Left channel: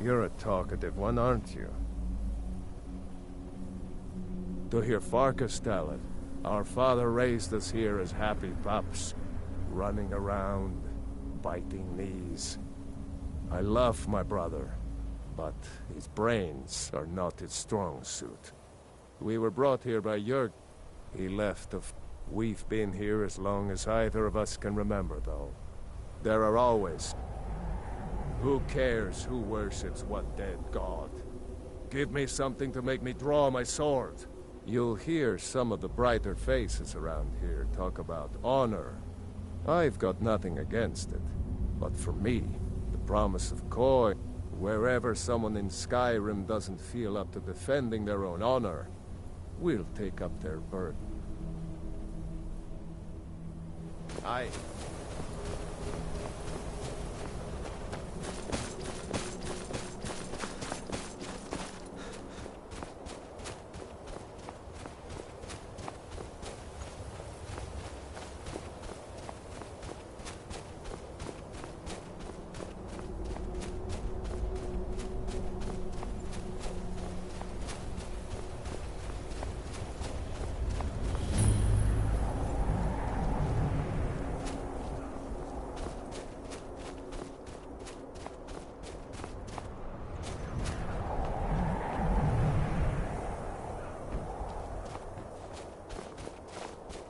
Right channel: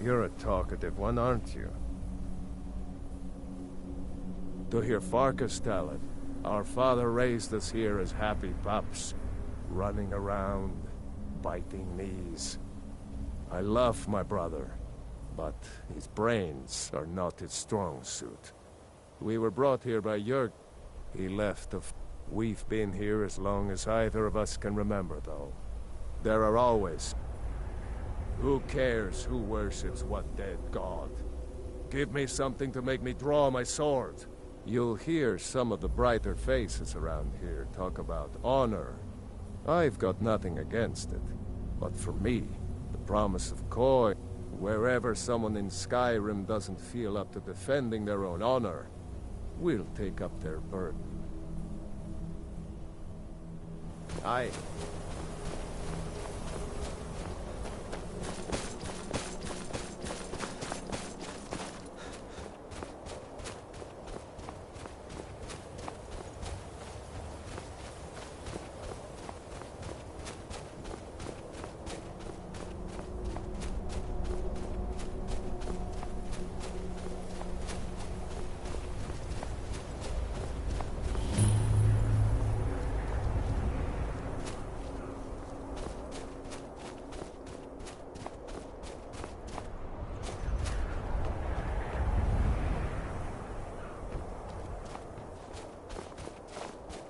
You're a talkative one, aren't you? To hear Farkas tell it, our father raised us here as happy pups, running around, biting knees. I love my brother, but his brains are not his strong suit. We were brought here by Geogre. He left of... We've been here as long as either of us can remember, though. There are always... Who cares who worships what dead god? Give me something to make me draw my sword. You'll hear some of the brighter faces around here talk about honor. I've got nothing against it. But for me, the promise of Koi, wherever someone in Skyrim doesn't feel up to defending their own honor, we'll take up their burden. Aye.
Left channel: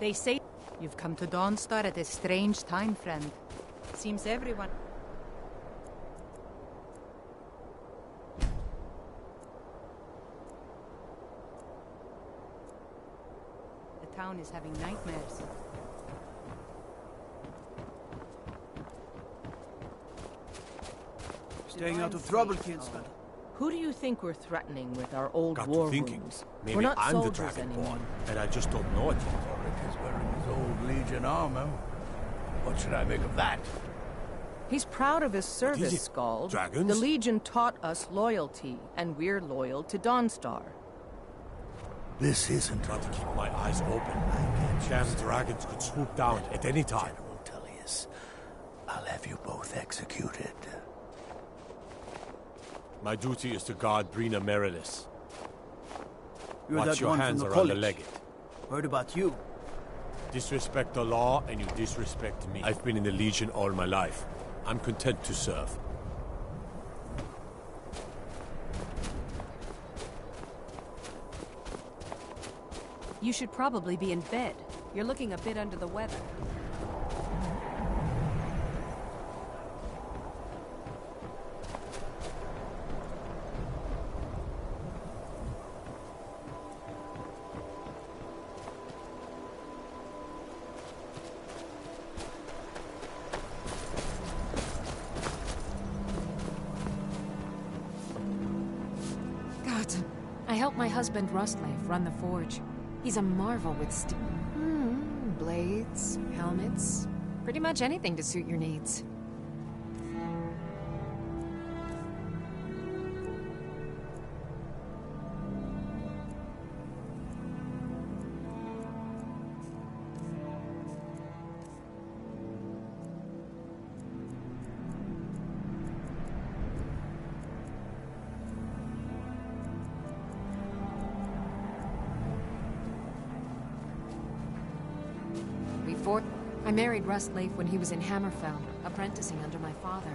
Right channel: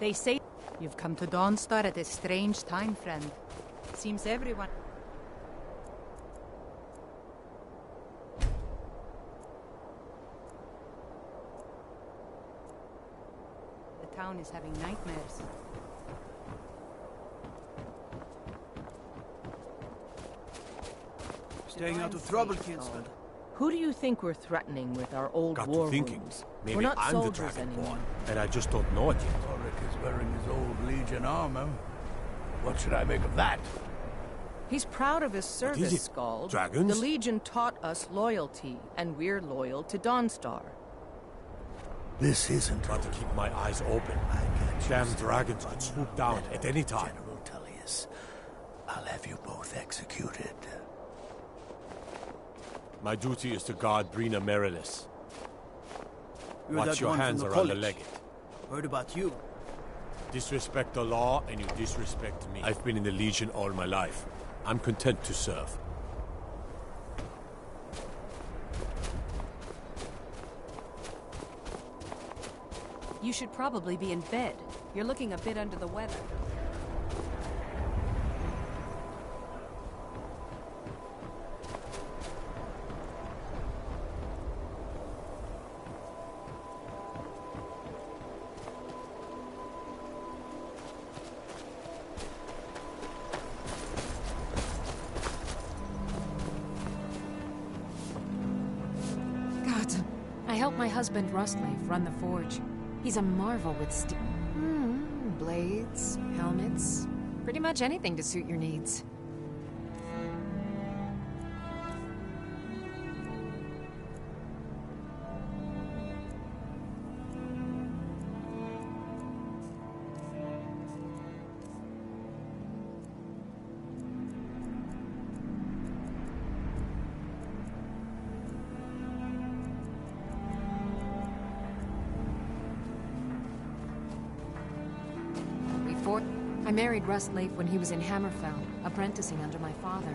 They say you've come to Dawnstar at a strange time, friend. Seems everyone... The town is having nightmares. Staying out of trouble, Kinsman. Who do you think we're threatening with our old Got war to thinking. wounds? Maybe We're not I'm the soldiers anymore. Dragonborn, and I just don't know it yet. Ulrich is wearing his old Legion armor. What should I make of that? He's proud of his service, it? Skald. Dragons? The Legion taught us loyalty, and we're loyal to Dawnstar. This isn't Got to keep my eyes open. Damn dragons could swoop down at any time. General Tullius. I'll have you both executed. My duty is to guard Brina Merilis. You're Watch that your one hands from the around the college. legate. Heard about you. Disrespect the law, and you disrespect me. I've been in the Legion all my life. I'm content to serve. You should probably be in bed. You're looking a bit under the weather. God, I help my husband Rustleif run the forge. He's a marvel with blades, helmets, pretty much anything to suit your needs. I married Rustleif when he was in Hammerfell, apprenticing under my father.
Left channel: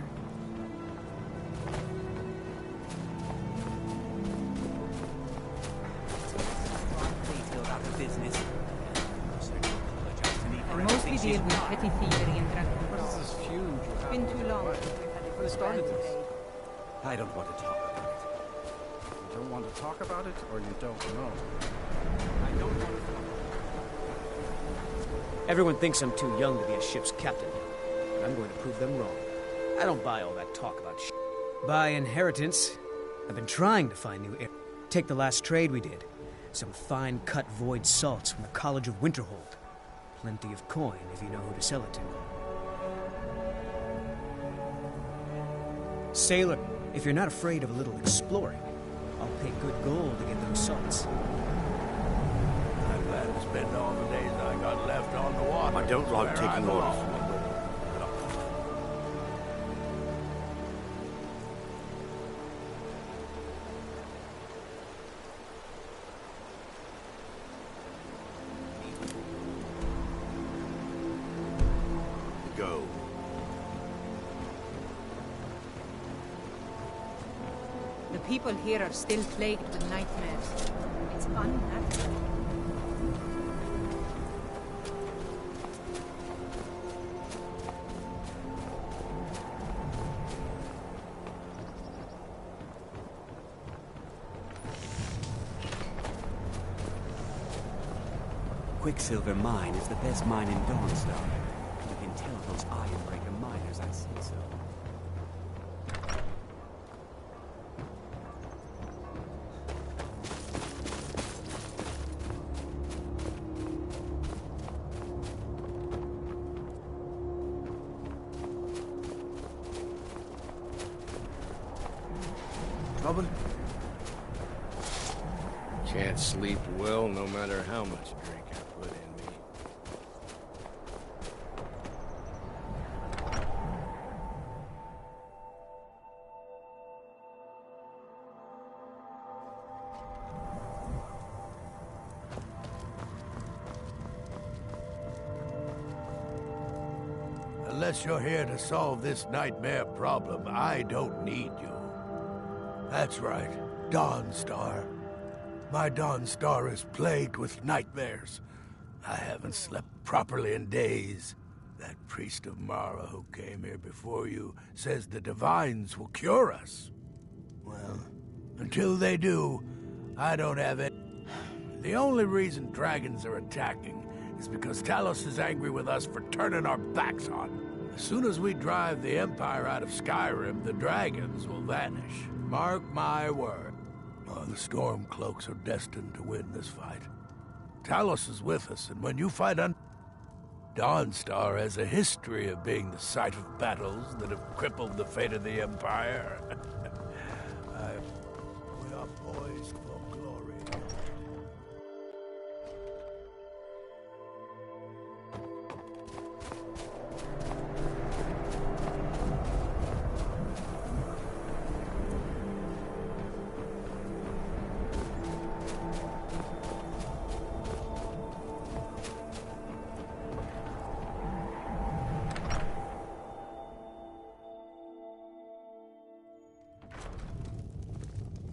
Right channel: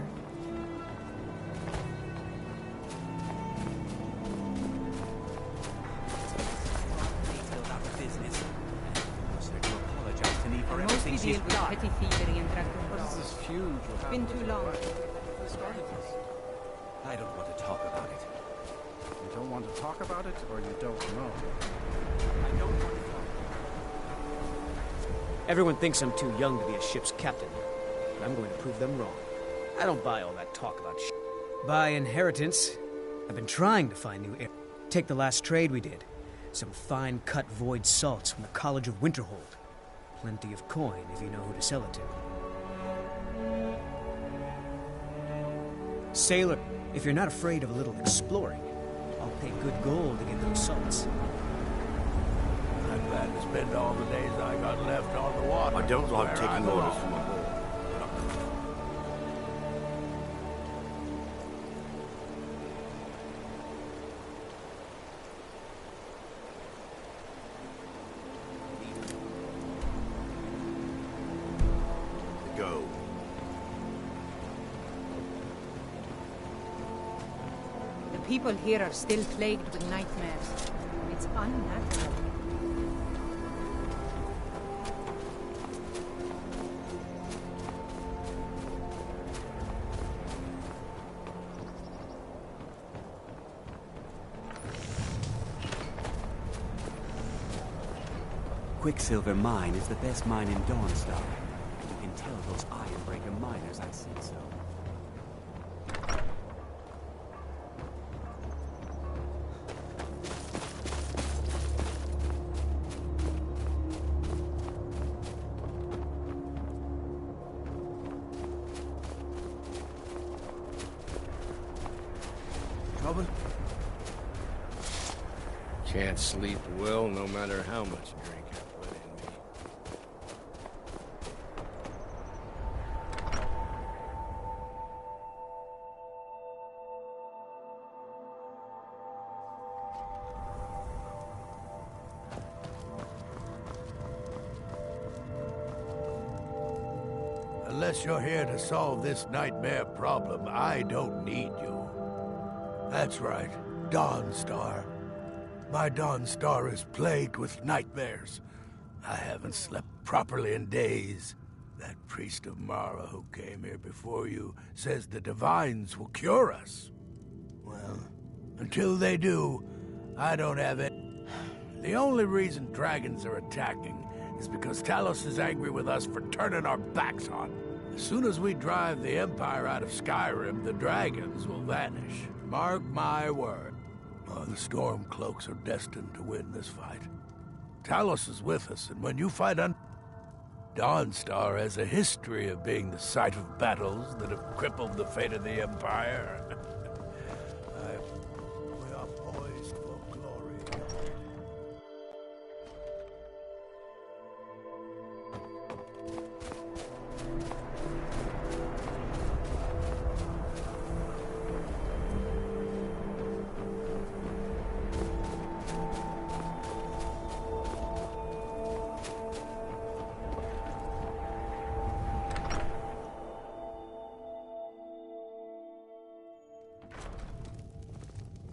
I mostly deal with petty thievery and drunken What is this feud you have? Been too long. Who started this? I don't want to talk about it. You don't want to talk about it, or you don't know? I don't want to talk about it. Everyone thinks I'm too young to be a ship's captain, but I'm going to prove them wrong. I don't buy all that talk about By inheritance, I've been trying to find new air. Take the last trade we did. Some fine-cut void salts from the College of Winterhold. Plenty of coin if you know who to sell it to. Sailor, if you're not afraid of a little exploring, I'll pay good gold to get those salts. I plan to spend all the days I got left on the water. I don't like where taking I orders belong. from a board. people here are still plagued with nightmares. It's unnatural. Quicksilver Mine is the best mine in Dawnstar. You can tell those Ironbreaker miners I said so. Trouble? Can't sleep well no matter how much drink I put in me. Unless you're here to solve this nightmare problem, I don't need you. That's right, Dawnstar. My Dawnstar is plagued with nightmares. I haven't slept properly in days. That priest of Mara who came here before you says the divines will cure us. Well, until they do, I don't have it. The only reason dragons are attacking is because Talos is angry with us for turning our backs on him. As soon as we drive the Empire out of Skyrim, the dragons will vanish. Mark my word. Oh, the Stormcloaks are destined to win this fight. Talos is with us, and when you fight Dawnstar has a history of being the site of battles that have crippled the fate of the Empire. We are poised for glory.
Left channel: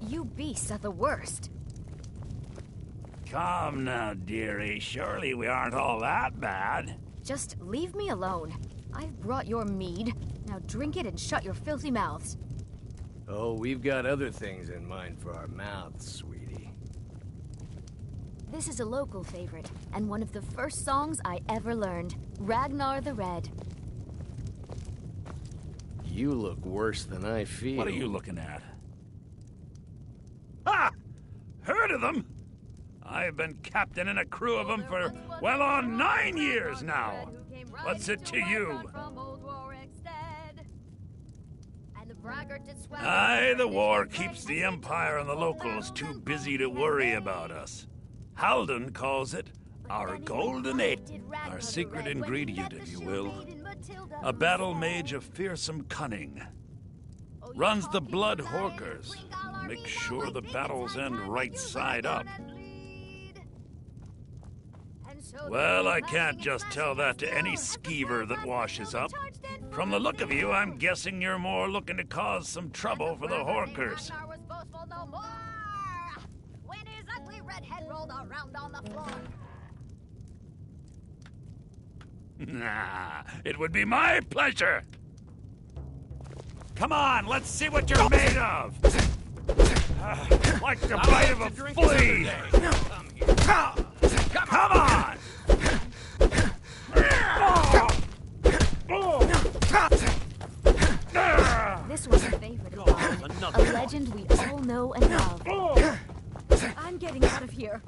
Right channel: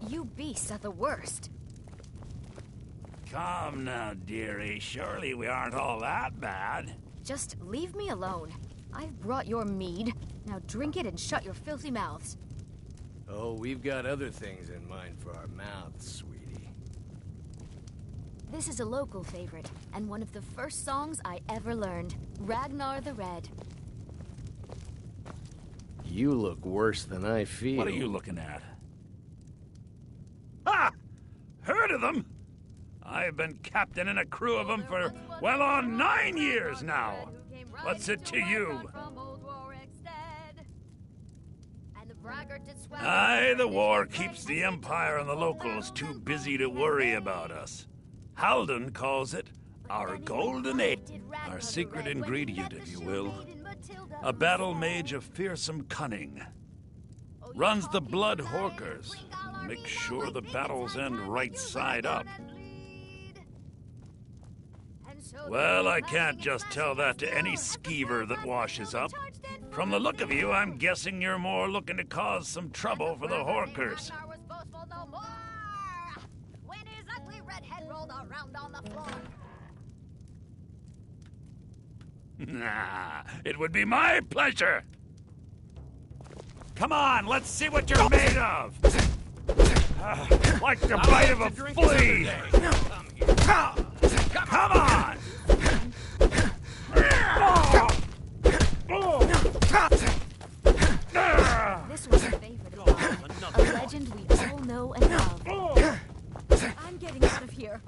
You beasts are the worst. Come now, dearie. Surely we aren't all that bad. Just leave me alone. I've brought your mead. Now drink it and shut your filthy mouths. Oh, we've got other things in mind for our mouths, sweetie. This is a local favorite, and one of the first songs I ever learned. Ragnar the Red. You look worse than I feel. What are you looking at? Ha! Heard of them? I've been captaining a crew of them for, well on 9 years now. What's it to you? Aye, the war keeps the Empire and the locals too busy to worry about us. Halden calls it our golden egg, our secret ingredient, if you will. A battle mage of fearsome cunning. Runs the Blood Horkers. Make sure the battles end right side up. Well, I can't just tell that to any skeever that washes up. From the look of you, I'm guessing you're more looking to cause some trouble for the Horkers. When his ugly red head rolled around on the floor. Nah, it would be my pleasure. Come on, let's see what you're made of. Like the bite of a flea. Come on! This was a favorite of mine. A legend we all know and love. I'm getting out of here.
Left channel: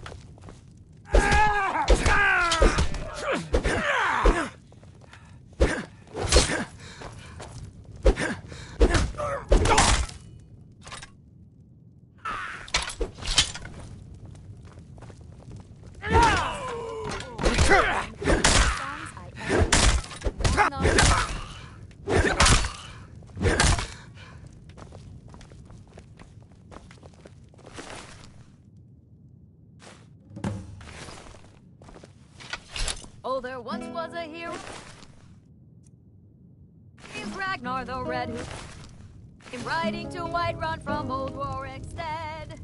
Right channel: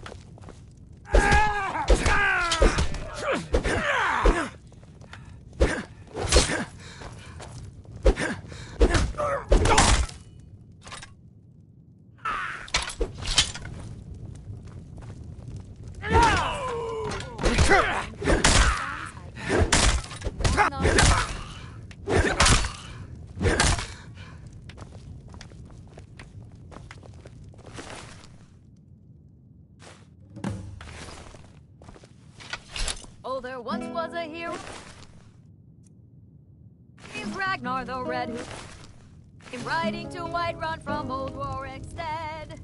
Oh, there once was a hero. He's Ragnar the Red. Riding to Whiterun from Old Warwickstead.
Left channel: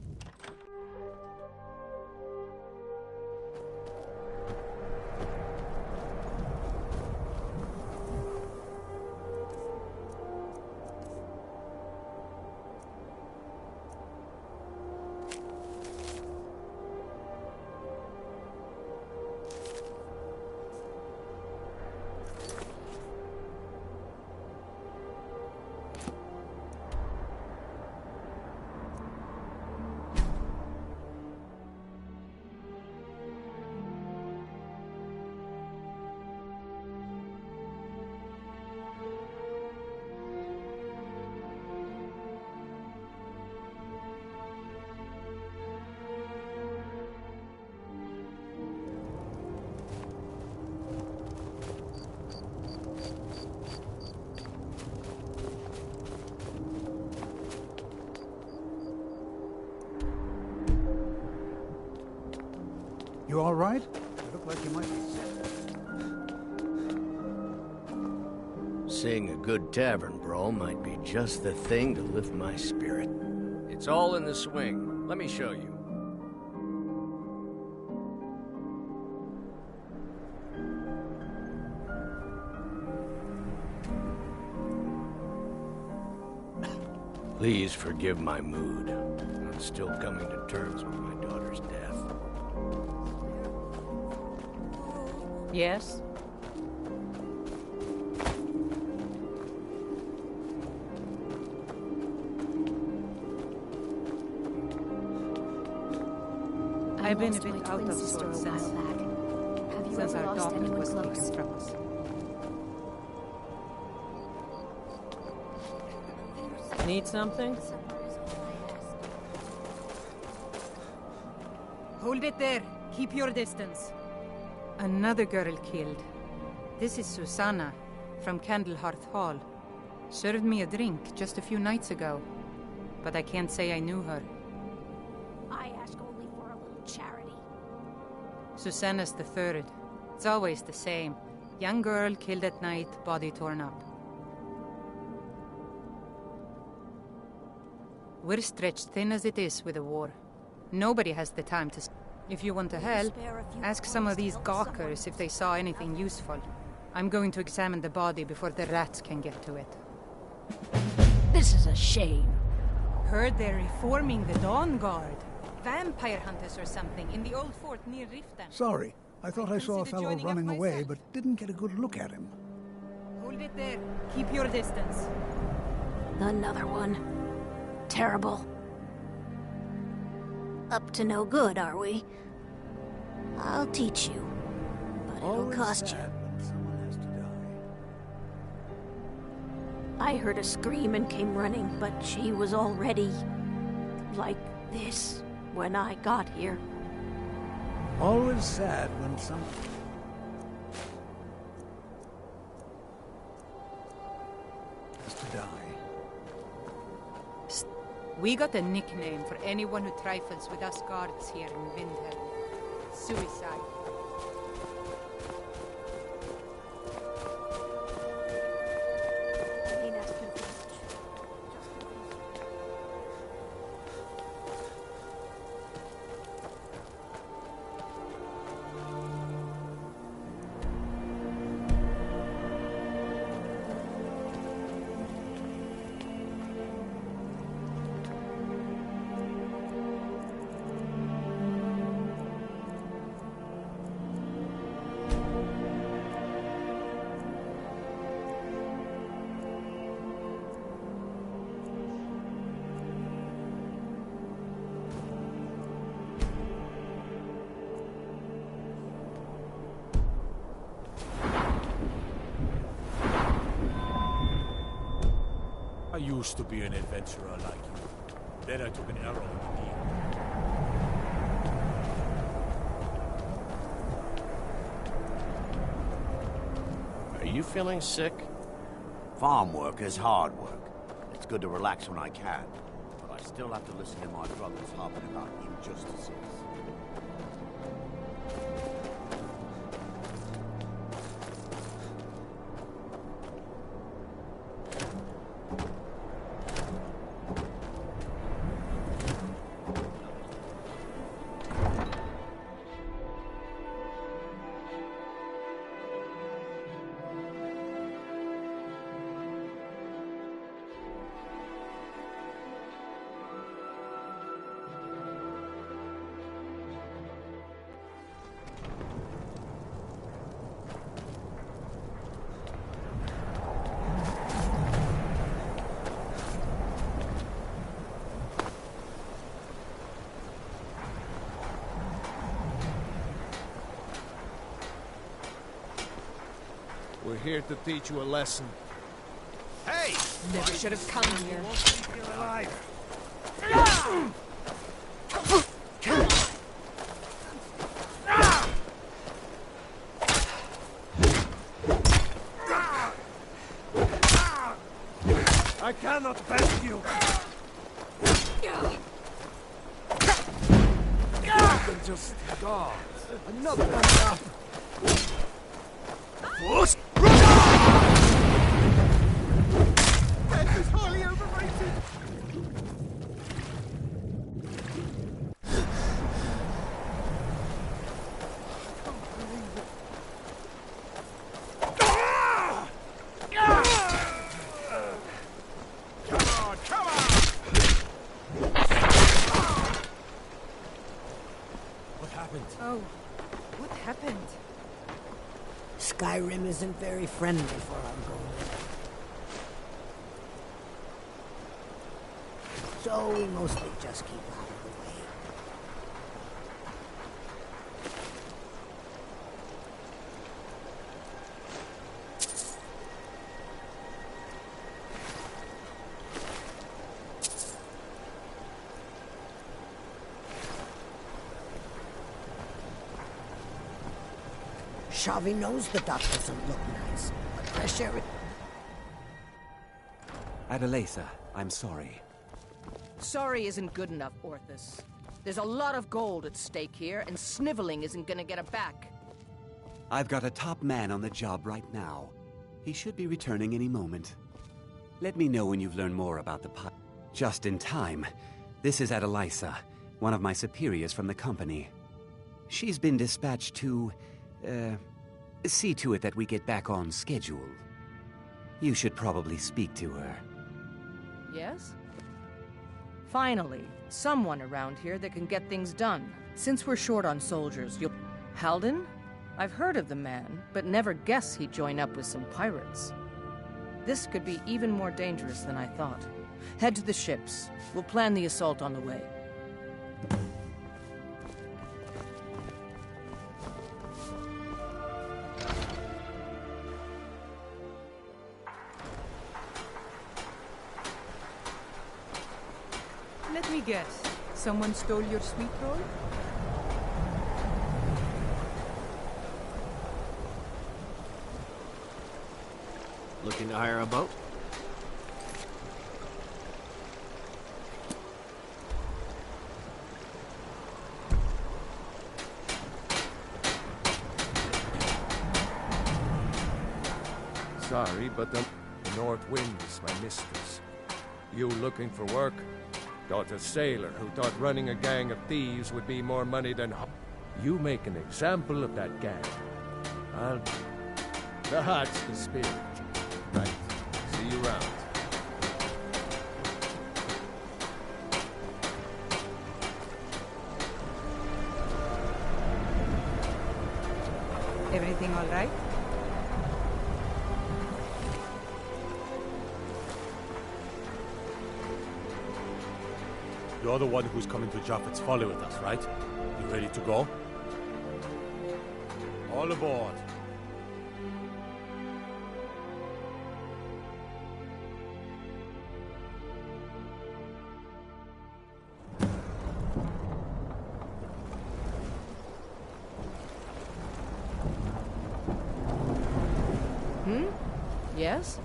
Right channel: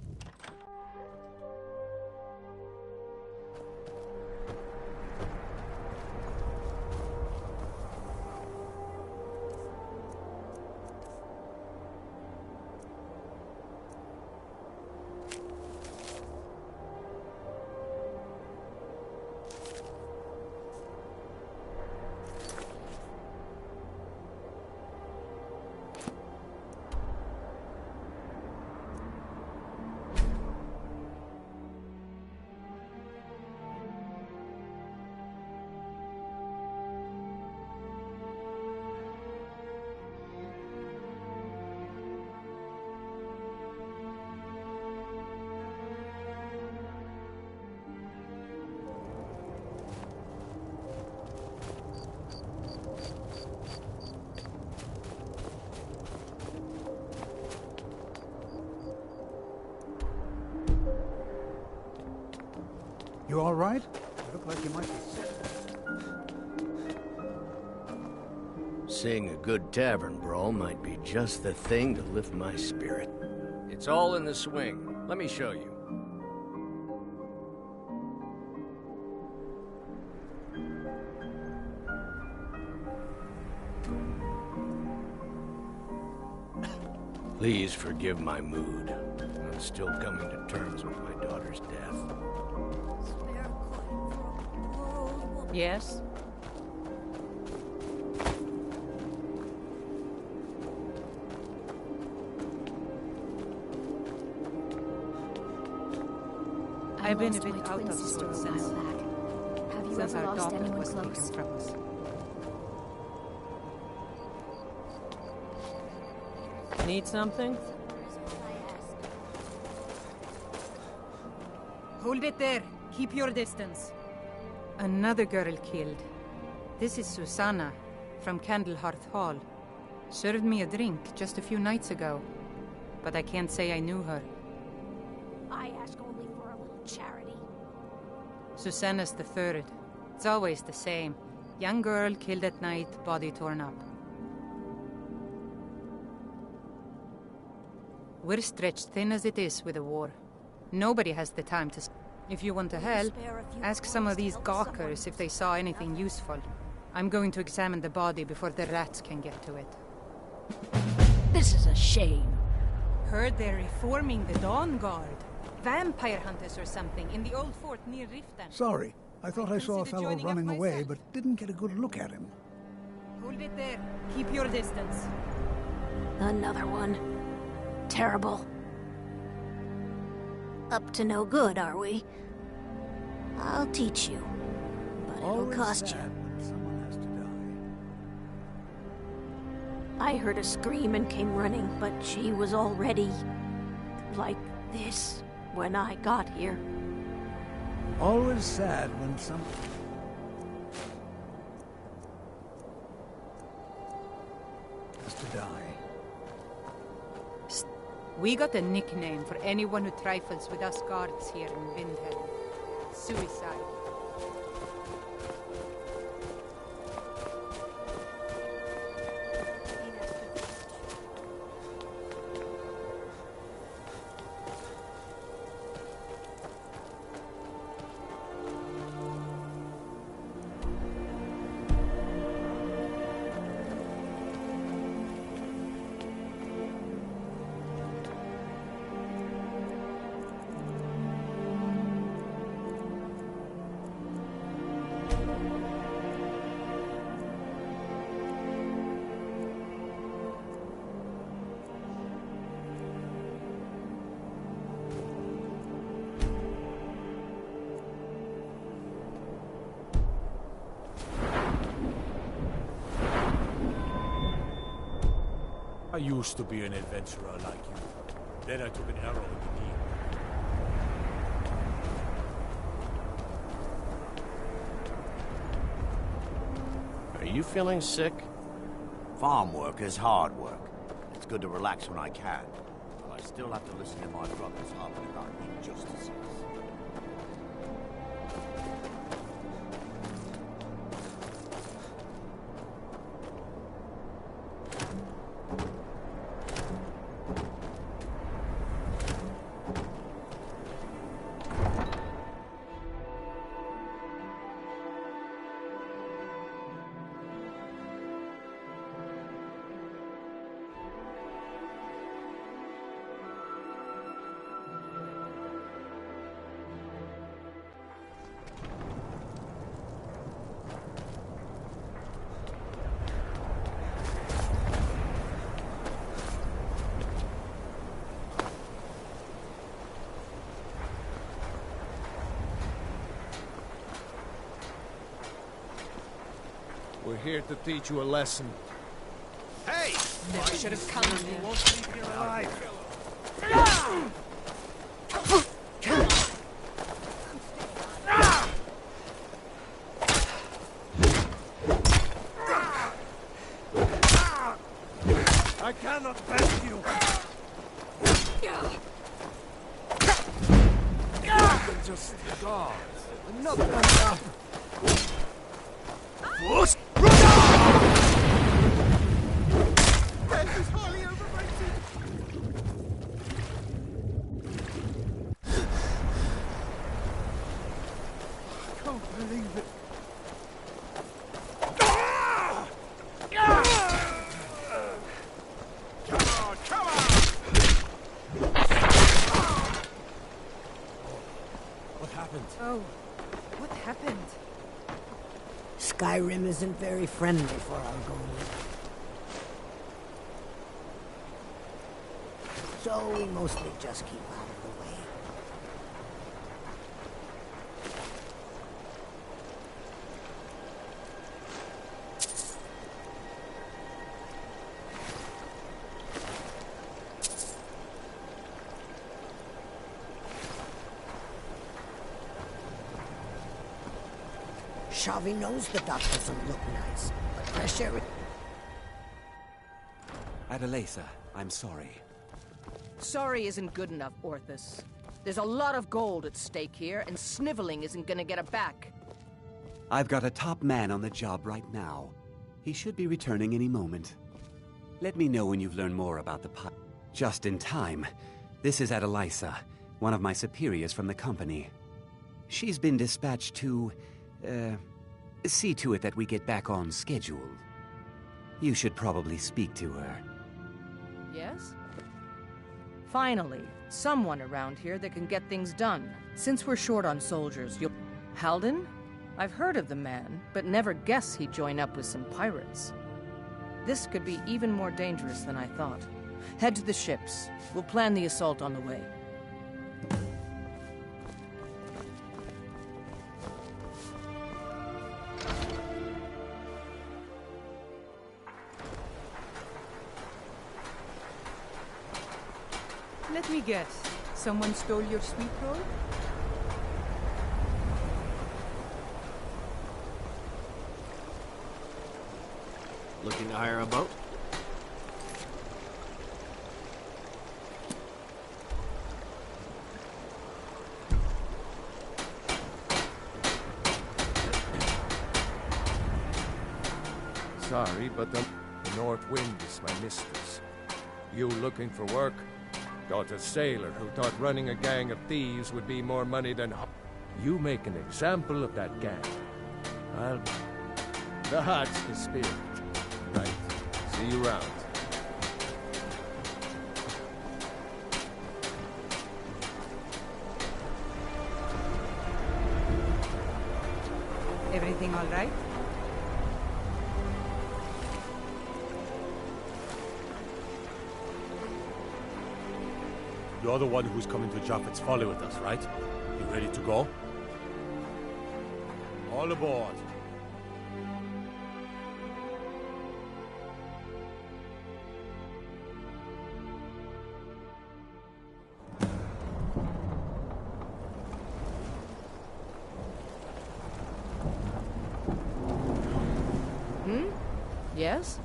You all right? You look like you might be sick. Seeing a good tavern brawl might be just the thing to lift my spirit. It's all in the swing. Let me show you. Please forgive my mood. I'm still coming to terms with my daughter's death. Yes? I've been a lost bit my out twin of sister sorts a while since, back. Have you since ever our lost daughter anyone was close? taken from us. Need something? Hold it there. Keep your distance. Another girl killed. This is Susanna from Candlehearth Hall. Served me a drink just a few nights ago, but I can't say I knew her. I ask only for a little charity. Susanna's the third. It's always the same. Young girl killed at night, body torn up. We're stretched thin as it is with the war. Nobody has the time to... If you want to help, ask some of these gawkers if they saw anything useful. I'm going to examine the body before the rats can get to it. This is a shame. Heard they're reforming the Dawn Guard. Vampire hunters or something in the old fort near Riften. Sorry, I thought I saw a considered fellow joining up running away, myself. but didn't get a good look at him. Hold it there. Keep your distance. Another one. Terrible. Up to no good, are we? I'll teach you. But it'll Always cost you. sad when someone has to die. I heard a scream and came running, but she was already... like this when I got here. Always sad when someone... has to die. We got a nickname for anyone who trifles with us guards here in Windhelm. Suicide. I used to be an adventurer like you. Then I took an arrow in the knee. Are you feeling sick? Farm work is hard work. It's good to relax when I can, but I still have to listen to my brothers harping about injustices. We're here to teach you a lesson. Hey! Never should have come here. You won't leave here alive. I cannot bend you! Than just guards. Another one up! Force! Death is highly overrated. I can't believe it. Oh, what happened? Skyrim isn't very friendly for our golem. So we mostly just keep out of the way. Shavi knows the dock doesn't look nice, but fresh air... Adelaisa, I'm sorry. Sorry isn't good enough, Orthus. There's a lot of gold at stake here, and sniveling isn't gonna get it back. I've got a top man on the job right now. He should be returning any moment. Let me know when you've learned more about the pot. Just in time. This is Adelaisa, one of my superiors from the company. She's been dispatched to, see to it that we get back on schedule. You should probably speak to her. Yes? Finally, someone around here that can get things done. Since we're short on soldiers, you'll... Halden? I've heard of the man, but never guess he'd join up with some pirates. This could be even more dangerous than I thought. Head to the ships. We'll plan the assault on the way. Let me guess. Someone stole your sweet roll? Looking to hire a boat? Sorry, but the North Wind is my mistress. You looking for work? Got a sailor who thought running a gang of thieves would be more money than... You make an example of that gang. That's the spirit. Right. See you around. Everything all right? You're the one who's coming to Japheth's Folly with us, right? You ready to go? All aboard. Yes?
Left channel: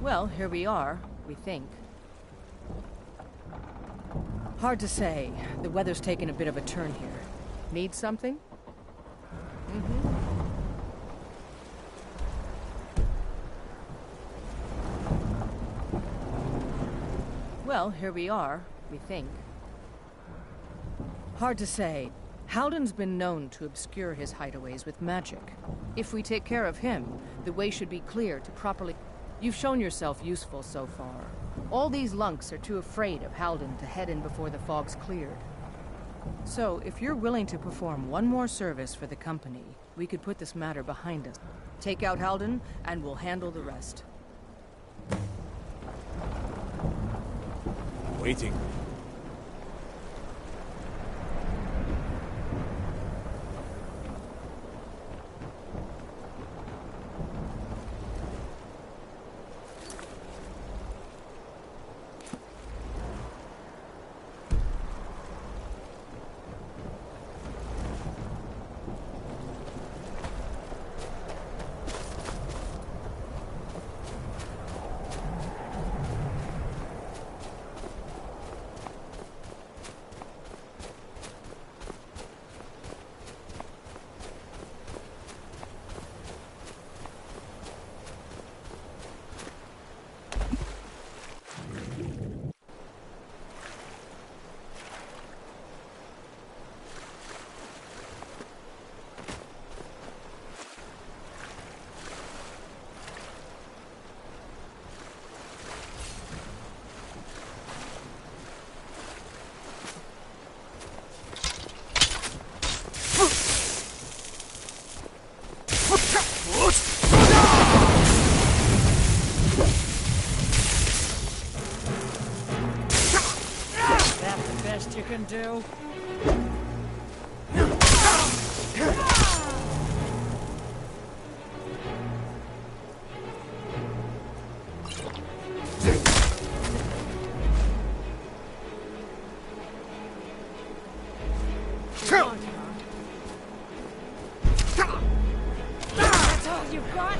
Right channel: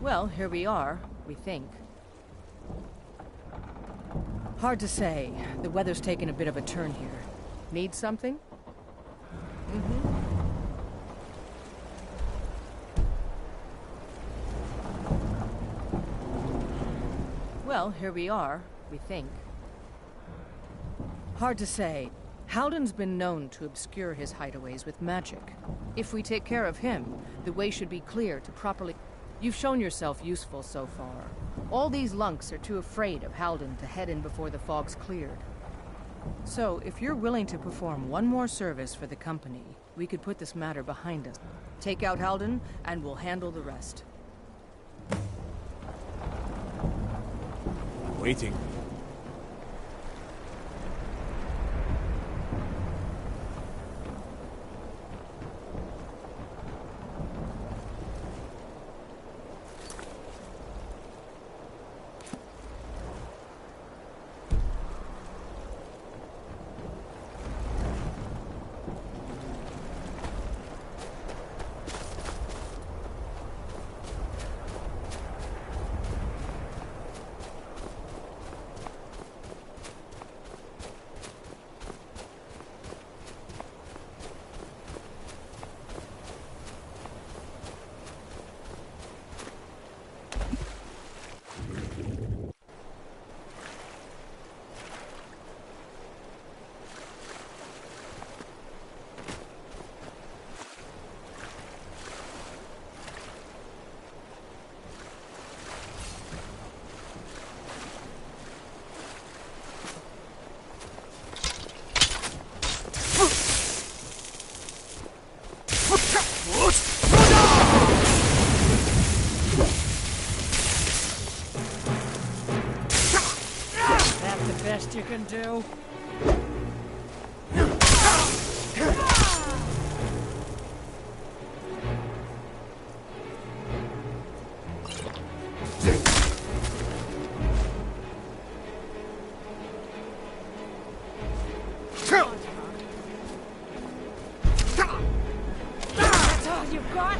Well, here we are, we think. Hard to say. The weather's taken a bit of a turn here. Need something? Well, here we are, we think. Hard to say. Halden's been known to obscure his hideaways with magic. If we take care of him, the way should be clear to properly... You've shown yourself useful so far. All these lunks are too afraid of Halden to head in before the fog's cleared. So, if you're willing to perform one more service for the company, we could put this matter behind us. Take out Halden, and we'll handle the rest. I'm waiting. best you can do. That's all you've got?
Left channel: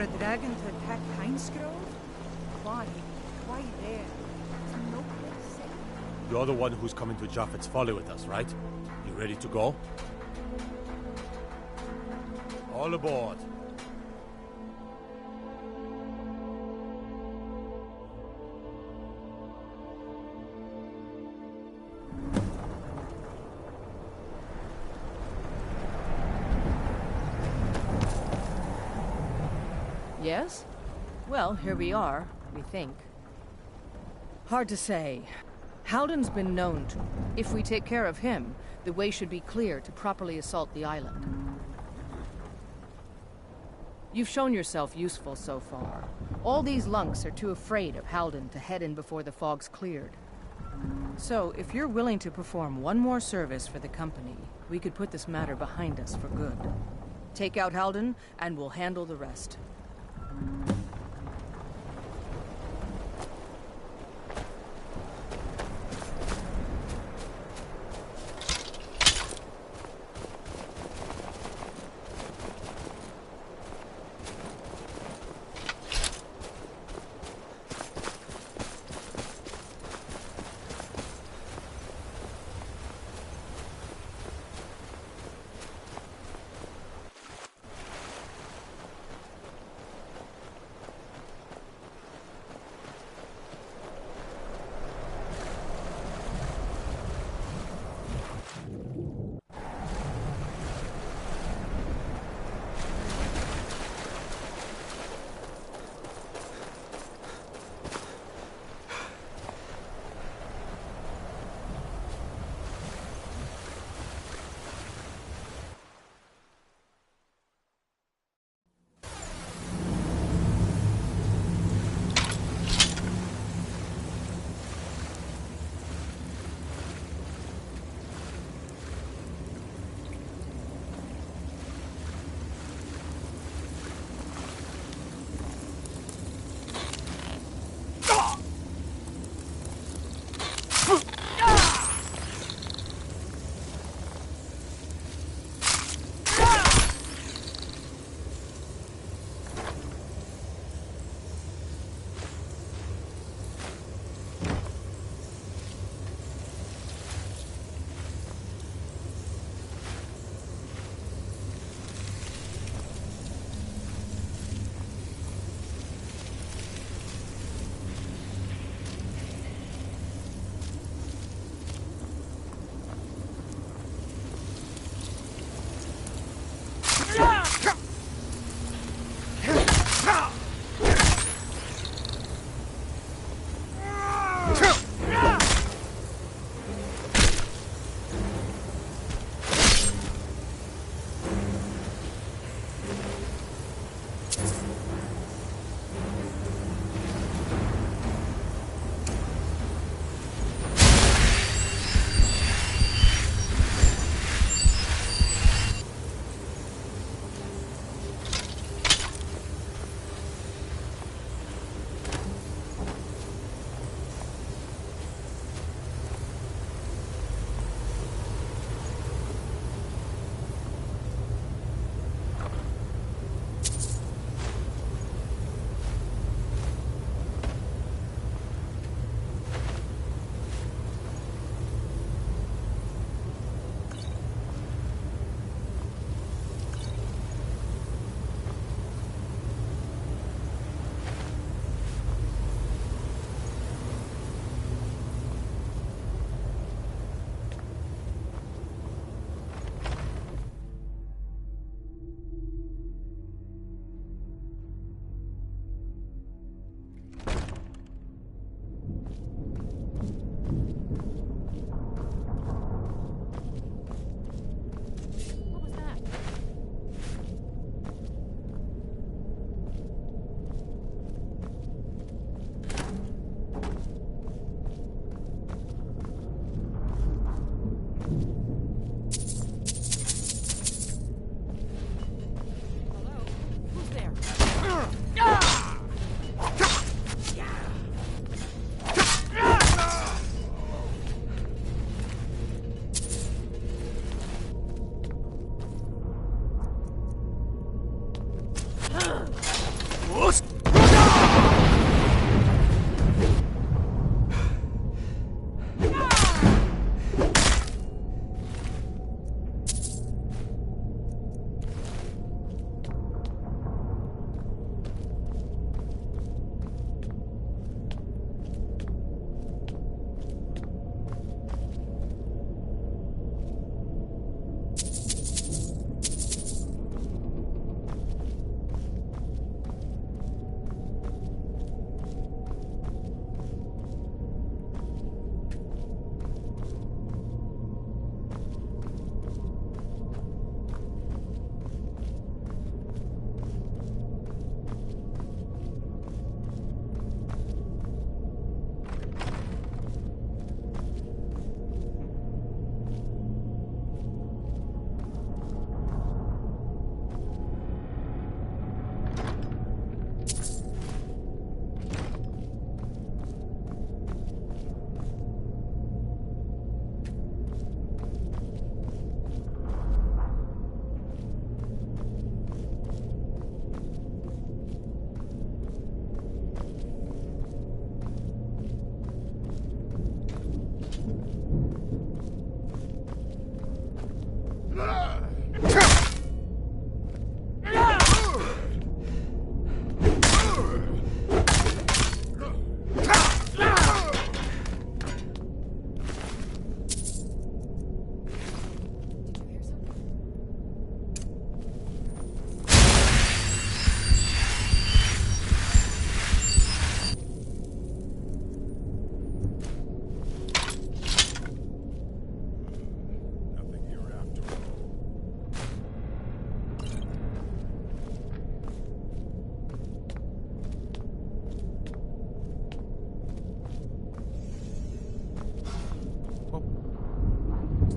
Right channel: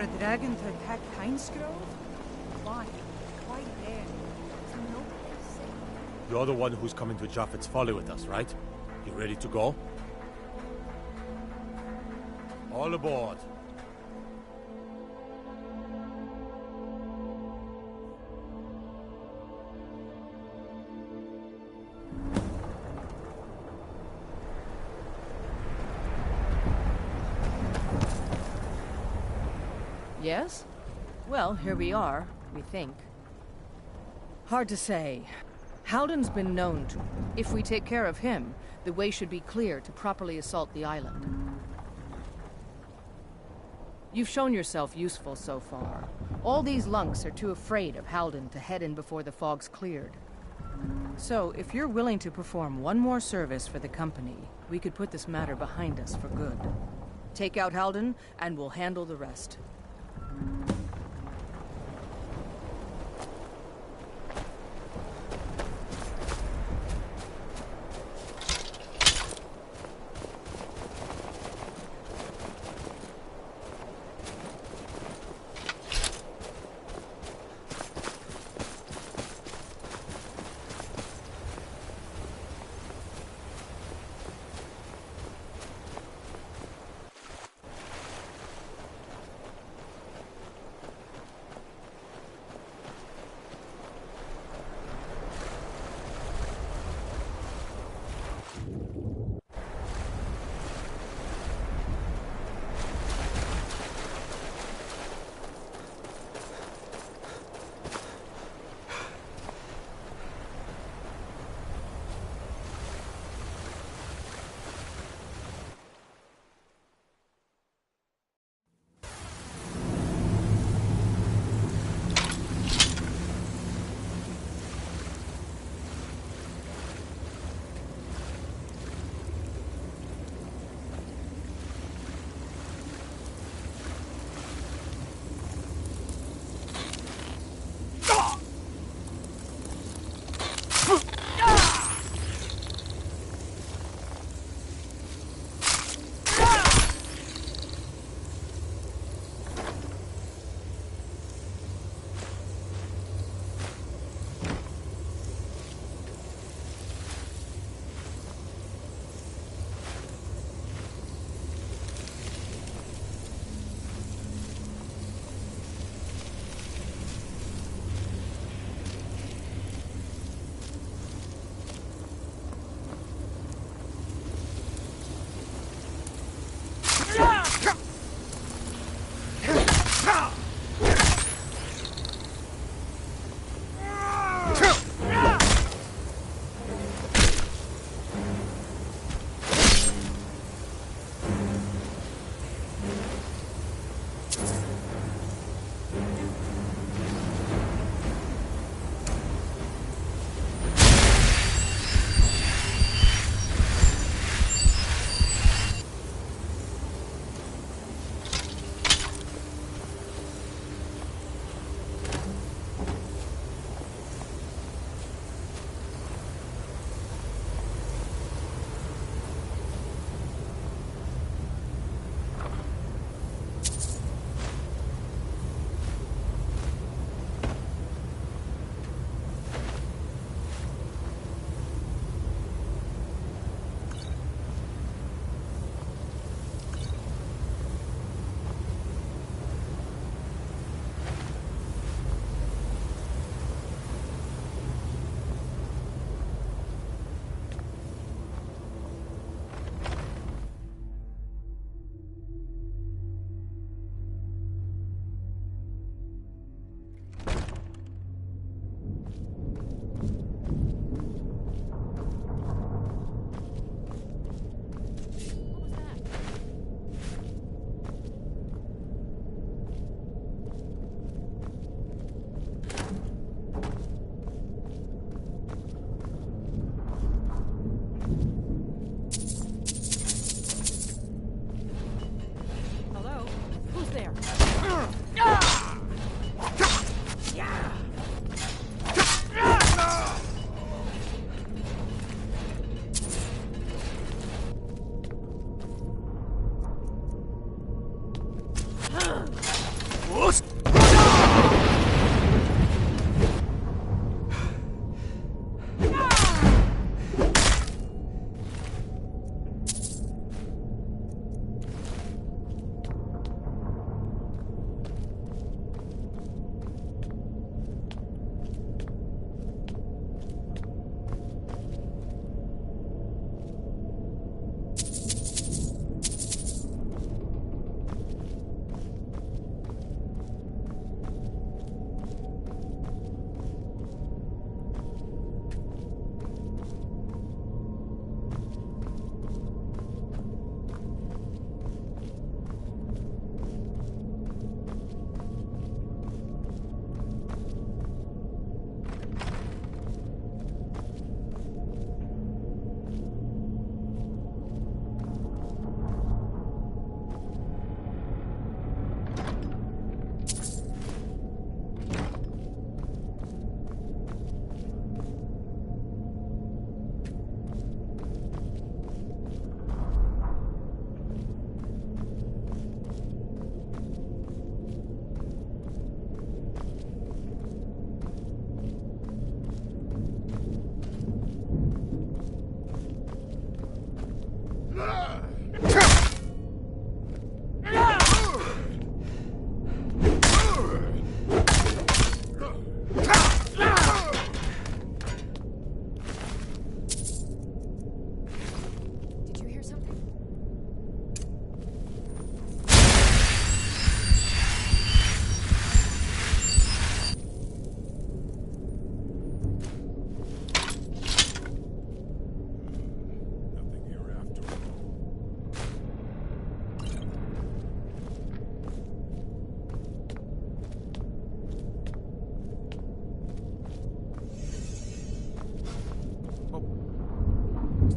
for a dragon to attack Heinsgrove? Why? Why there? There's no place safe. You're the one who's coming to Japheth's Folly with us, right? You ready to go? All aboard. Yes? Well, here we are, we think. Hard to say. Halden's been known to... If we take care of him, the way should be clear to properly assault the island. You've shown yourself useful so far. All these lunks are too afraid of Halden to head in before the fog's cleared. So, if you're willing to perform one more service for the company, we could put this matter behind us for good. Take out Halden, and we'll handle the rest.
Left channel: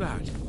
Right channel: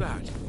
that?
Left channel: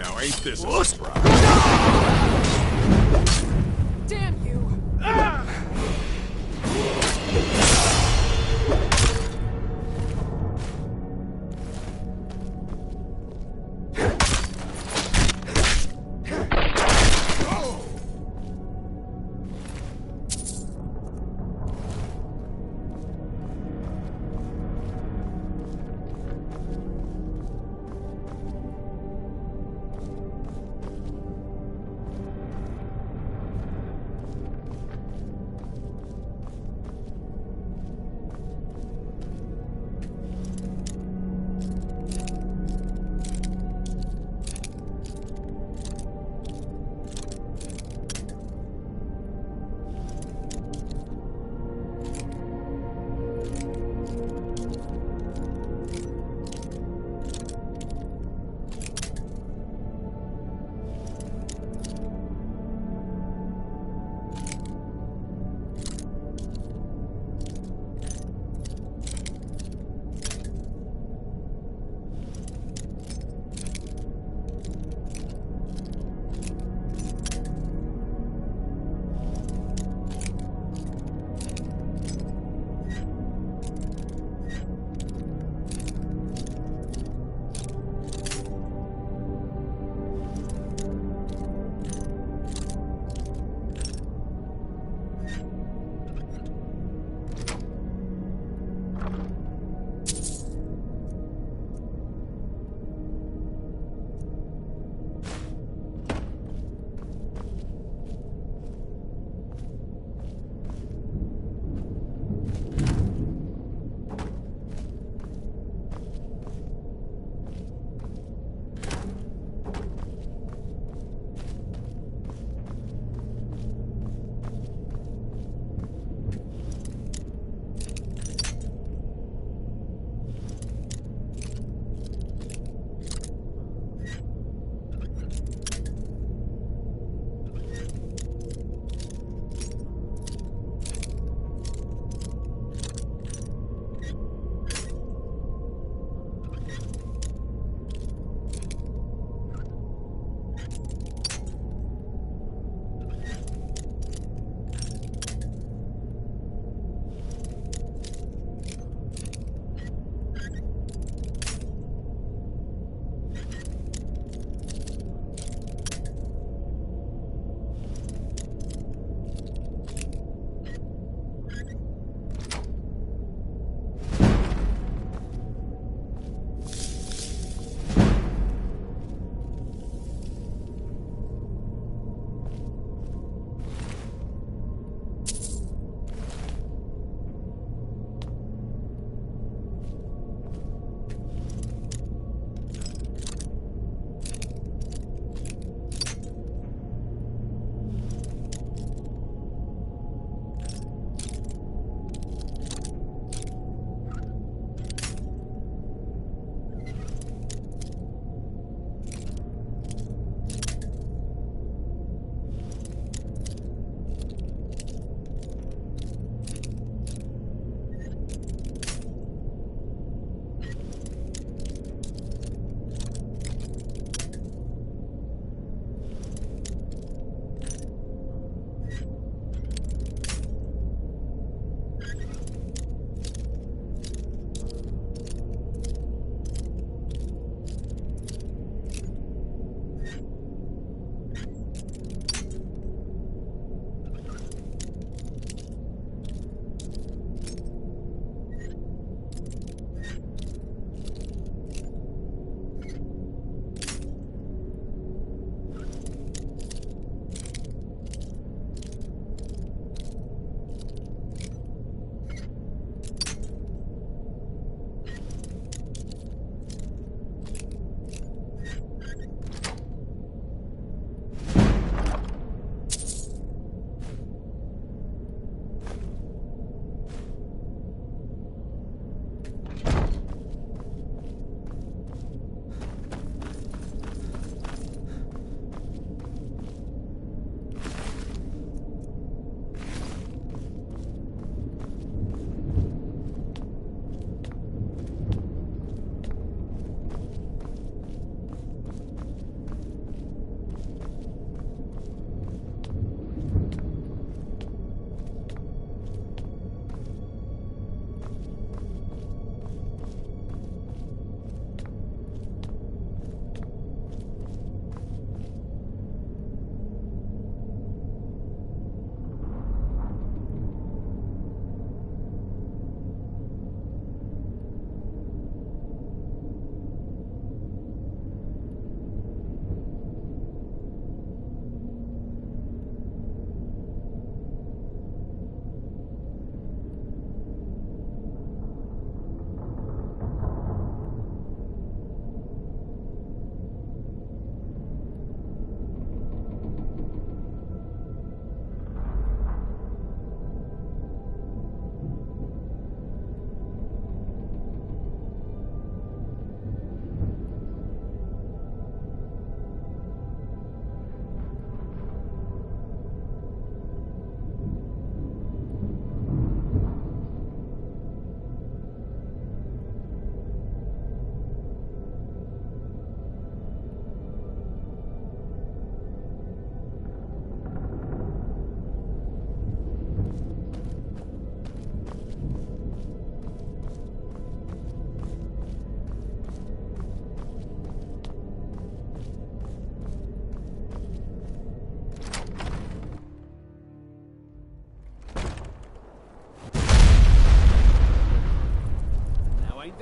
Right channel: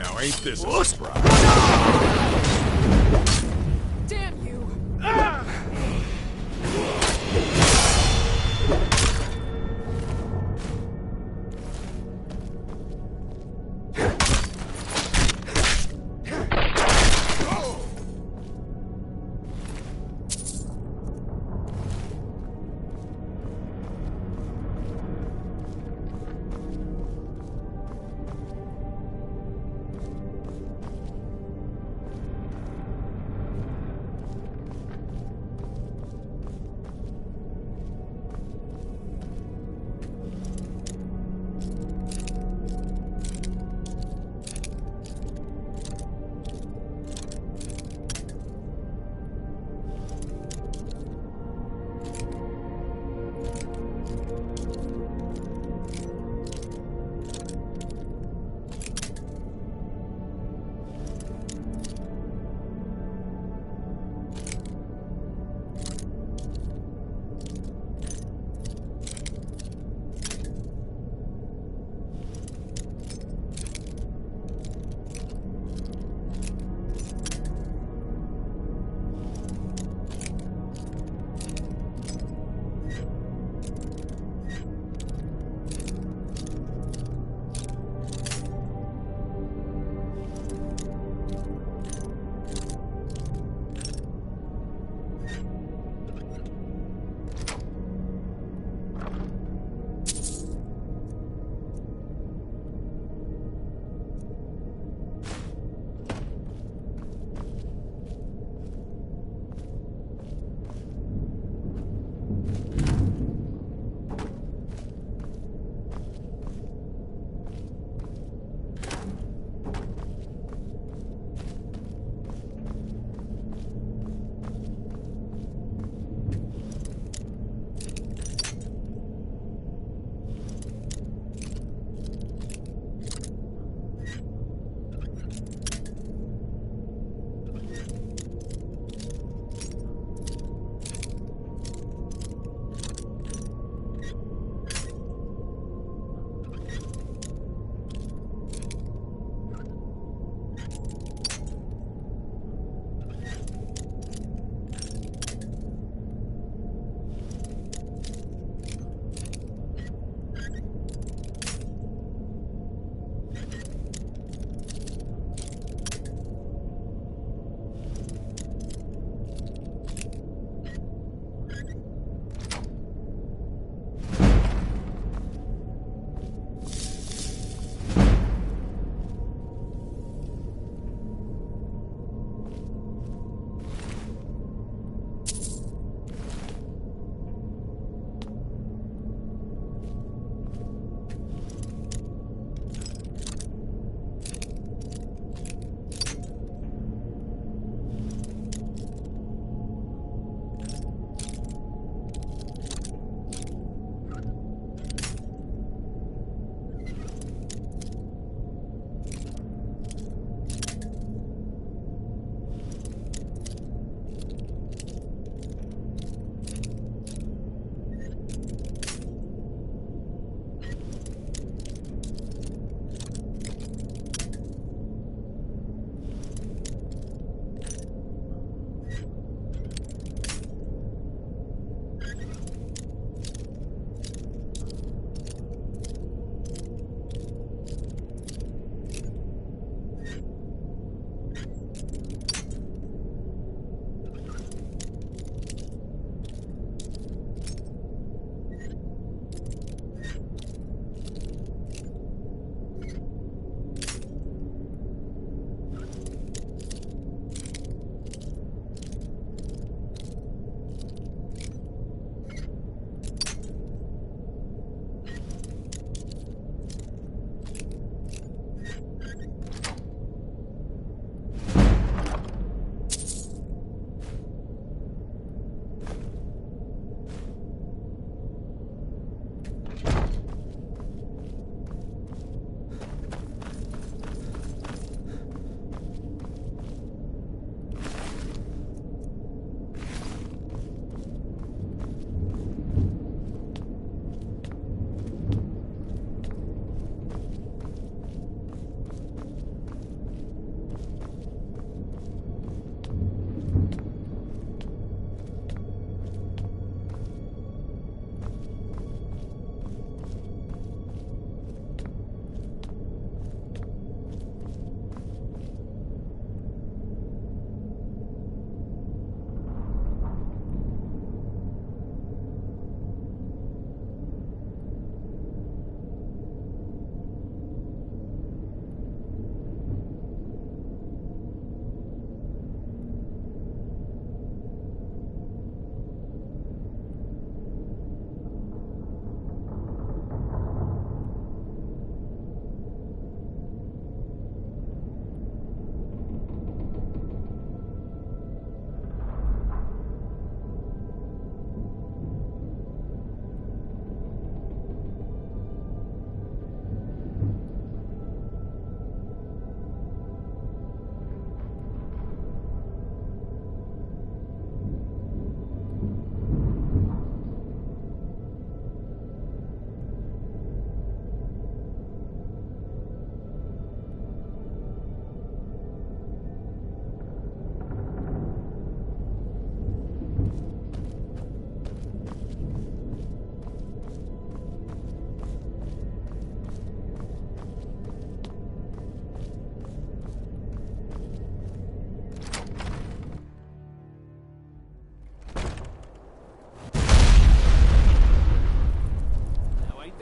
Now ain't this a surprise? Damn you!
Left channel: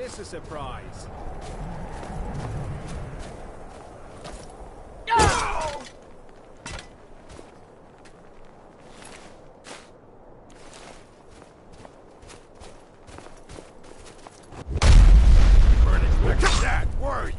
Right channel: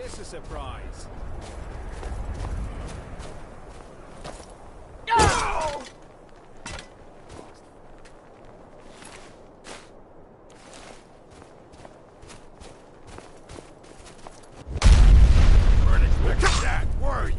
this a surprise? Weren't expecting that, were you?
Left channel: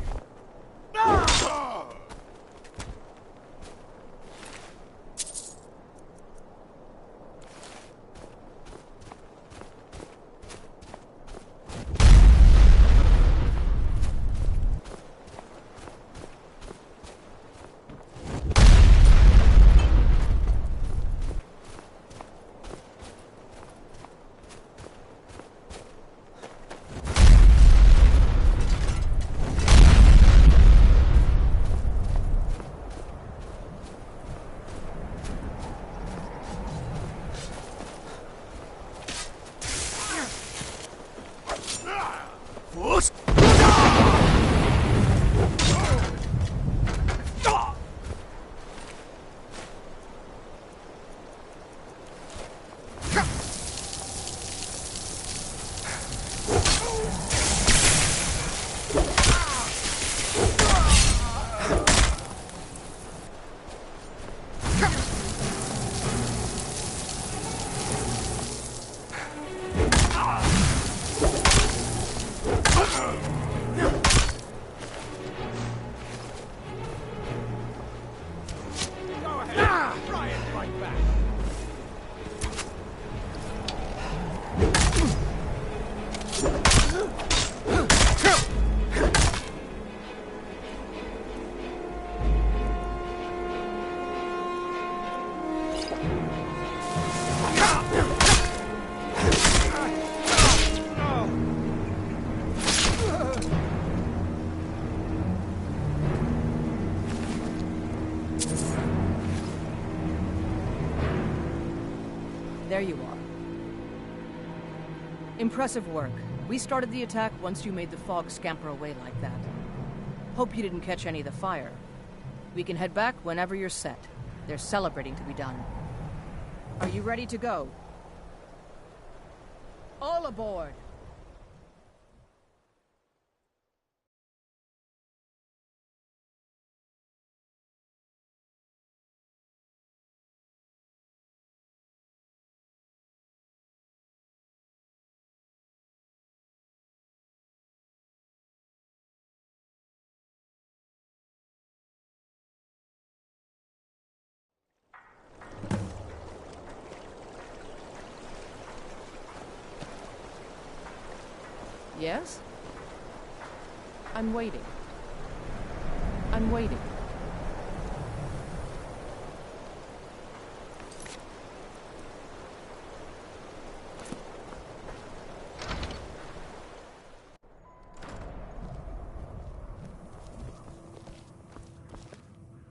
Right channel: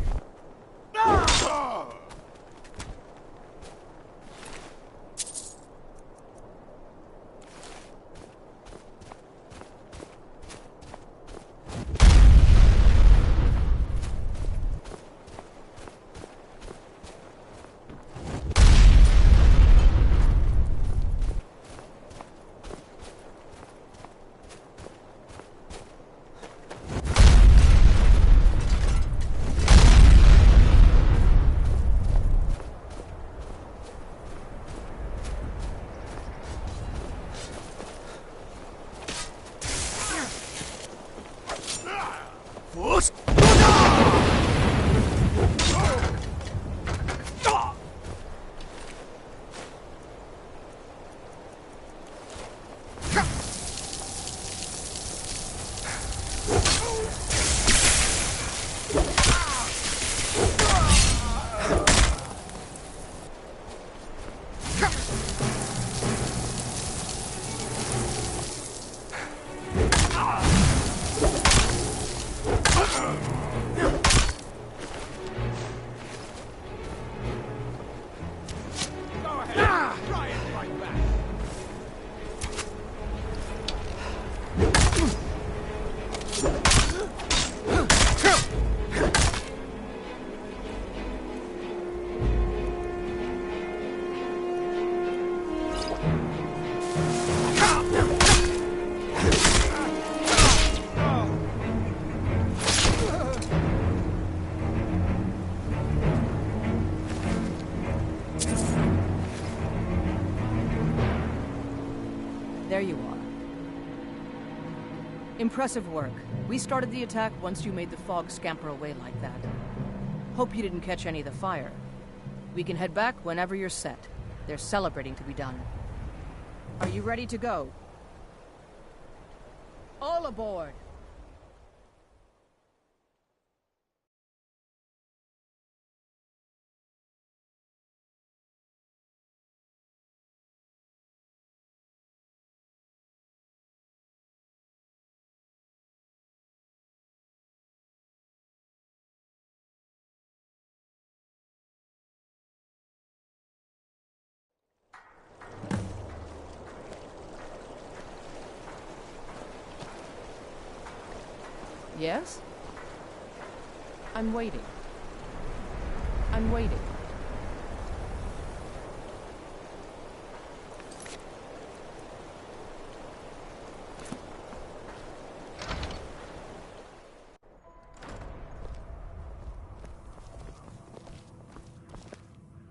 There you are. Impressive work. We started the attack once you made the fog scamper away like that. Hope you didn't catch any of the fire. We can head back whenever you're set. There's celebrating to be done. Are you ready to go? All aboard! Yes? I'm waiting. I'm waiting.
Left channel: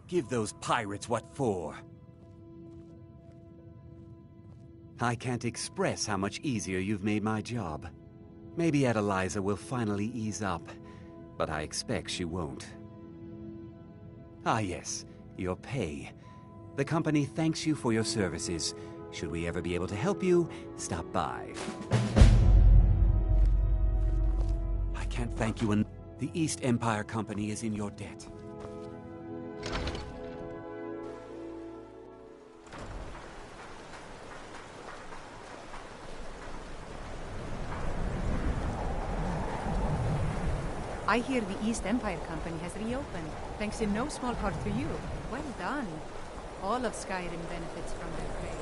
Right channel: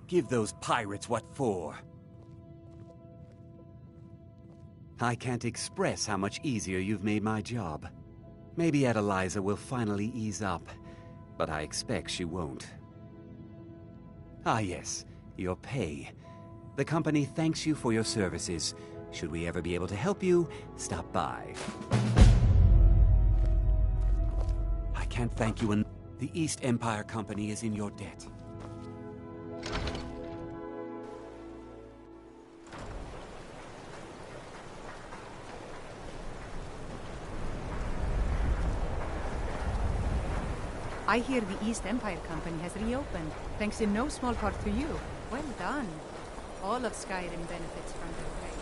Give those pirates what for. I can't express how much easier you've made my job. Maybe Adeliza will finally ease up, but I expect she won't. Ah yes, your pay. The company thanks you for your services. Should we ever be able to help you, stop by. I can't thank you enough. The East Empire Company is in your debt. I hear the East Empire Company has reopened, thanks in no small part to you. Well done. All of Skyrim benefits from their trade.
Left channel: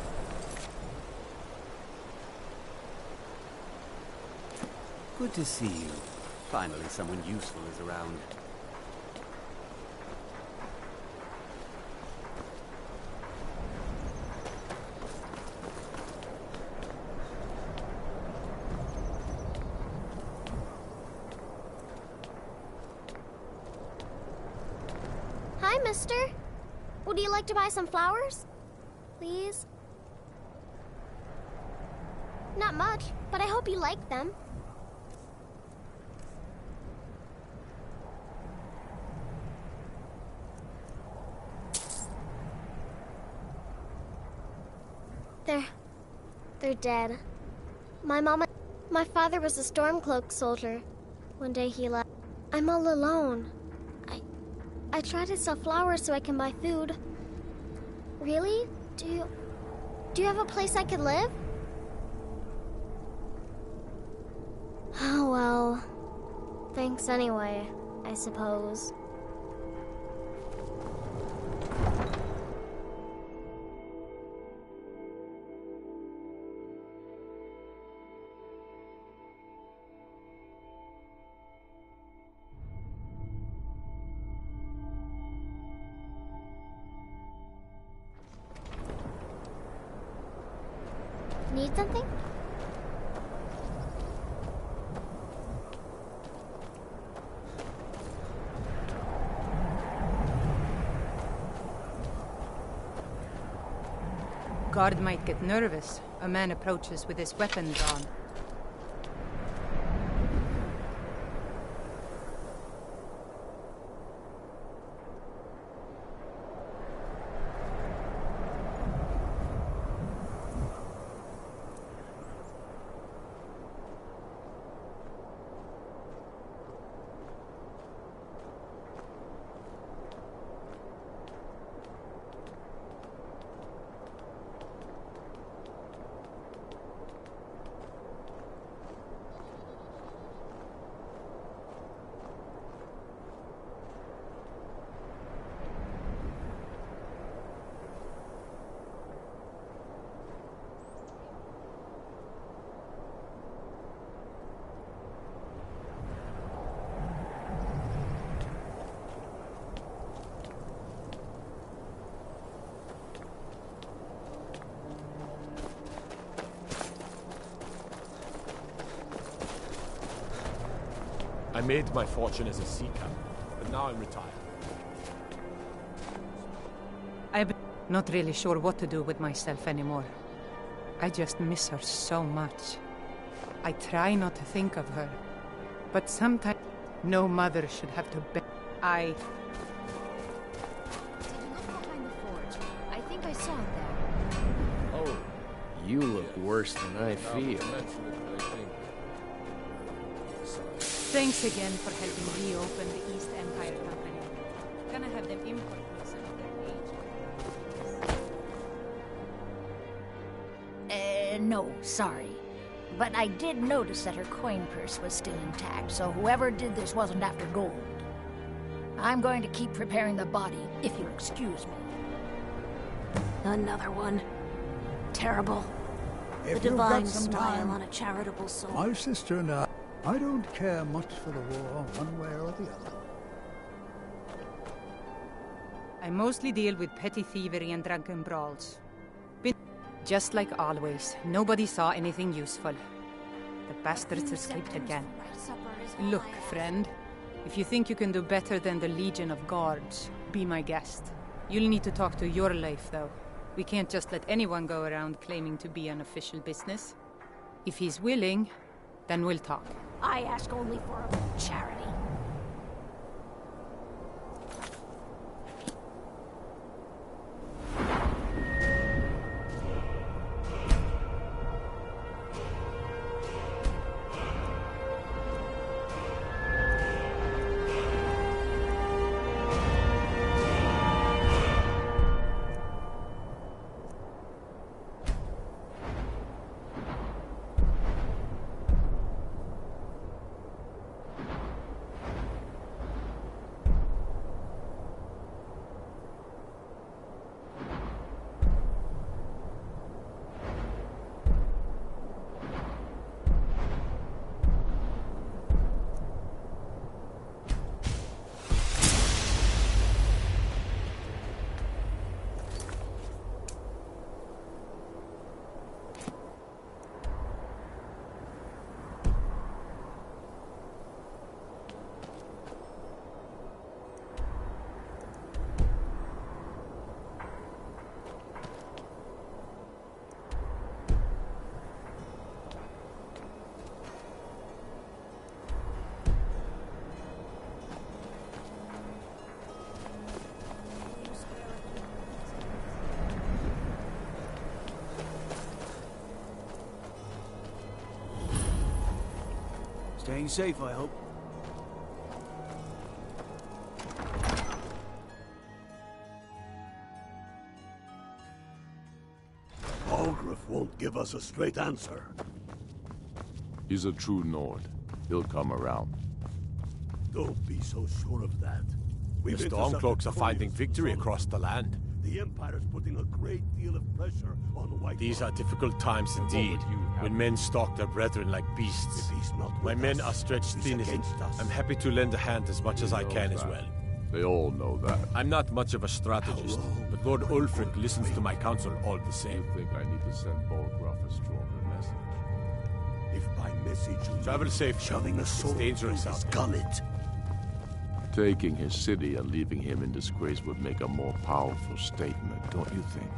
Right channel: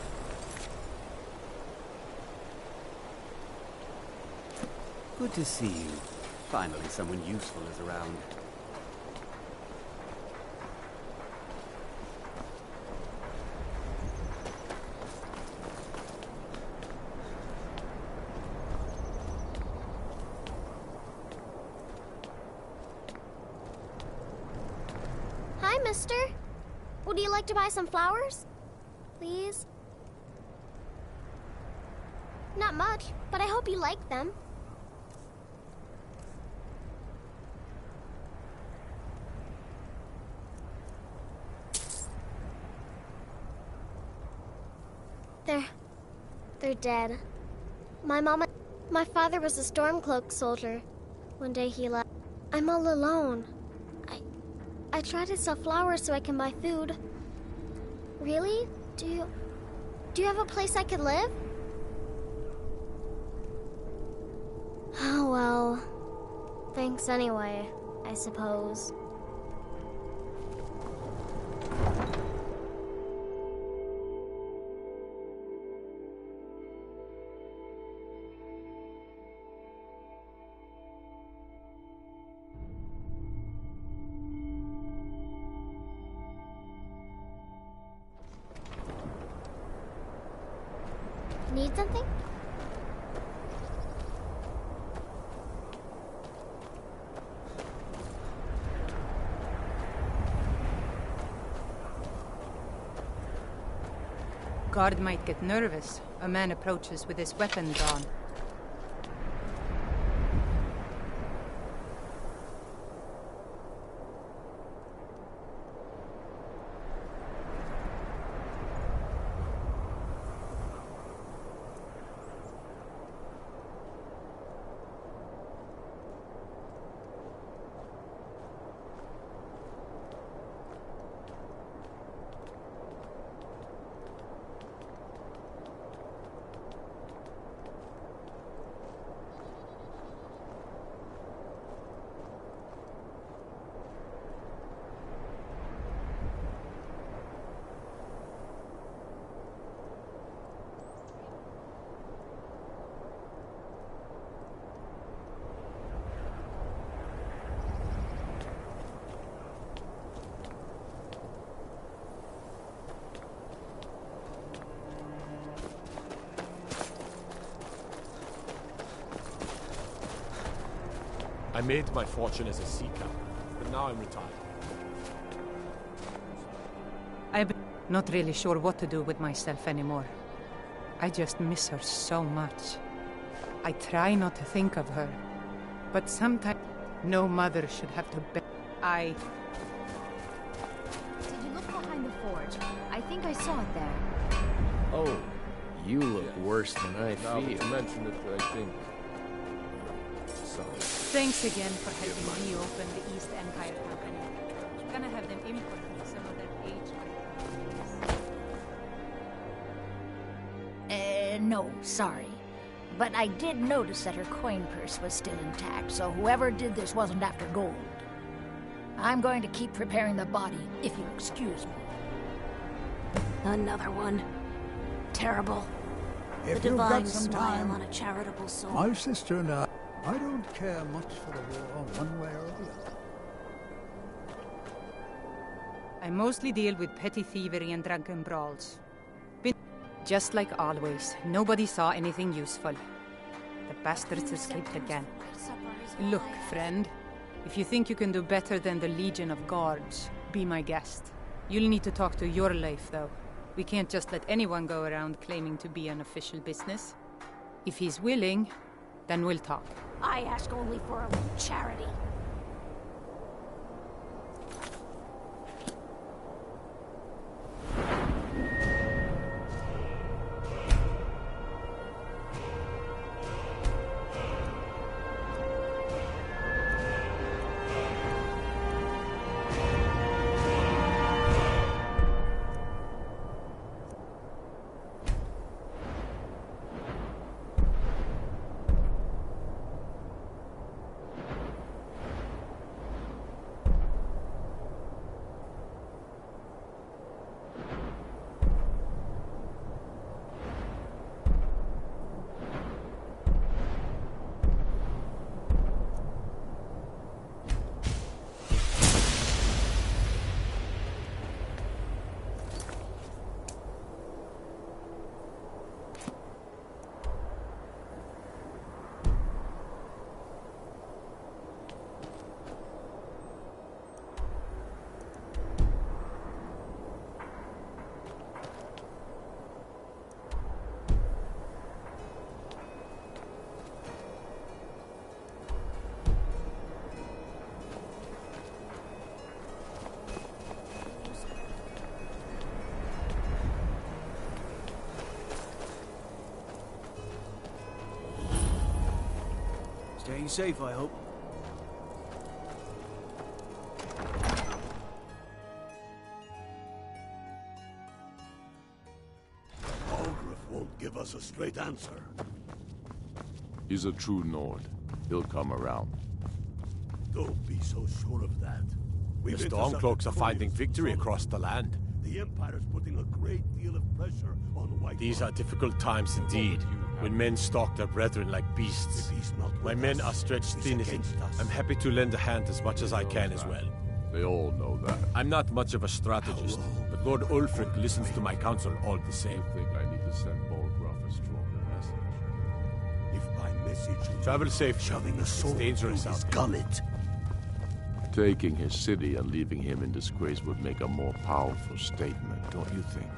Good to see you. Finally, someone useful is around. Hi, mister. Would you like to buy some flowers? Please? Not much, but I hope you like them. They're dead. My father was a Stormcloak soldier. One day he left. I'm all alone. I try to sell flowers so I can buy food. Really? Do you have a place I could live? Oh, well. Thanks anyway, I suppose. Need something? Guard might get nervous. A man approaches with his weapon drawn. I made my fortune as a sea captain, but now I'm retired. I'm not really sure what to do with myself anymore. I just miss her so much. I try not to think of her, but sometimes no mother should have to Did you look behind the forge? I think I saw it there. Oh, you look worse than I Now feel. that you mention it, I think... Sorry. Thanks again for helping reopen the East Empire Company. Gonna have them import me some of that age. No, sorry. But I did notice that her coin purse was still intact, so whoever did this wasn't after gold. I'm going to keep preparing the body, if you'll excuse me. Another one. Terrible. If The you've got divine some smile time, on a charitable soul. my sister and I don't care much for the war one way or the other. I mostly deal with petty thievery and drunken brawls. Just like always, nobody saw anything useful. The bastards escaped again. Look, friend, if you think you can do better than the Legion of Guards, be my guest. You'll need to talk to your life, though. We can't just let anyone go around claiming to be an official business. If he's willing, then we'll talk. I ask only for a little charity. Staying safe, I hope. Algrif won't give us a straight answer. He's a true Nord. He'll come around. Don't be so sure of that. The Stormcloaks are finding victory across the land. The Empire's putting a great deal of pressure on White. These are difficult times indeed, when men stalk their brethren like beasts. My men are stretched thin. I'm happy to lend a hand as much as I can as well. They all know that. I'm not much of a strategist, but Lord Ulfric listens to my counsel all the same. You think I need to send Bolgraf a stronger message? If by message you travel safe, shoving a sword dangerous out his gullet. Taking his city and leaving him in disgrace would make a more powerful statement, don't you think?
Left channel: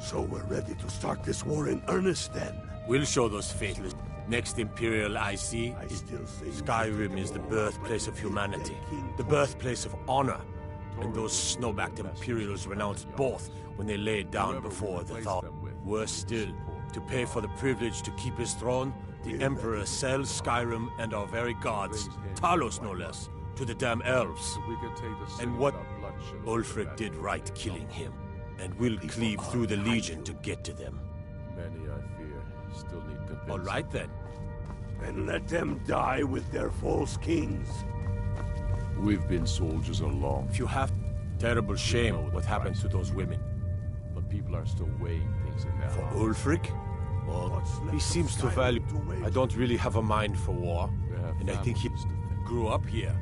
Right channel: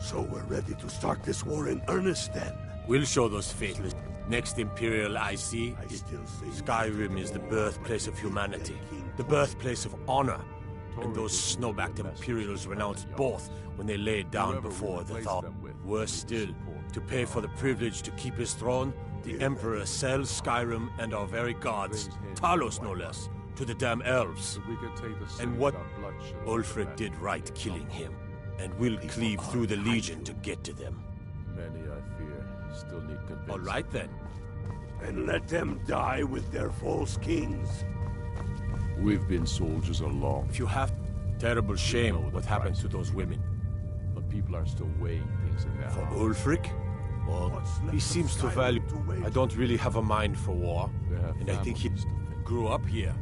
So we're ready to start this war in earnest then? We'll show those faithless. Next Imperial IC is Skyrim is the birthplace of humanity, the birthplace of honor. And those snowbacked Imperials renounced both when they laid down before the Thaw. Worse still, to pay for the privilege to keep his throne, the Emperor sells Skyrim and our very gods, Talos no less, to the damn elves. And what Ulfric did right killing him, and we'll cleave through the Legion to get to them. Many, I fear, still need convincing. All right then. And let them die with their false kings. We've been soldiers along. If you have terrible shame what happened to those women. But people are still weighing things in their For hearts. Ulfric? Well, he seems to value... I don't really have a mind for war, and I think he grew up here.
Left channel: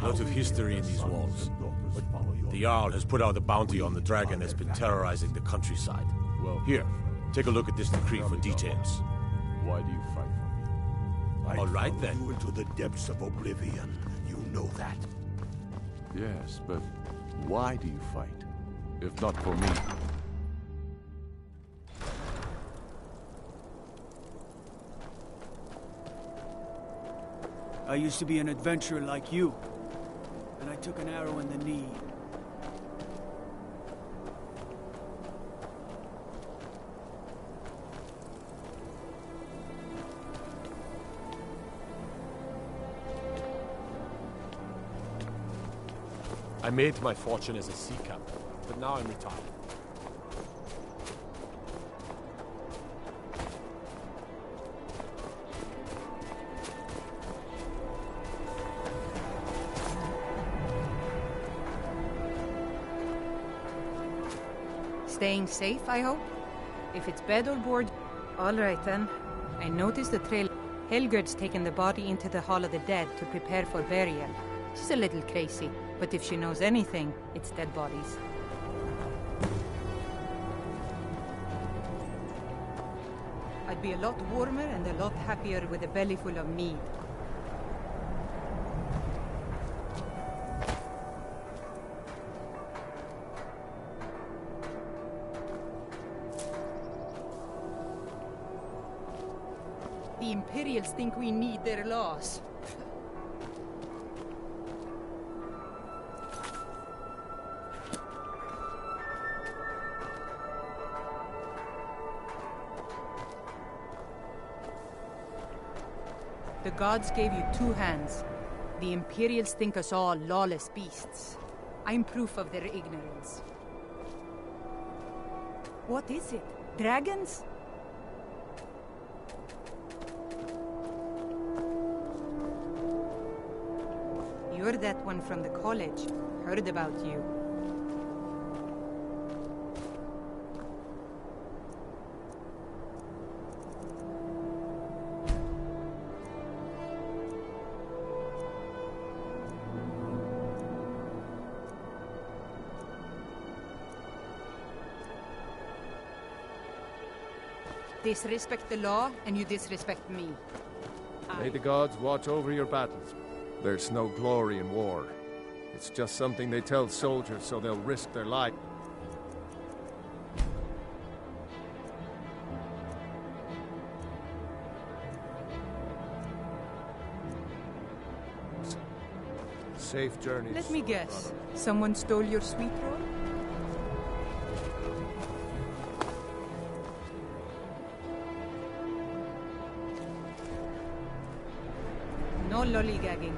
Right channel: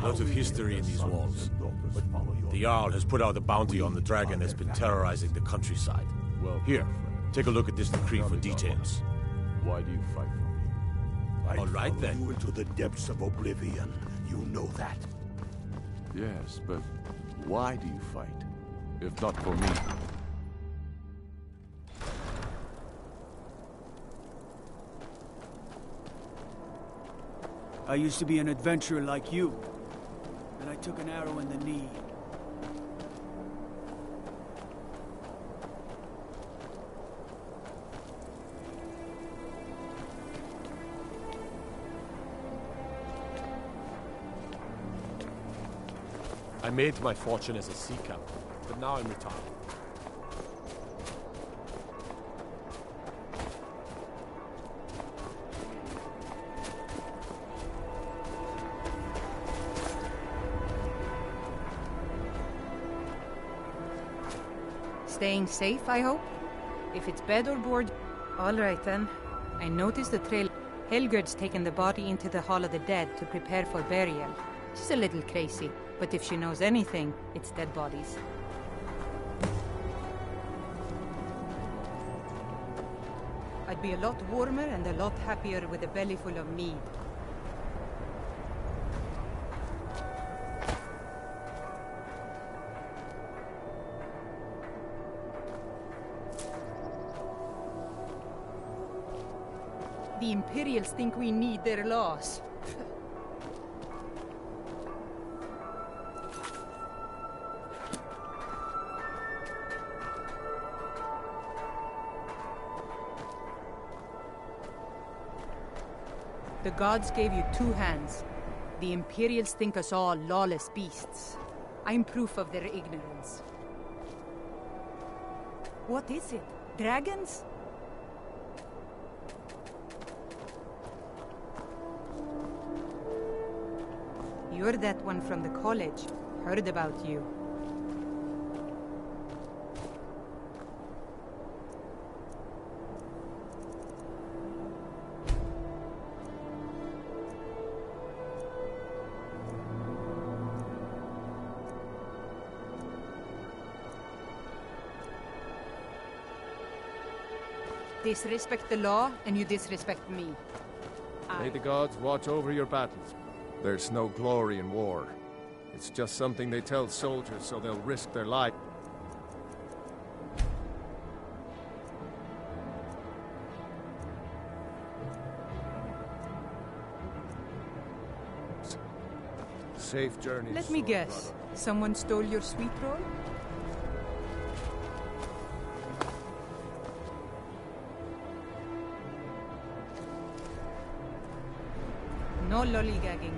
Lots of history in these walls. But the Jarl has put out a bounty on the dragon that's been terrorizing the countryside. Well, here, take a look at this decree for details. Why do you fight for me? All right then. You into the depths of oblivion. You know that. Yes, but why do you fight? If not for me. I used to be an adventurer like you. And I took an arrow in the knee. I made my fortune as a sea captain, but now I'm retired. Staying safe, I hope? If it's bed or board... All right, then. I noticed the trail. Helgerd's taken the body into the Hall of the Dead to prepare for burial. She's a little crazy, but if she knows anything, it's dead bodies. I'd be a lot warmer and a lot happier with a belly full of mead. The Imperials think we need their laws. The gods gave you two hands. The Imperials think us all lawless beasts. I'm proof of their ignorance. What is it? Dragons? You're that one from the college. Heard about you. Disrespect the law, and you disrespect me. May the gods watch over your battles. There's no glory in war. It's just something they tell soldiers so they'll risk their life. Safe journey. Let me guess. Someone stole your sweet roll? No lollygagging.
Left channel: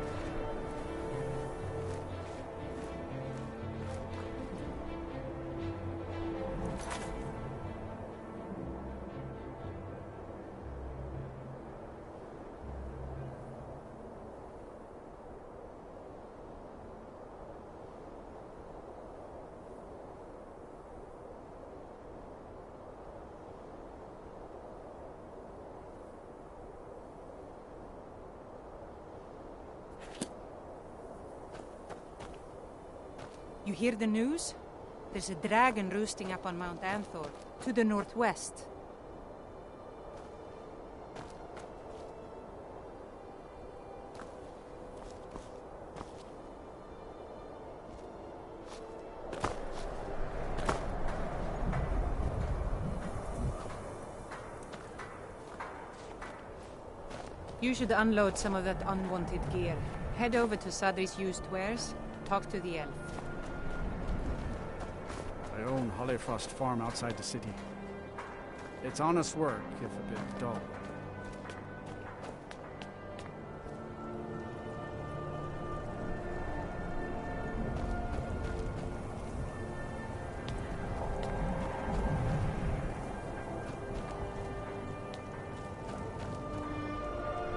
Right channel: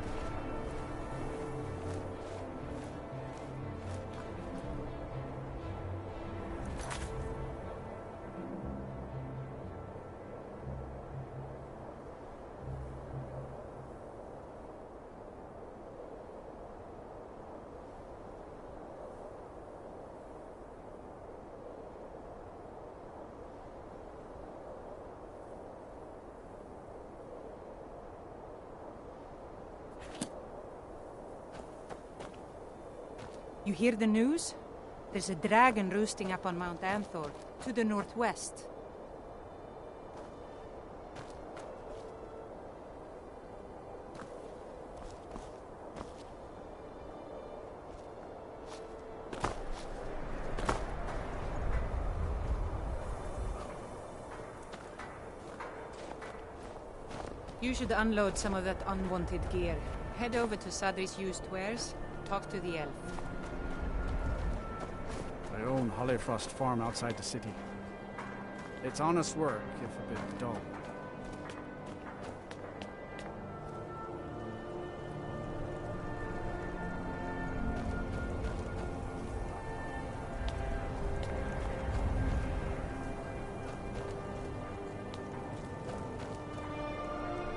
You hear the news? There's a dragon roosting up on Mount Anthor, to the northwest. You should unload some of that unwanted gear. Head over to Sadri's used wares, talk to the elf. I own Hollyfrost Farm outside the city. It's honest work, if a bit dull.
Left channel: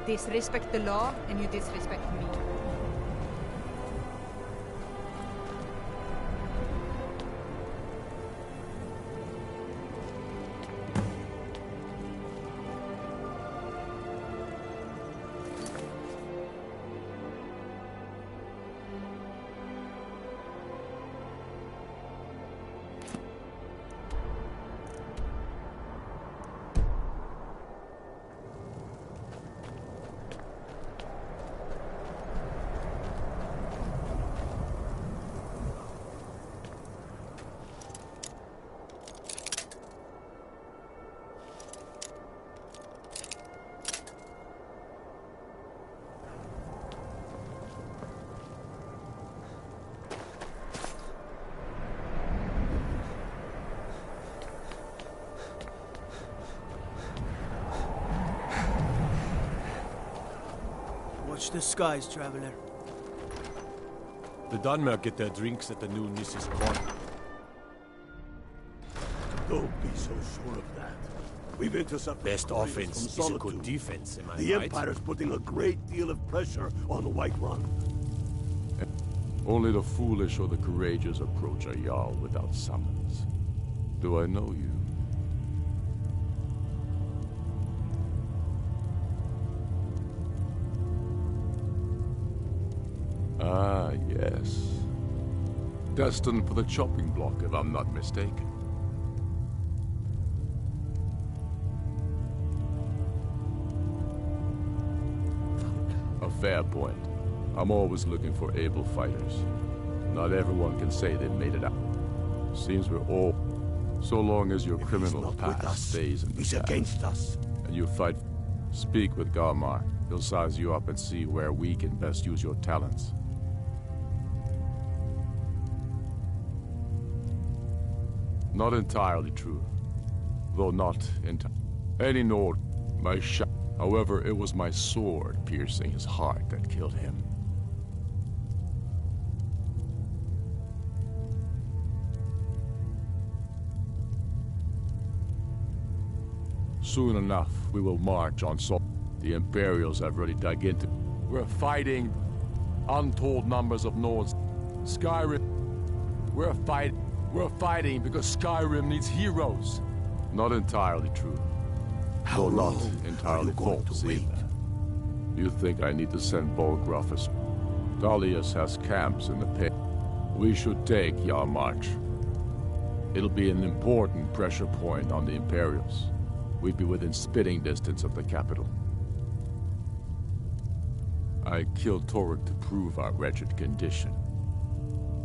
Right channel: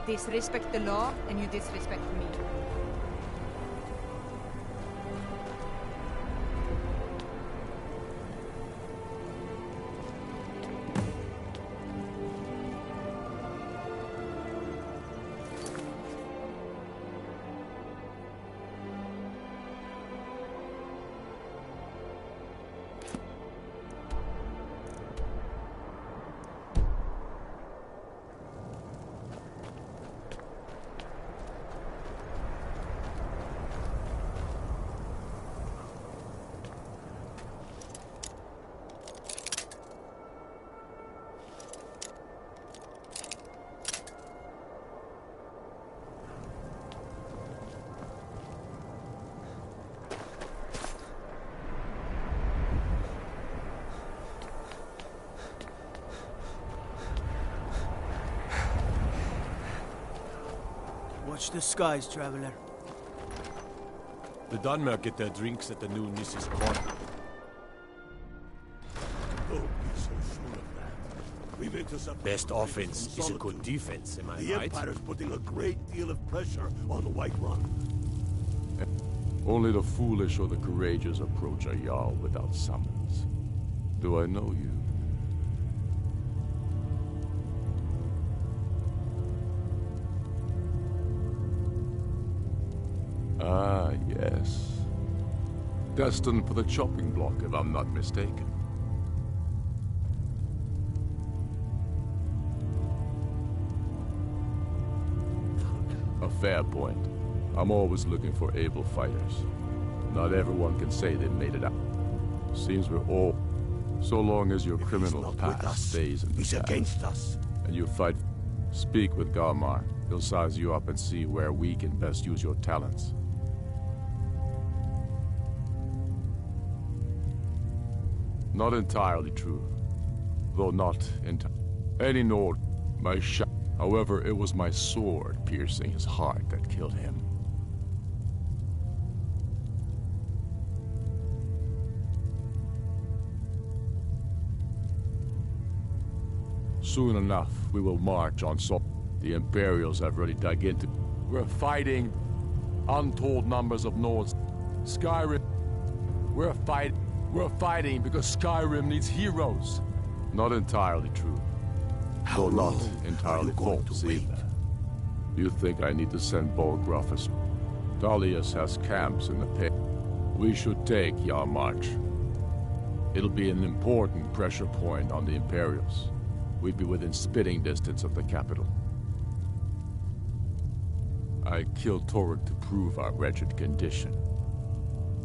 Disrespect the law, and you disrespect me. Watch the skies, traveler. The Dunmer get their drinks at the new Nissa's Corner. Don't be so sure of that. We've intercepted Best offense is a good defense, am I the right? Empire's putting a great deal of pressure on the White Run. Only the foolish or the courageous approach a Jarl without summons. Do I know you? Ah, yes. Destined for the chopping block, if I'm not mistaken. A fair point. I'm always looking for able fighters. Not everyone can say they made it out. Seems we're all... So long as your criminal past stays in the He's past, against us. and you fight... Speak with Galmar. He'll size you up and see where we can best use your talents. Not entirely true. Though not entirely. Any Nord, my shot. However, it was my sword piercing his heart that killed him. Soon enough, we will march on Sol. The Imperials have already dug into. We're fighting untold numbers of Nords. Skyrim. We're fighting because Skyrim needs heroes. Not entirely true. How Though long not entirely are you going false to wait? either. You think I need to send Bolgraf? Dalius has camps in the pit. We should take Yarmarch. It'll be an important pressure point on the Imperials. We'd be within spitting distance of the capital. I killed Torek to prove our wretched condition.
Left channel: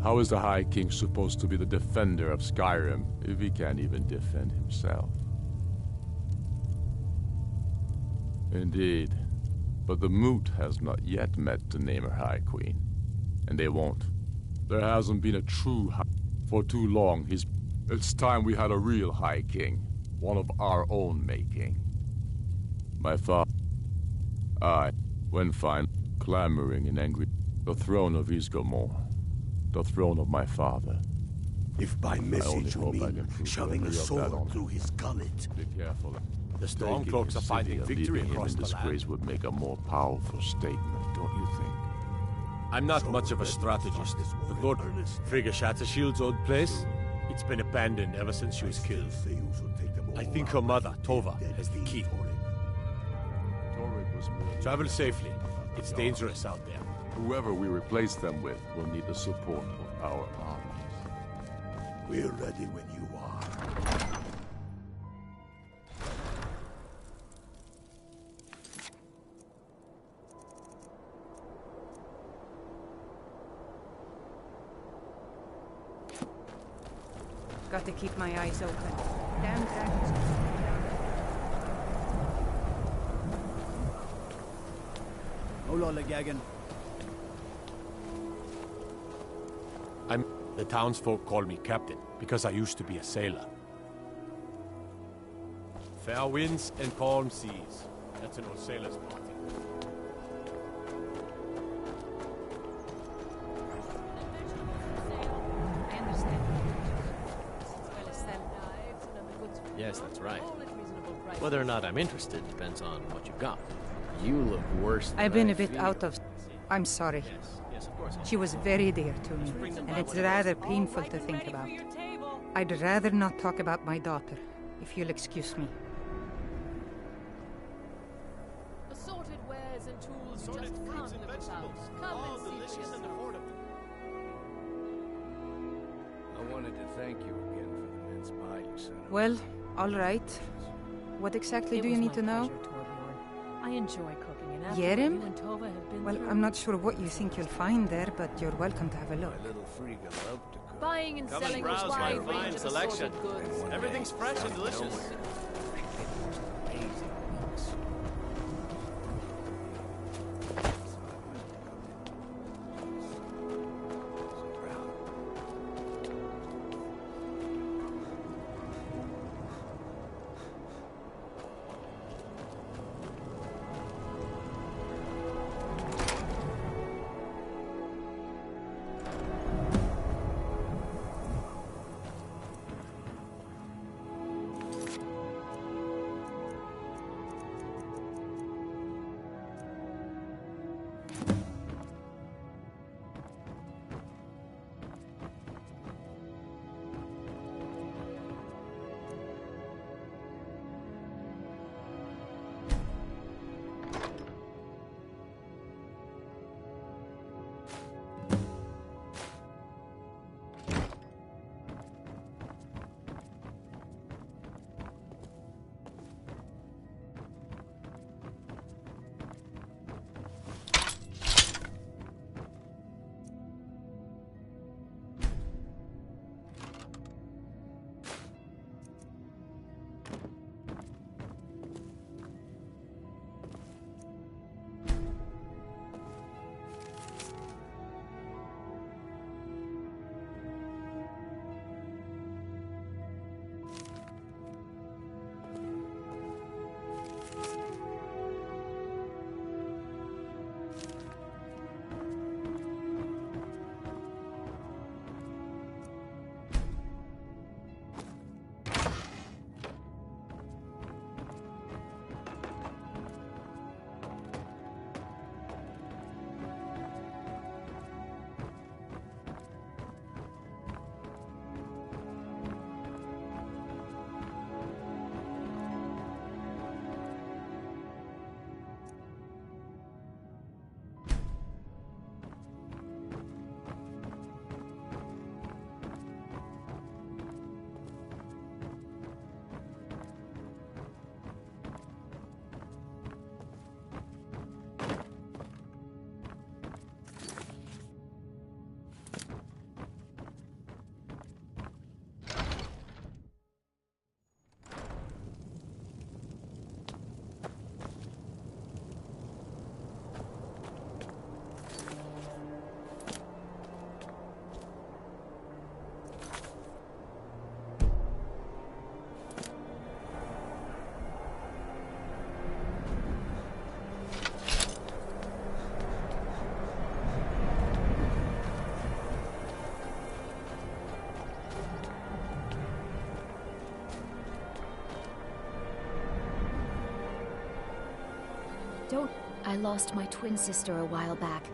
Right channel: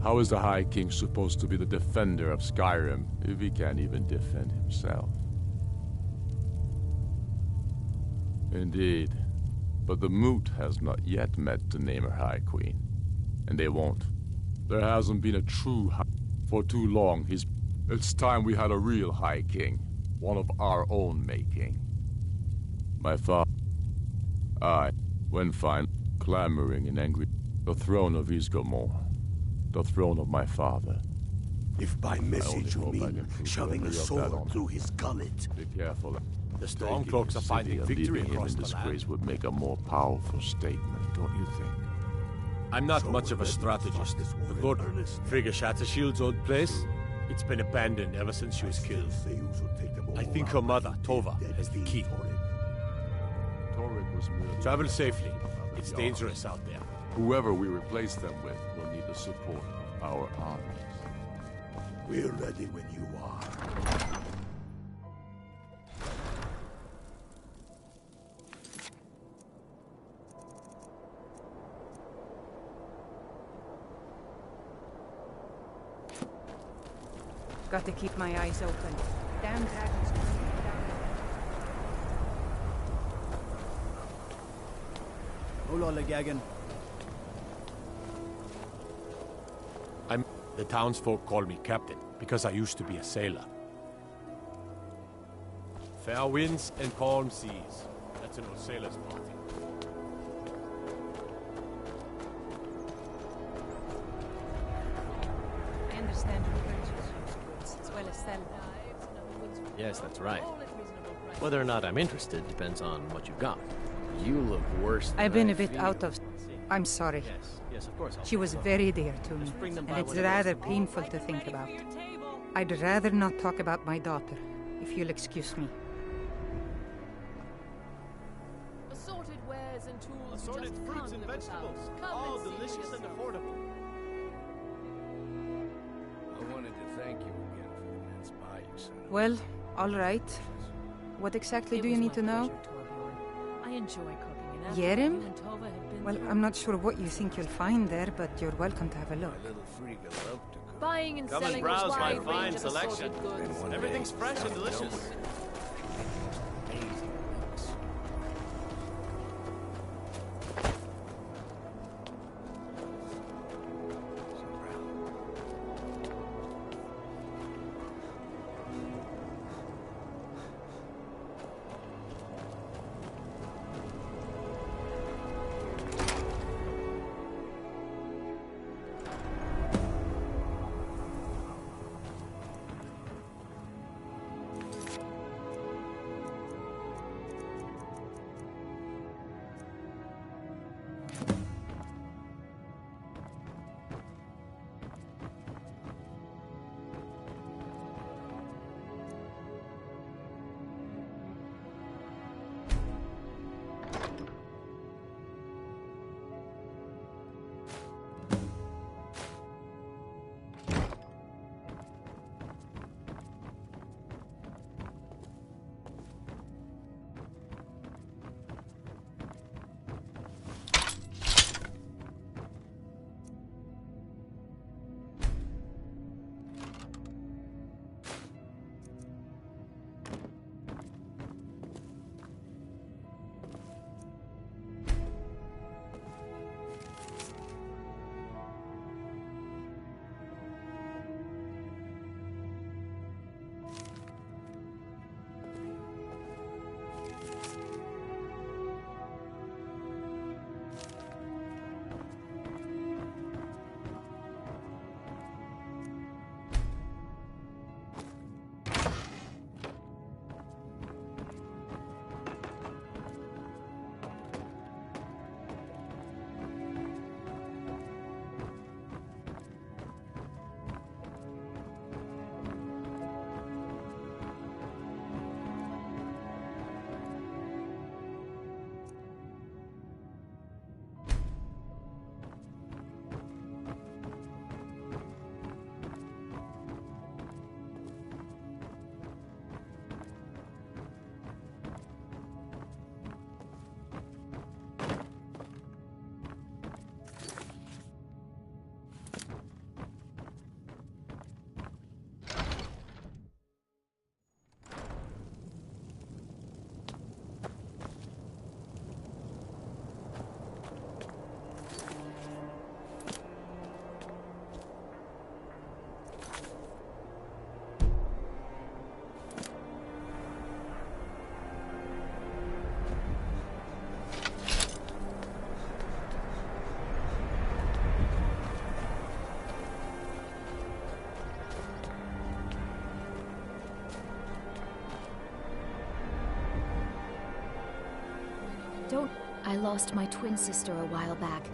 How is the High King supposed to be the defender of Skyrim if he can't even defend himself? Indeed. But the Moot has not yet met the Namer High Queen. And they won't. There hasn't been a true High... For too long, It's time we had a real High King. One of our own making. My father... when fine, clamoring and angry. The throne of Isgomor. The throne of my father. If by message you mean shoving a sword through his gullet. Be careful. The Stormcloaks are finding victory leaving him across in the disgrace land. would make a more powerful statement, don't you think? I'm not much of a strategist, but Lord Frigga Shattershield's old place, it's been abandoned ever since she was killed. I think her mother, Tova, has the key. Torek was merely... Travel safely. It's dangerous out there. Whoever we replace them with will need the support of our armies. We're ready when you are. Got to keep my eyes open. Damn dragons. Hola, Gagan. The townsfolk call me captain because I used to be a sailor. Fair winds and calm seas. That's an old sailor's party. I understand your purchase, as well as sell. Yes, that's right. Whether or not I'm interested depends on what you've got. You look worse than I've been I a bit feel. out of... I'm sorry. Yes, of course. She was very dear to me, and it's rather painful to think about. I'd rather not talk about my daughter, if you'll excuse me. Assorted wares and tools. Assorted fruits and vegetables. All delicious and affordable. I wanted to thank you again for the mince pie you sent over. Well, all right. What exactly do you need to know? I enjoy cooking, and after Yerim? you and Tova have been Well, through, I'm not sure what you think you'll find there, but you're welcome to have a look. My little freak love to cook. buying and Come selling and a browse my wide fine range of selection. assorted goods. Everything's fresh and delicious. Amazing weeks. So proud. Don't... I lost my twin sister a while back.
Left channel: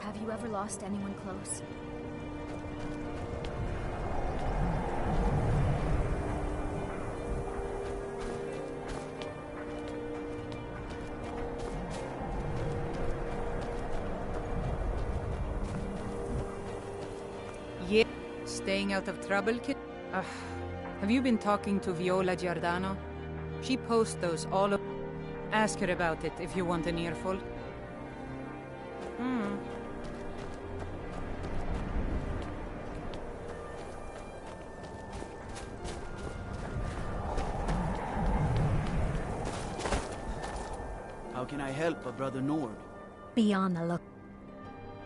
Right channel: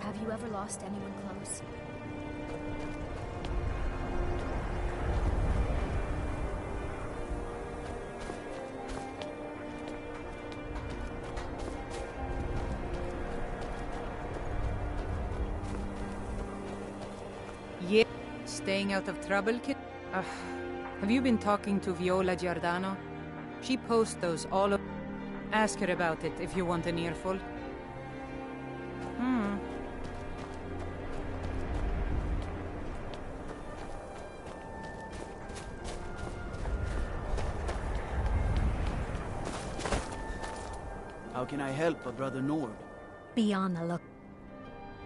Have you ever lost anyone close? staying out of trouble, kid? Have you been talking to Viola Giordano? She posts those all over. Ask her about it if you want an earful. How can I help a brother Nord? Be on the look.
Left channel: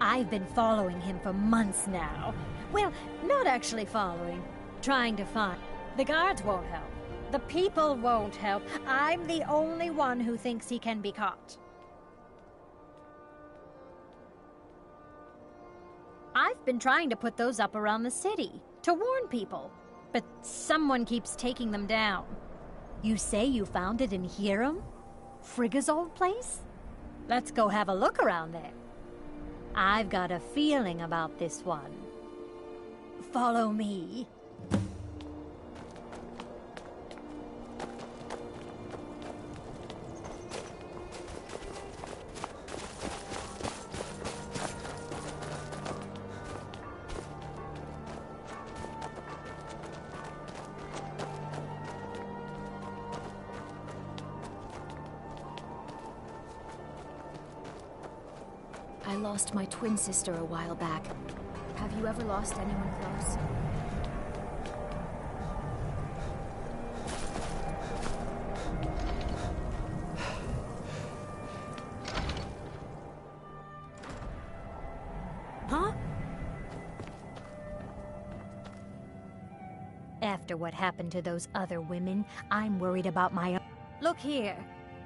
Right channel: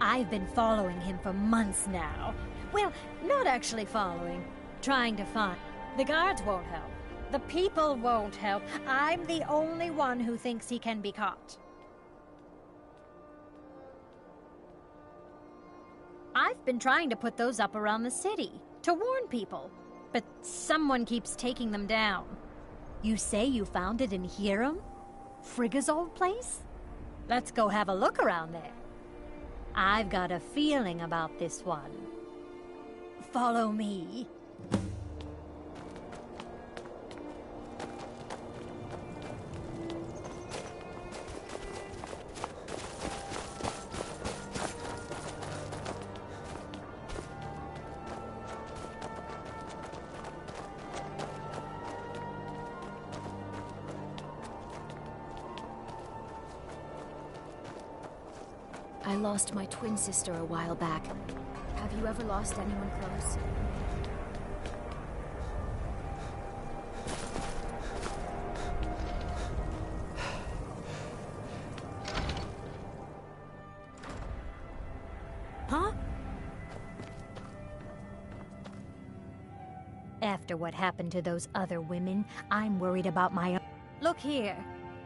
I've been following him for months now. Well, not actually following. Trying to find. The guards won't help. The people won't help. I'm the only one who thinks he can be caught. I've been trying to put those up around the city, to warn people. But someone keeps taking them down. You say you found it in Hiram? Frigga's old place? Let's go have a look around there. I've got a feeling about this one. Follow me. I lost my twin sister a while back. Have you ever lost anyone close? Huh? After what happened to those other women, I'm worried about my own. Look here.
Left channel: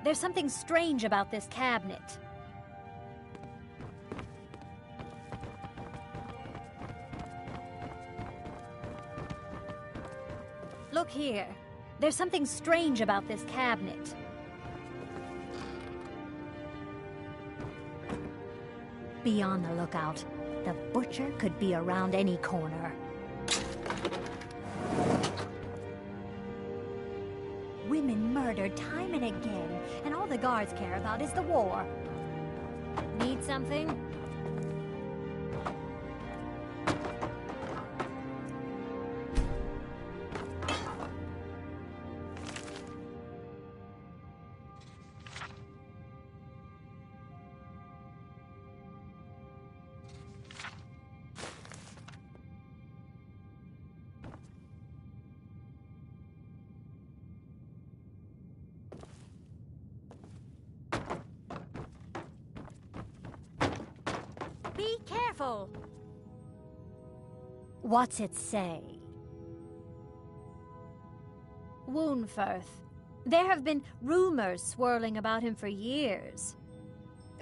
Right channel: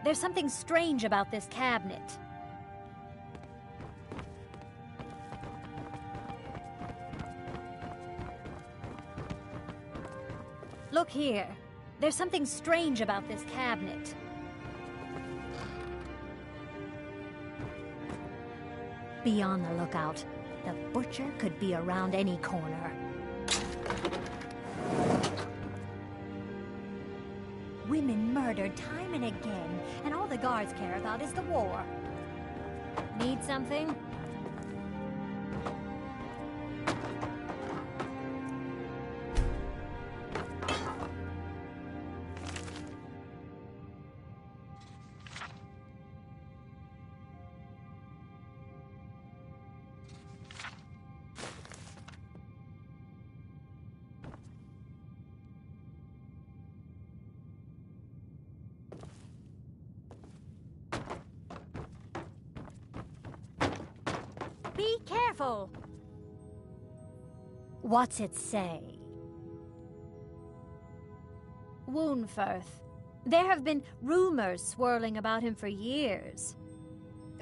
There's something strange about this cabinet. Look here. There's something strange about this cabinet. Be on the lookout. The butcher could be around any corner. Women murdered time and again, and all the guards care about is the war. Need something? Be careful! What's it say? Woundfirth. There have been rumors swirling about him for years.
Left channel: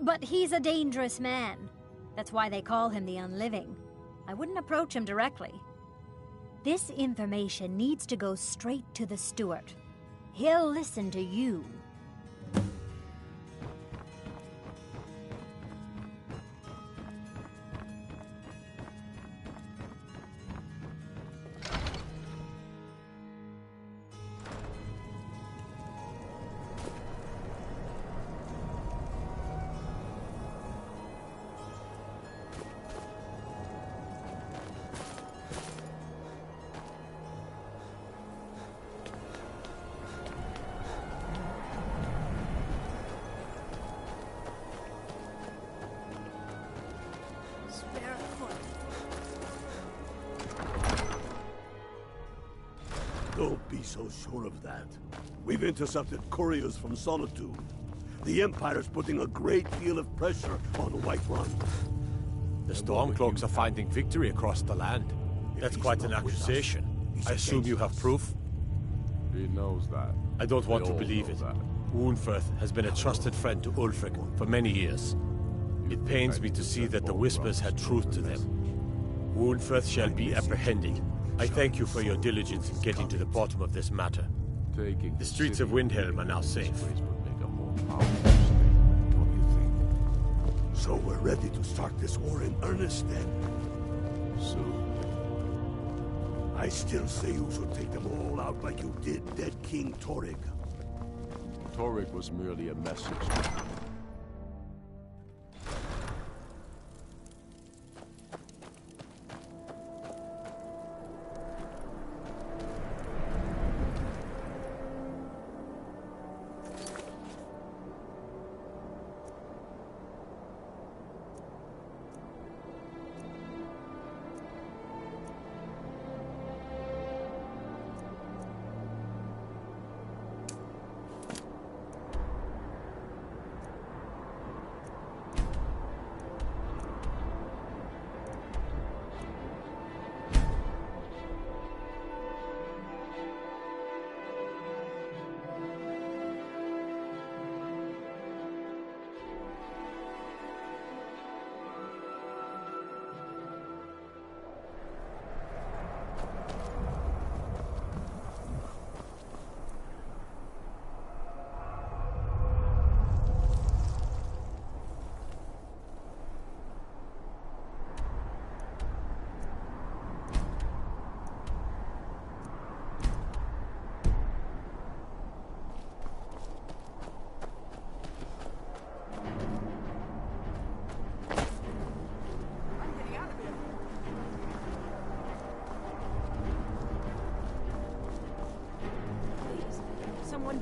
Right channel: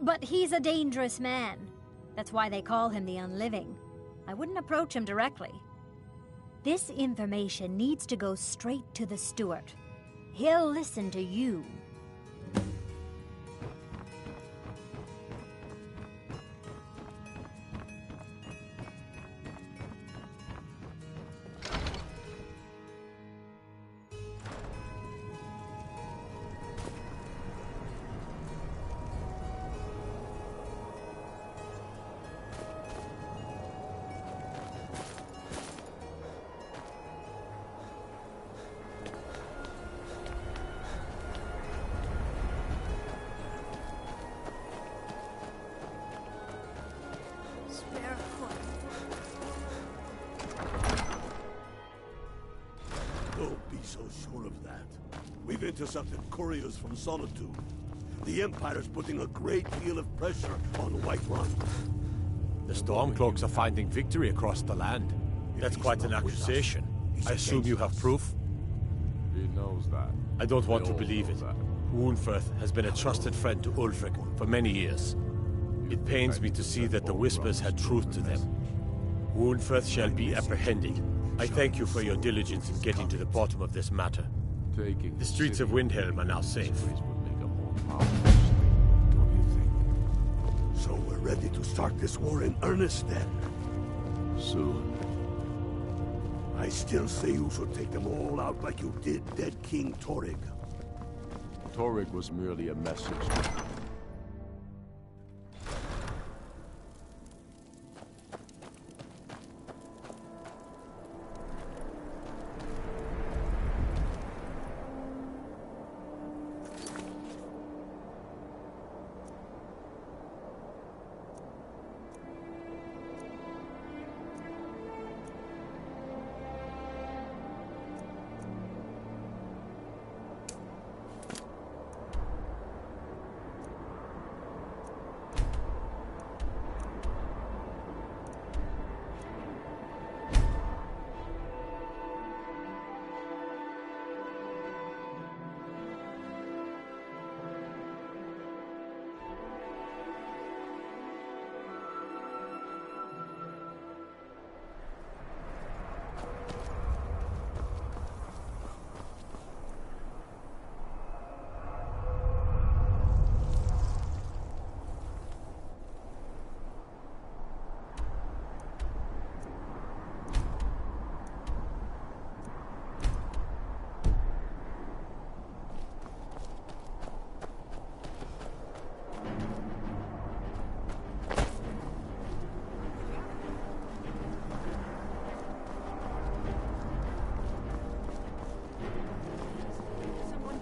But he's a dangerous man. That's why they call him the Unliving. I wouldn't approach him directly. This information needs to go straight to the steward. He'll listen to you. Don't be so sure of that. We've intercepted couriers from Solitude. The Empire's putting a great deal of pressure on Whiterun. The Stormcloaks are finding victory across the land. That's quite an accusation. I assume you have proof? He knows that. I don't want to believe it. Woundfirth has been a trusted friend to Ulfric for many years. It pains me to see that the Whispers had truth to them. Woundfirth shall be apprehended. I thank you for your diligence in getting to the bottom of this matter. The streets of Windhelm are now safe. Don't you think? So we're ready to start this war in earnest then? Soon. I still say you should take them all out like you did dead King Torrig. Torrig was merely a message.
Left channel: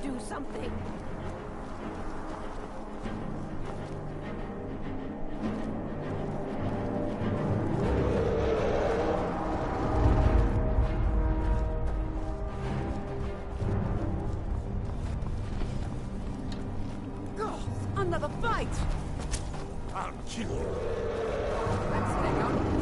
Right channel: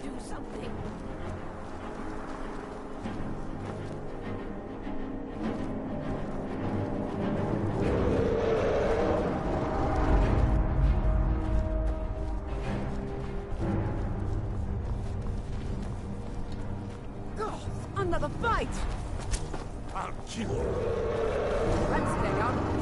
do something. Another fight! I'll kill you. Let's stay out of this.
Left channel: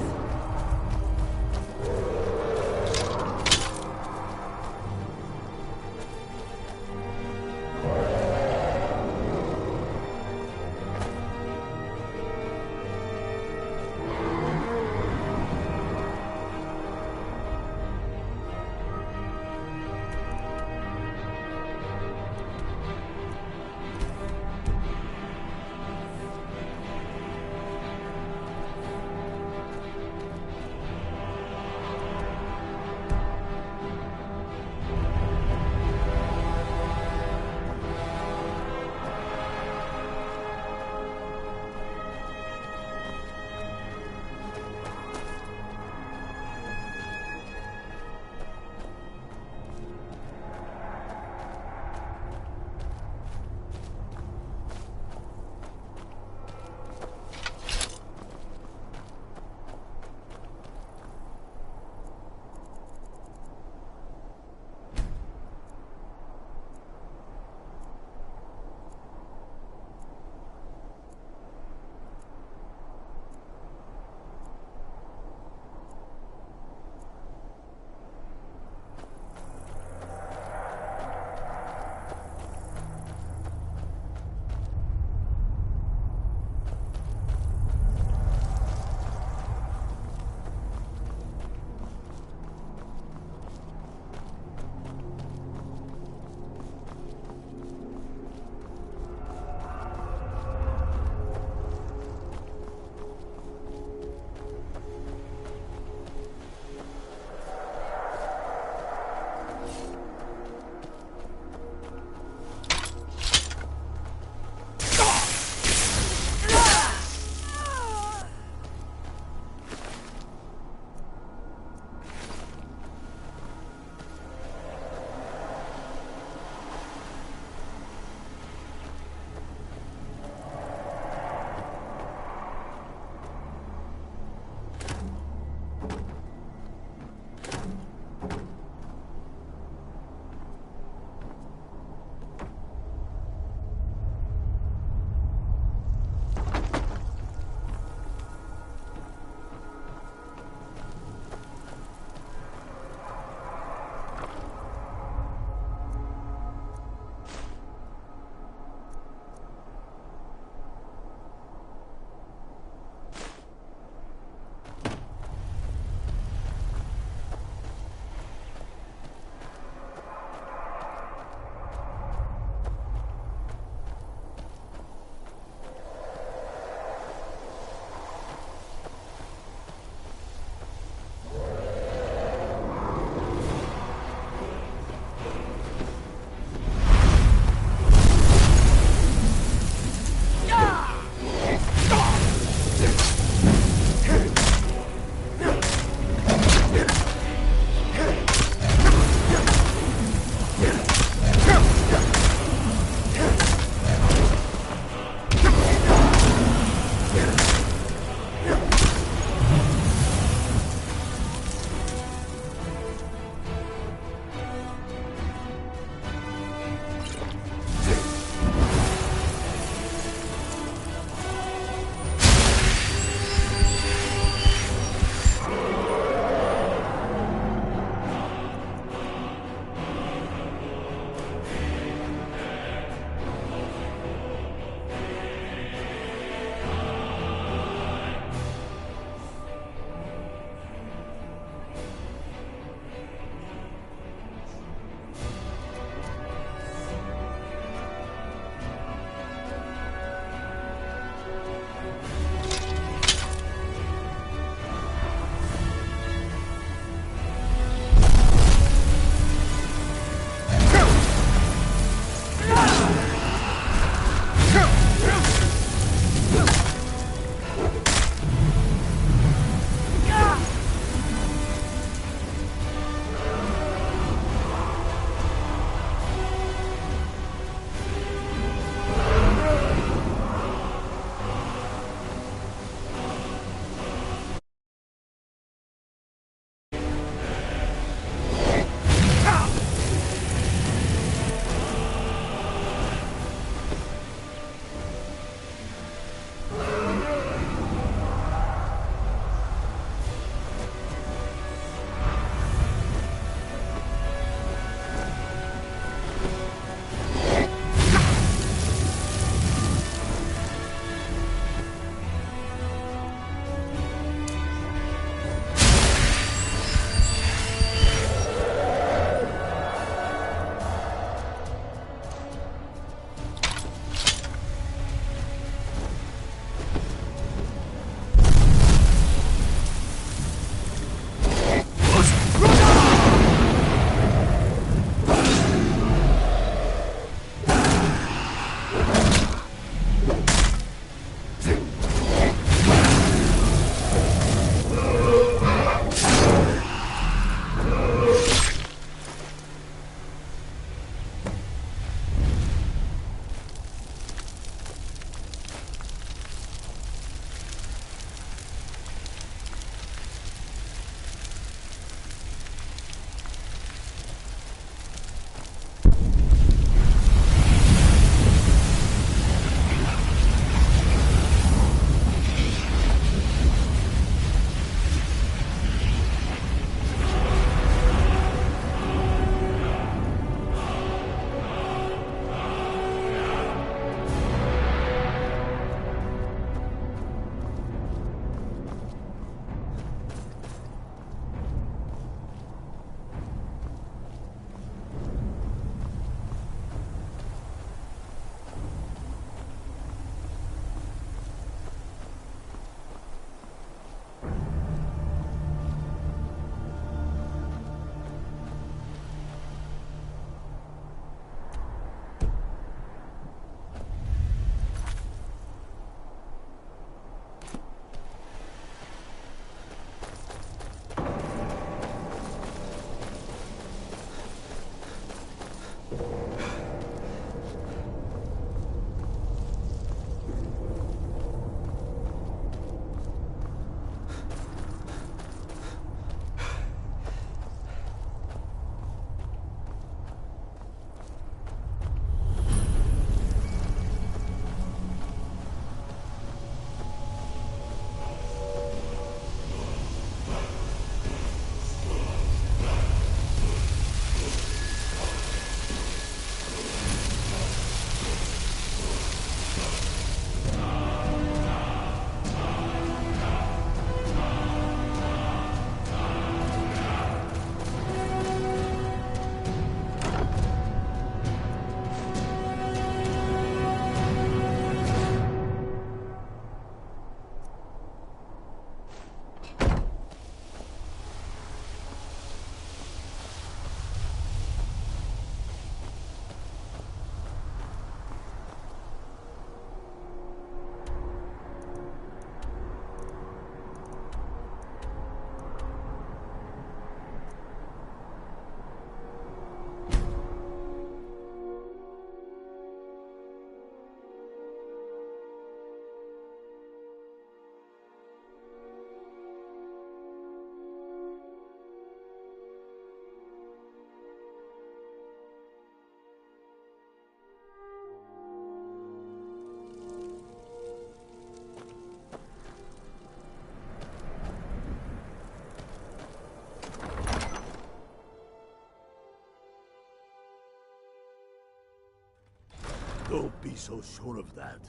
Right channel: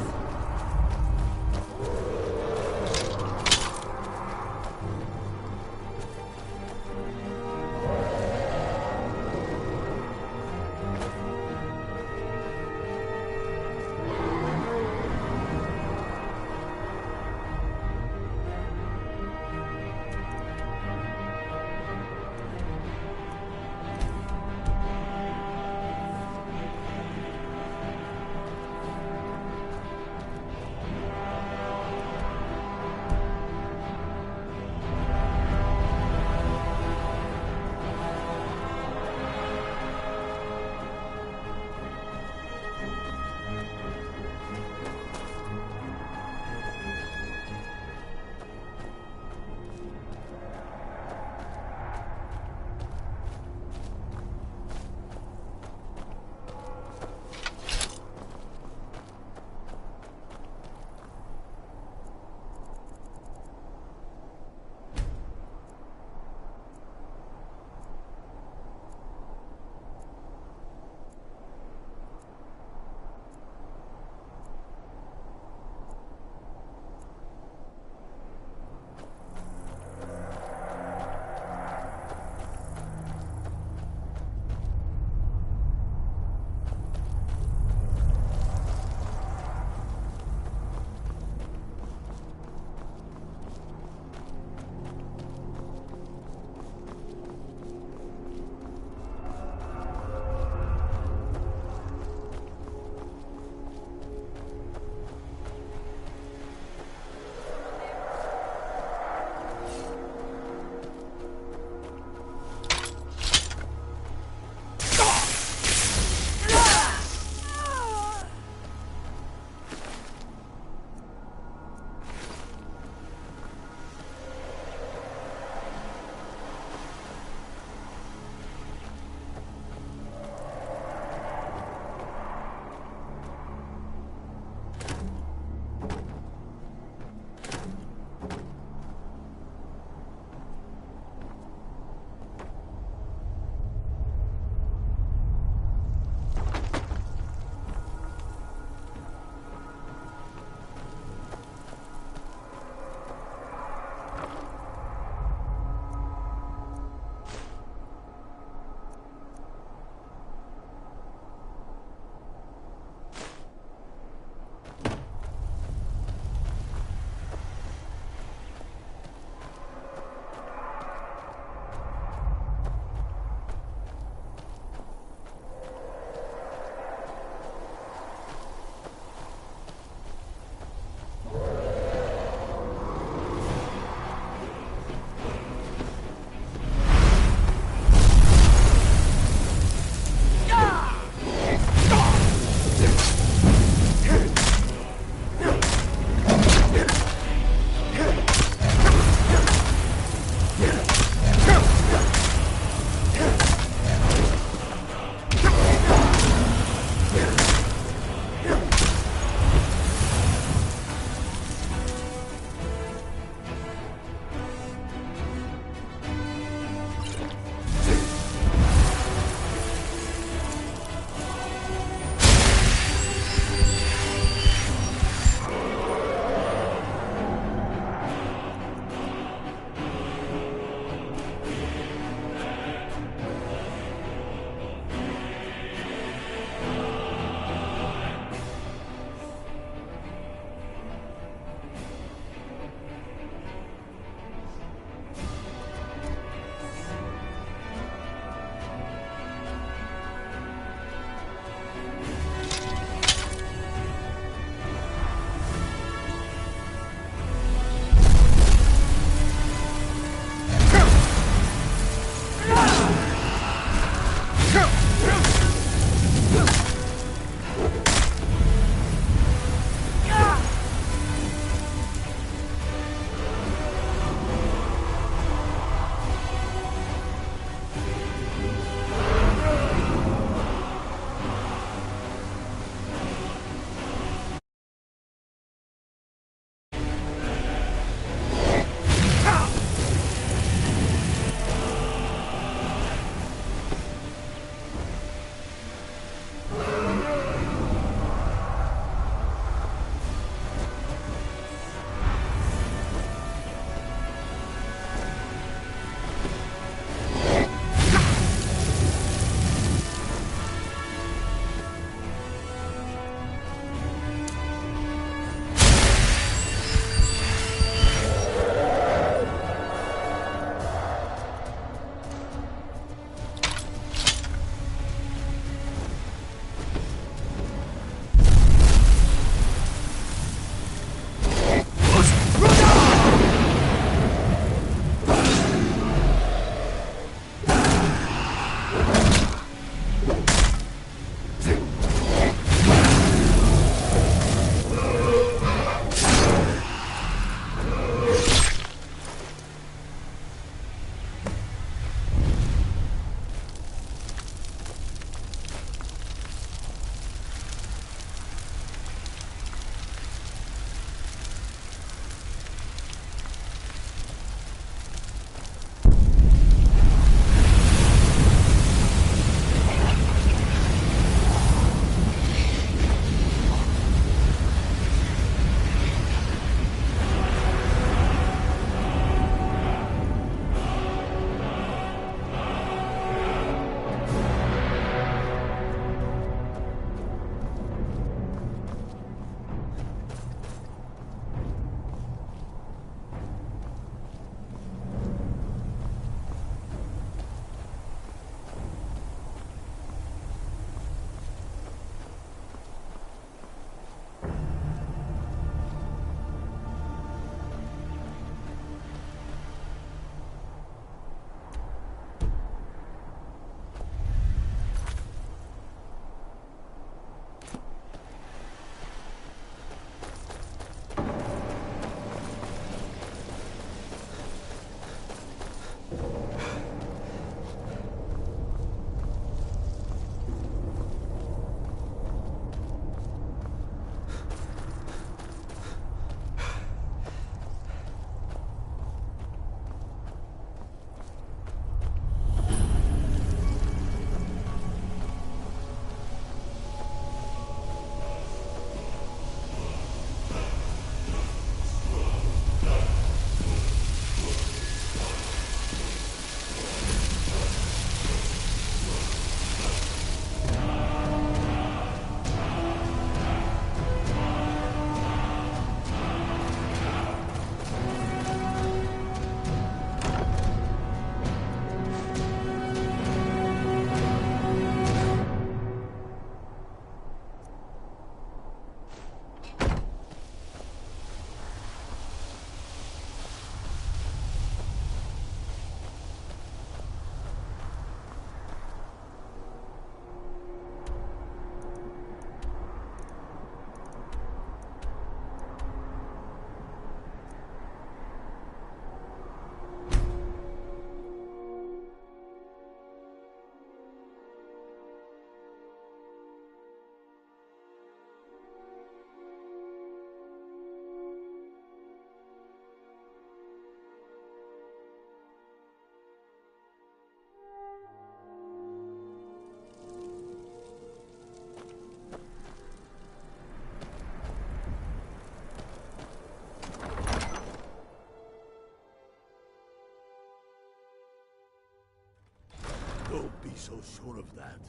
Don't be so sure of that.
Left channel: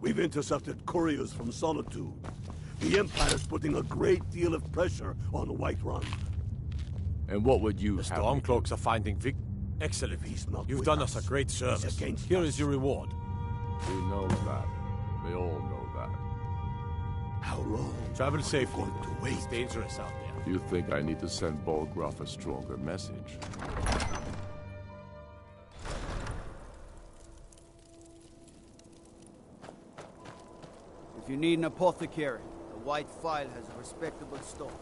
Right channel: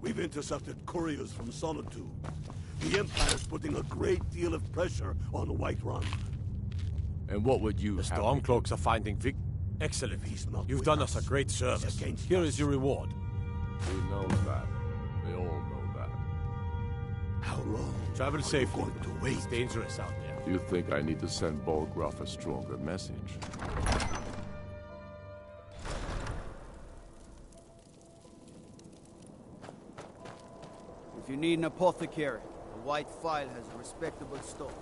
We've intercepted couriers from Solitude. The Empire's putting a great deal of pressure on Whiterun. And what would you The have Stormcloaks are finding Vic. Excellent. You've done us a great service. Here is your reward. He knows that. They all know that. How long? Travel safely. Going to wait? It's dangerous out there. You think I need to send Bolgraf a stronger message? If you need an apothecary, the White Phial has a respectable store.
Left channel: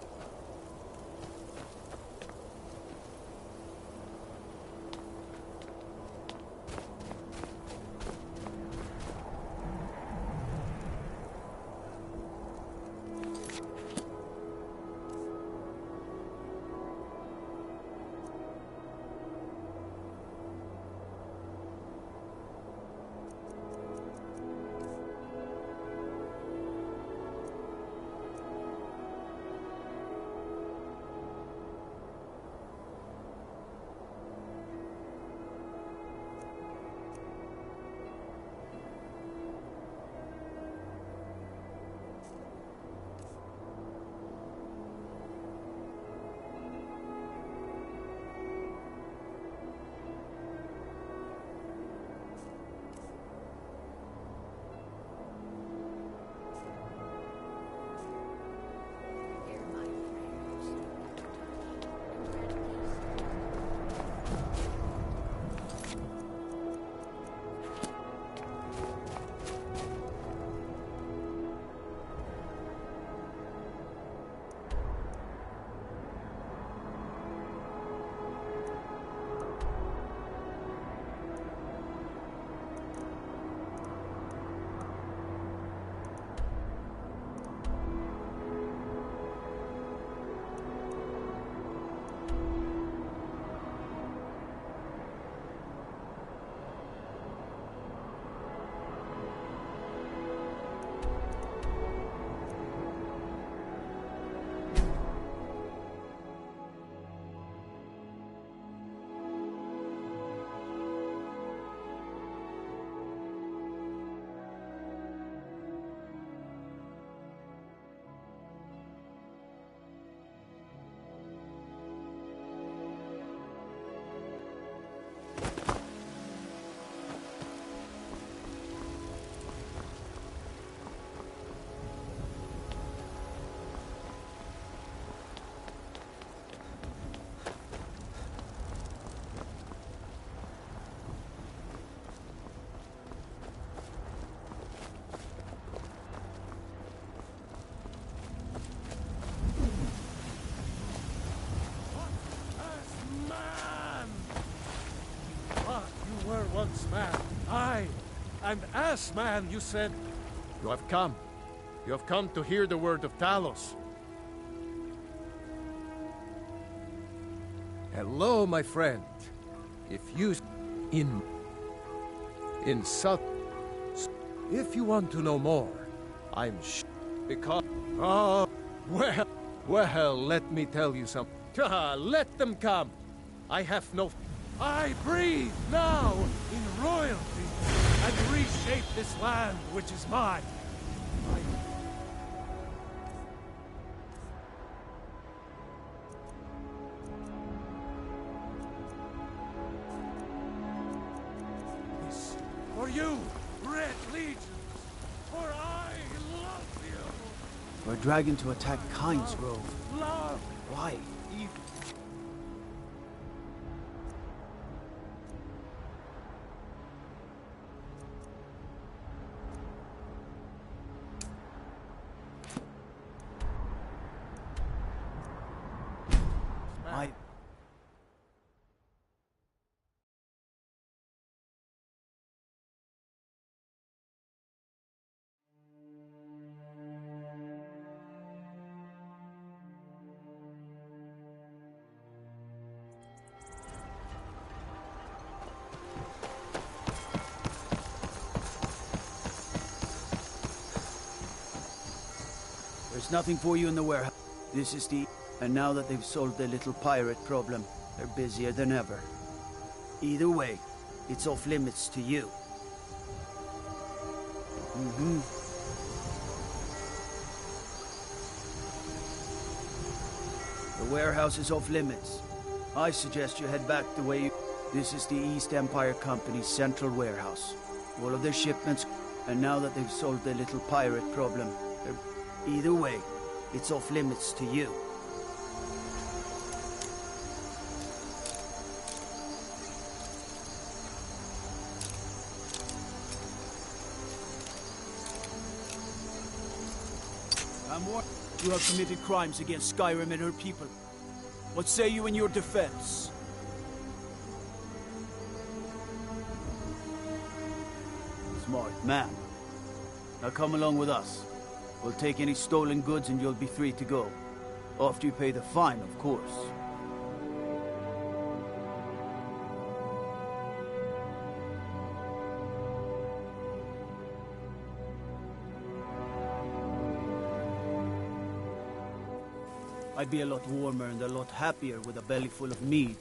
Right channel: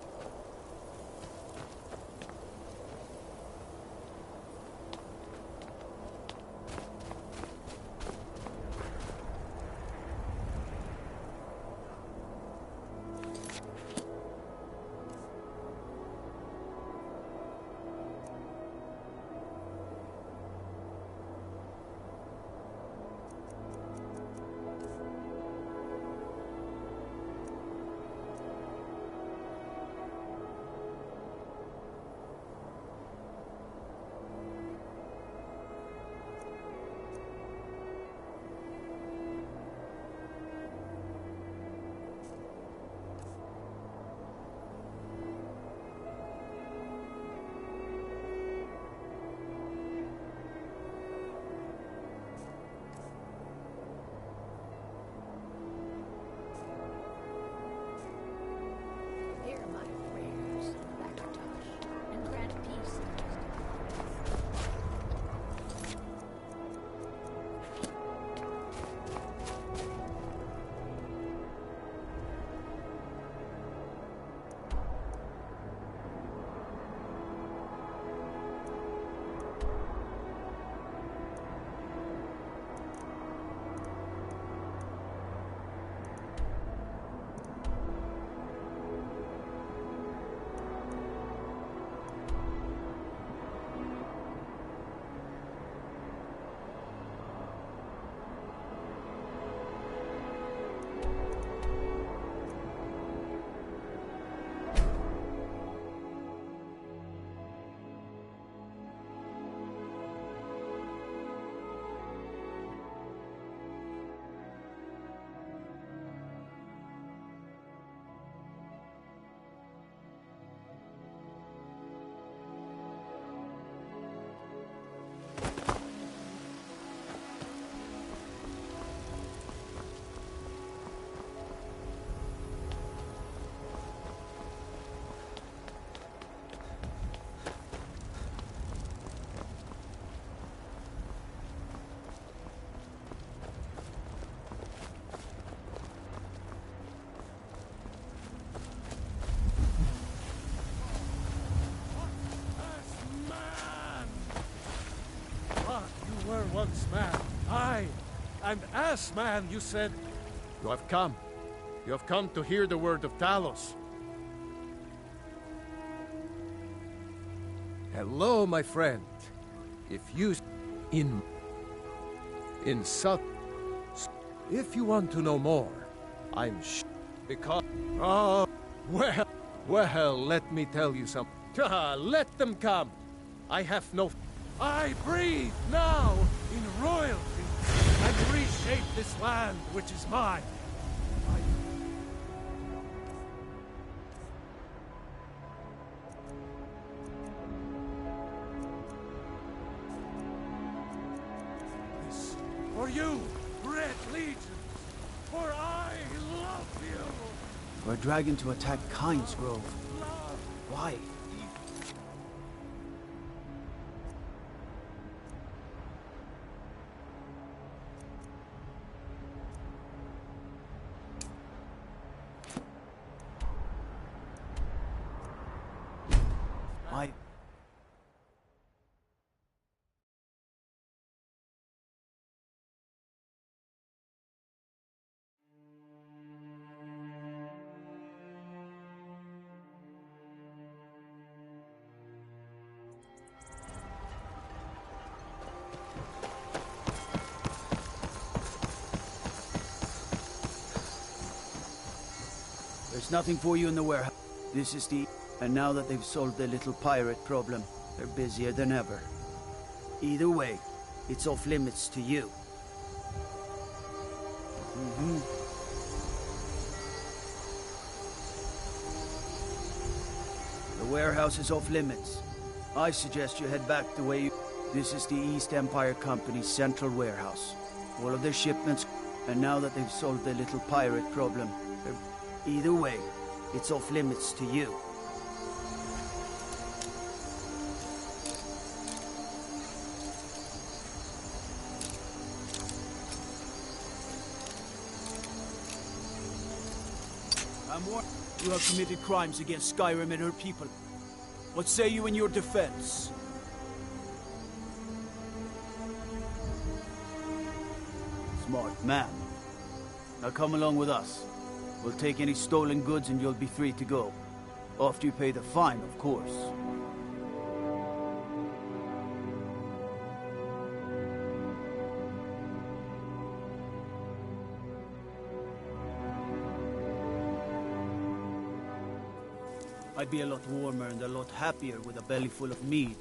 Hear my prayers, Rakatosh, and grant peace. You were once man. Aye. And as man, you said... You have come. You have come to hear the word of Talos. Hello, my friend. If you... In South... If you want to know more, I'm because... Oh, well, let me tell you something. Let them come. I have no... I breathe now in royalty and reshape this land which is mine. This for you, Red Legions, for I love you. We're dragging to attack Kyne's Grove. Love. Why? There's nothing for you in the warehouse. This is the... And now that they've solved their little pirate problem, they're busier than ever. Either way, it's off limits to you. Mm-hmm. The warehouse is off limits. I suggest you head back the way you... This is the East Empire Company's central warehouse. All of their shipments, and now that they've solved their little pirate problem, either way, it's off limits to you. I'm warned. You have committed crimes against Skyrim and her people. What say you in your defense? Smart man. Now come along with us. We'll take any stolen goods and you'll be free to go. After you pay the fine, of course. I'd be a lot warmer and a lot happier with a belly full of mead.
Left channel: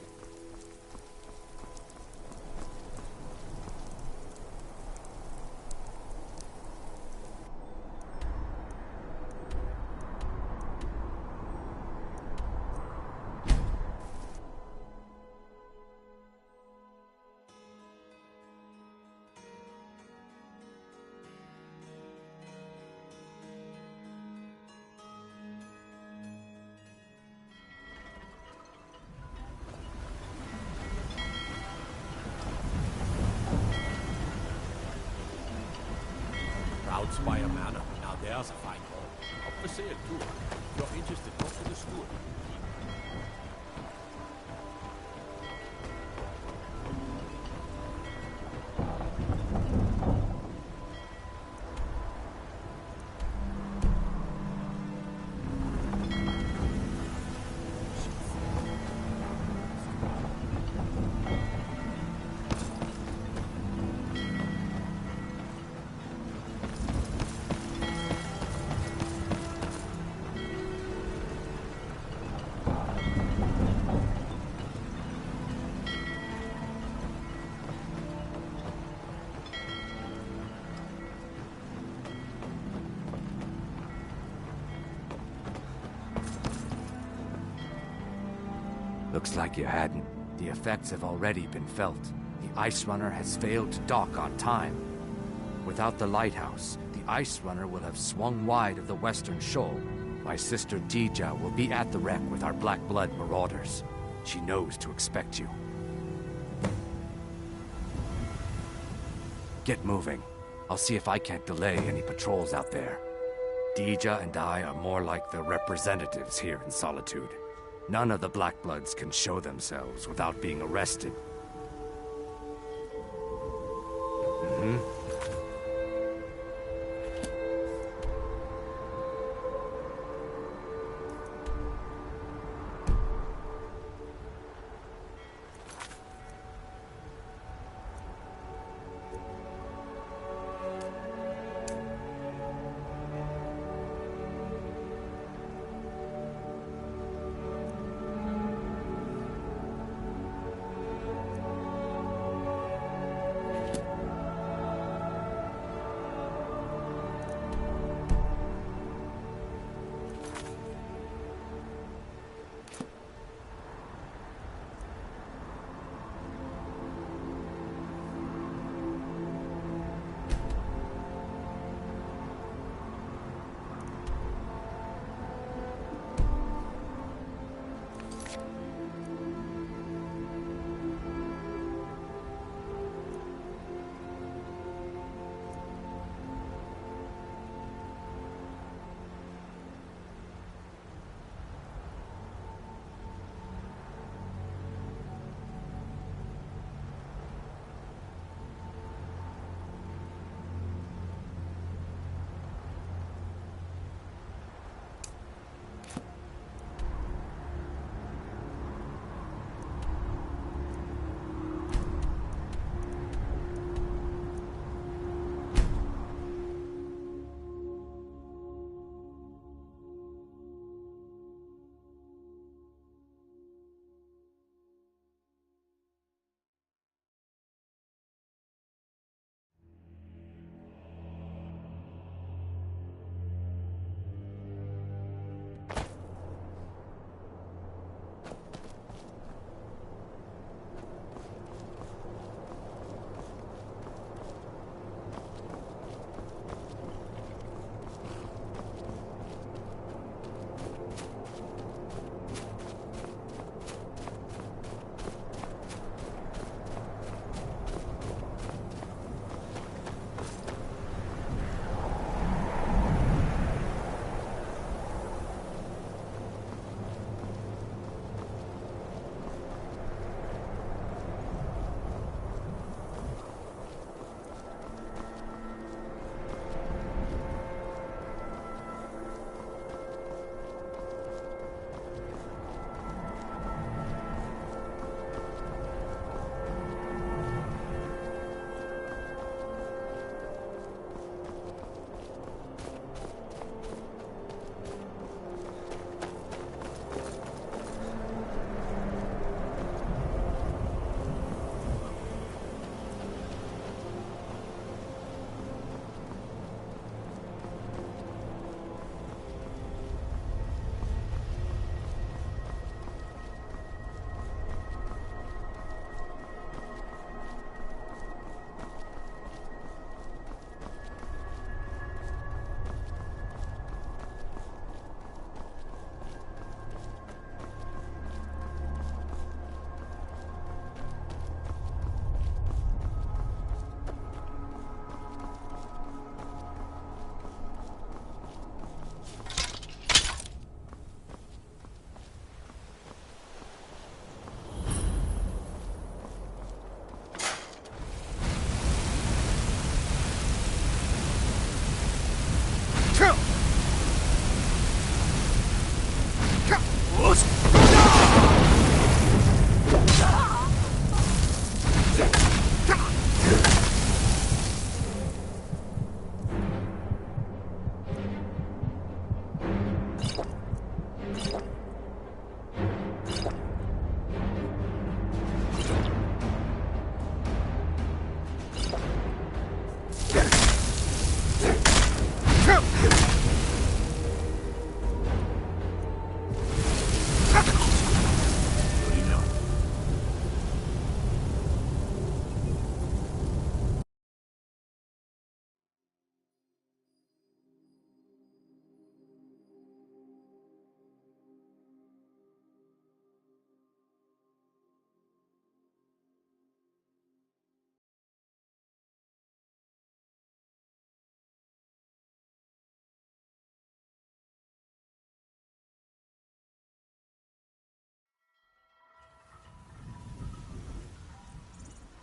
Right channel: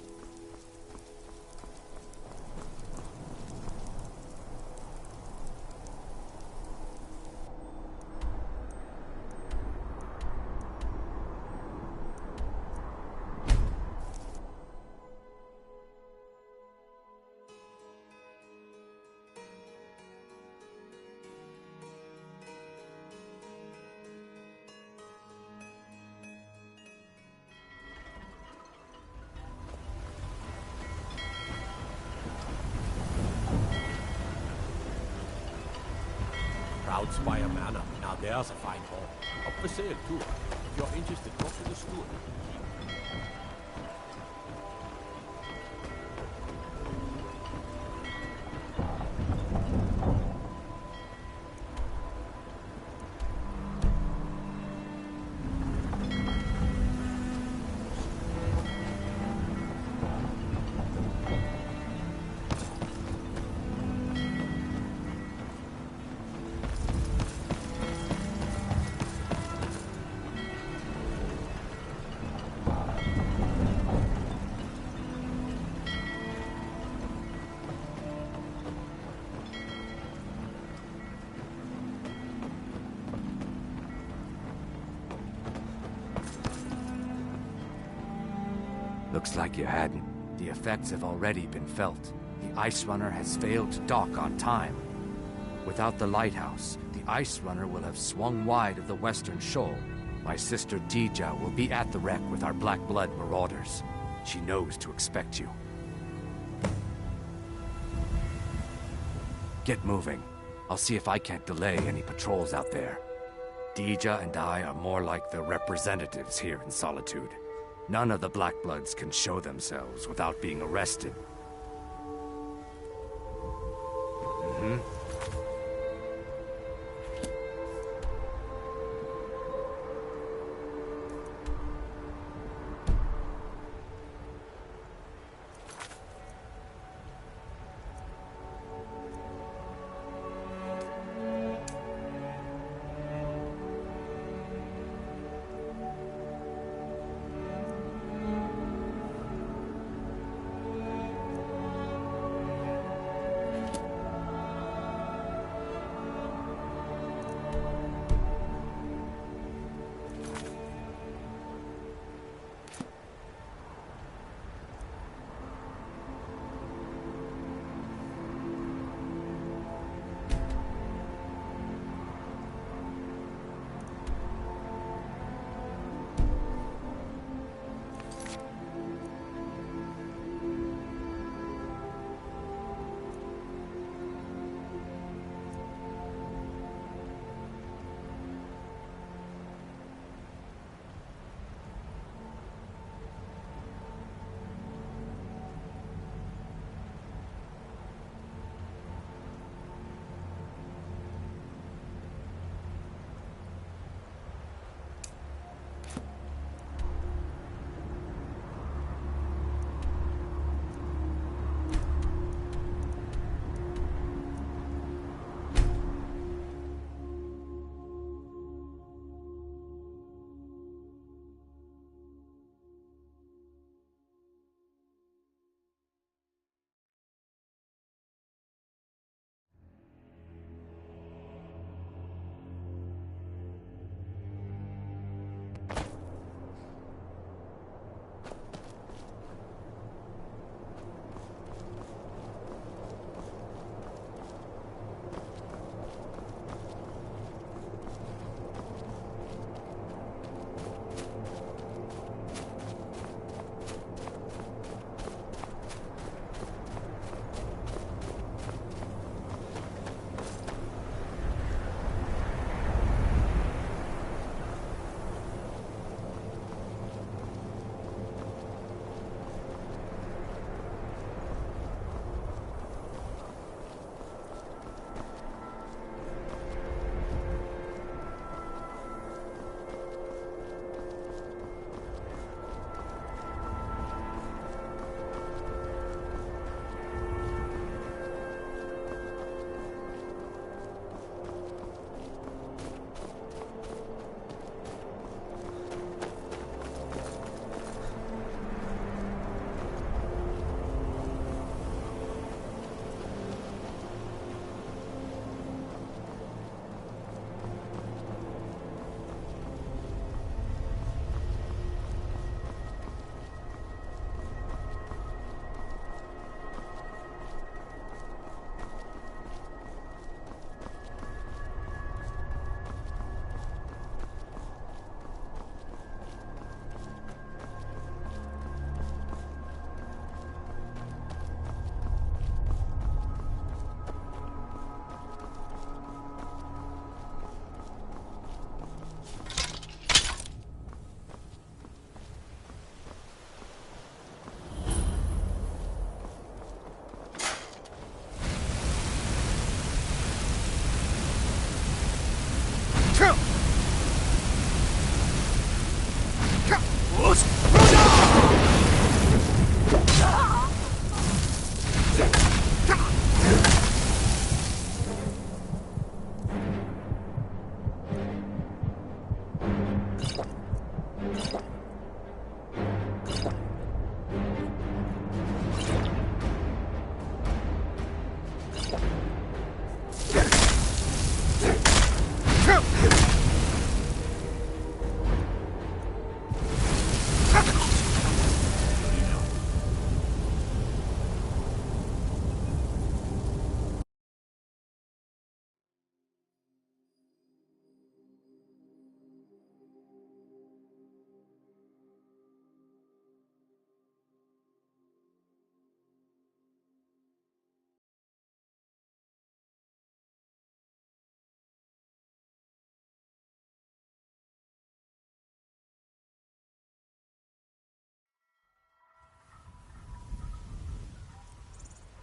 Proud Spire Manor. Now there's a fine hall. Up for sale, too. If you're interested, talk to the steward. Looks like you hadn't. The effects have already been felt. The Ice Runner has failed to dock on time. Without the lighthouse, the Ice Runner will have swung wide of the western shoal. My sister Dija will be at the wreck with our Black Blood marauders. She knows to expect you. Get moving. I'll see if I can't delay any patrols out there. Dija and I are more like the representatives here in Solitude. None of the Black Bloods can show themselves without being arrested. Mm-hmm.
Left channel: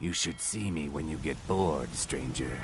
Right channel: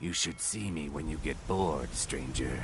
You should see me when you get bored, stranger.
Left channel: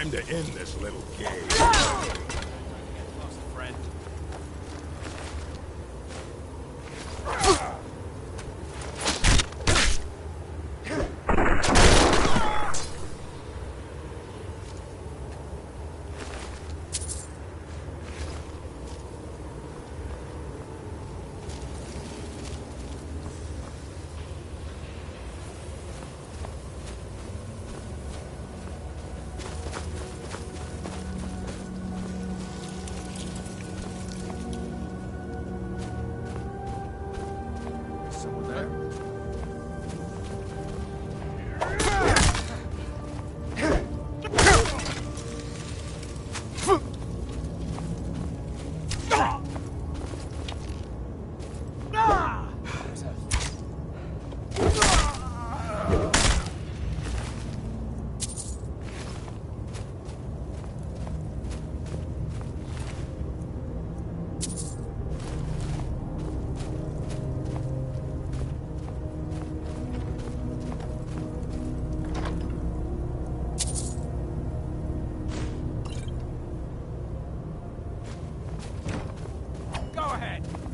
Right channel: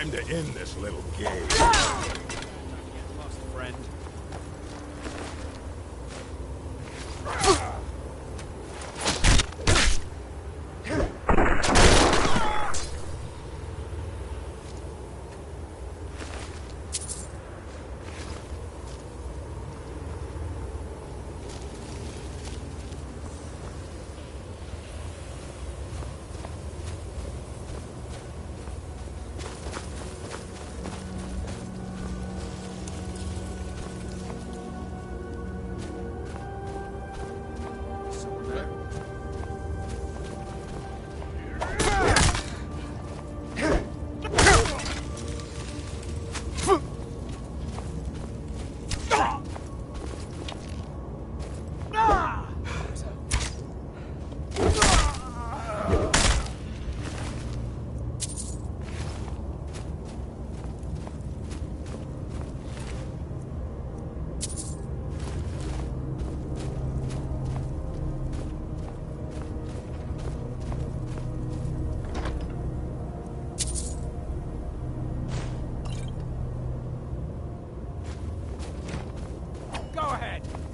Time to end this little game. Lost a friend.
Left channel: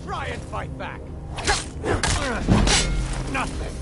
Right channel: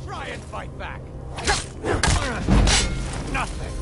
Try and fight back. Nothing.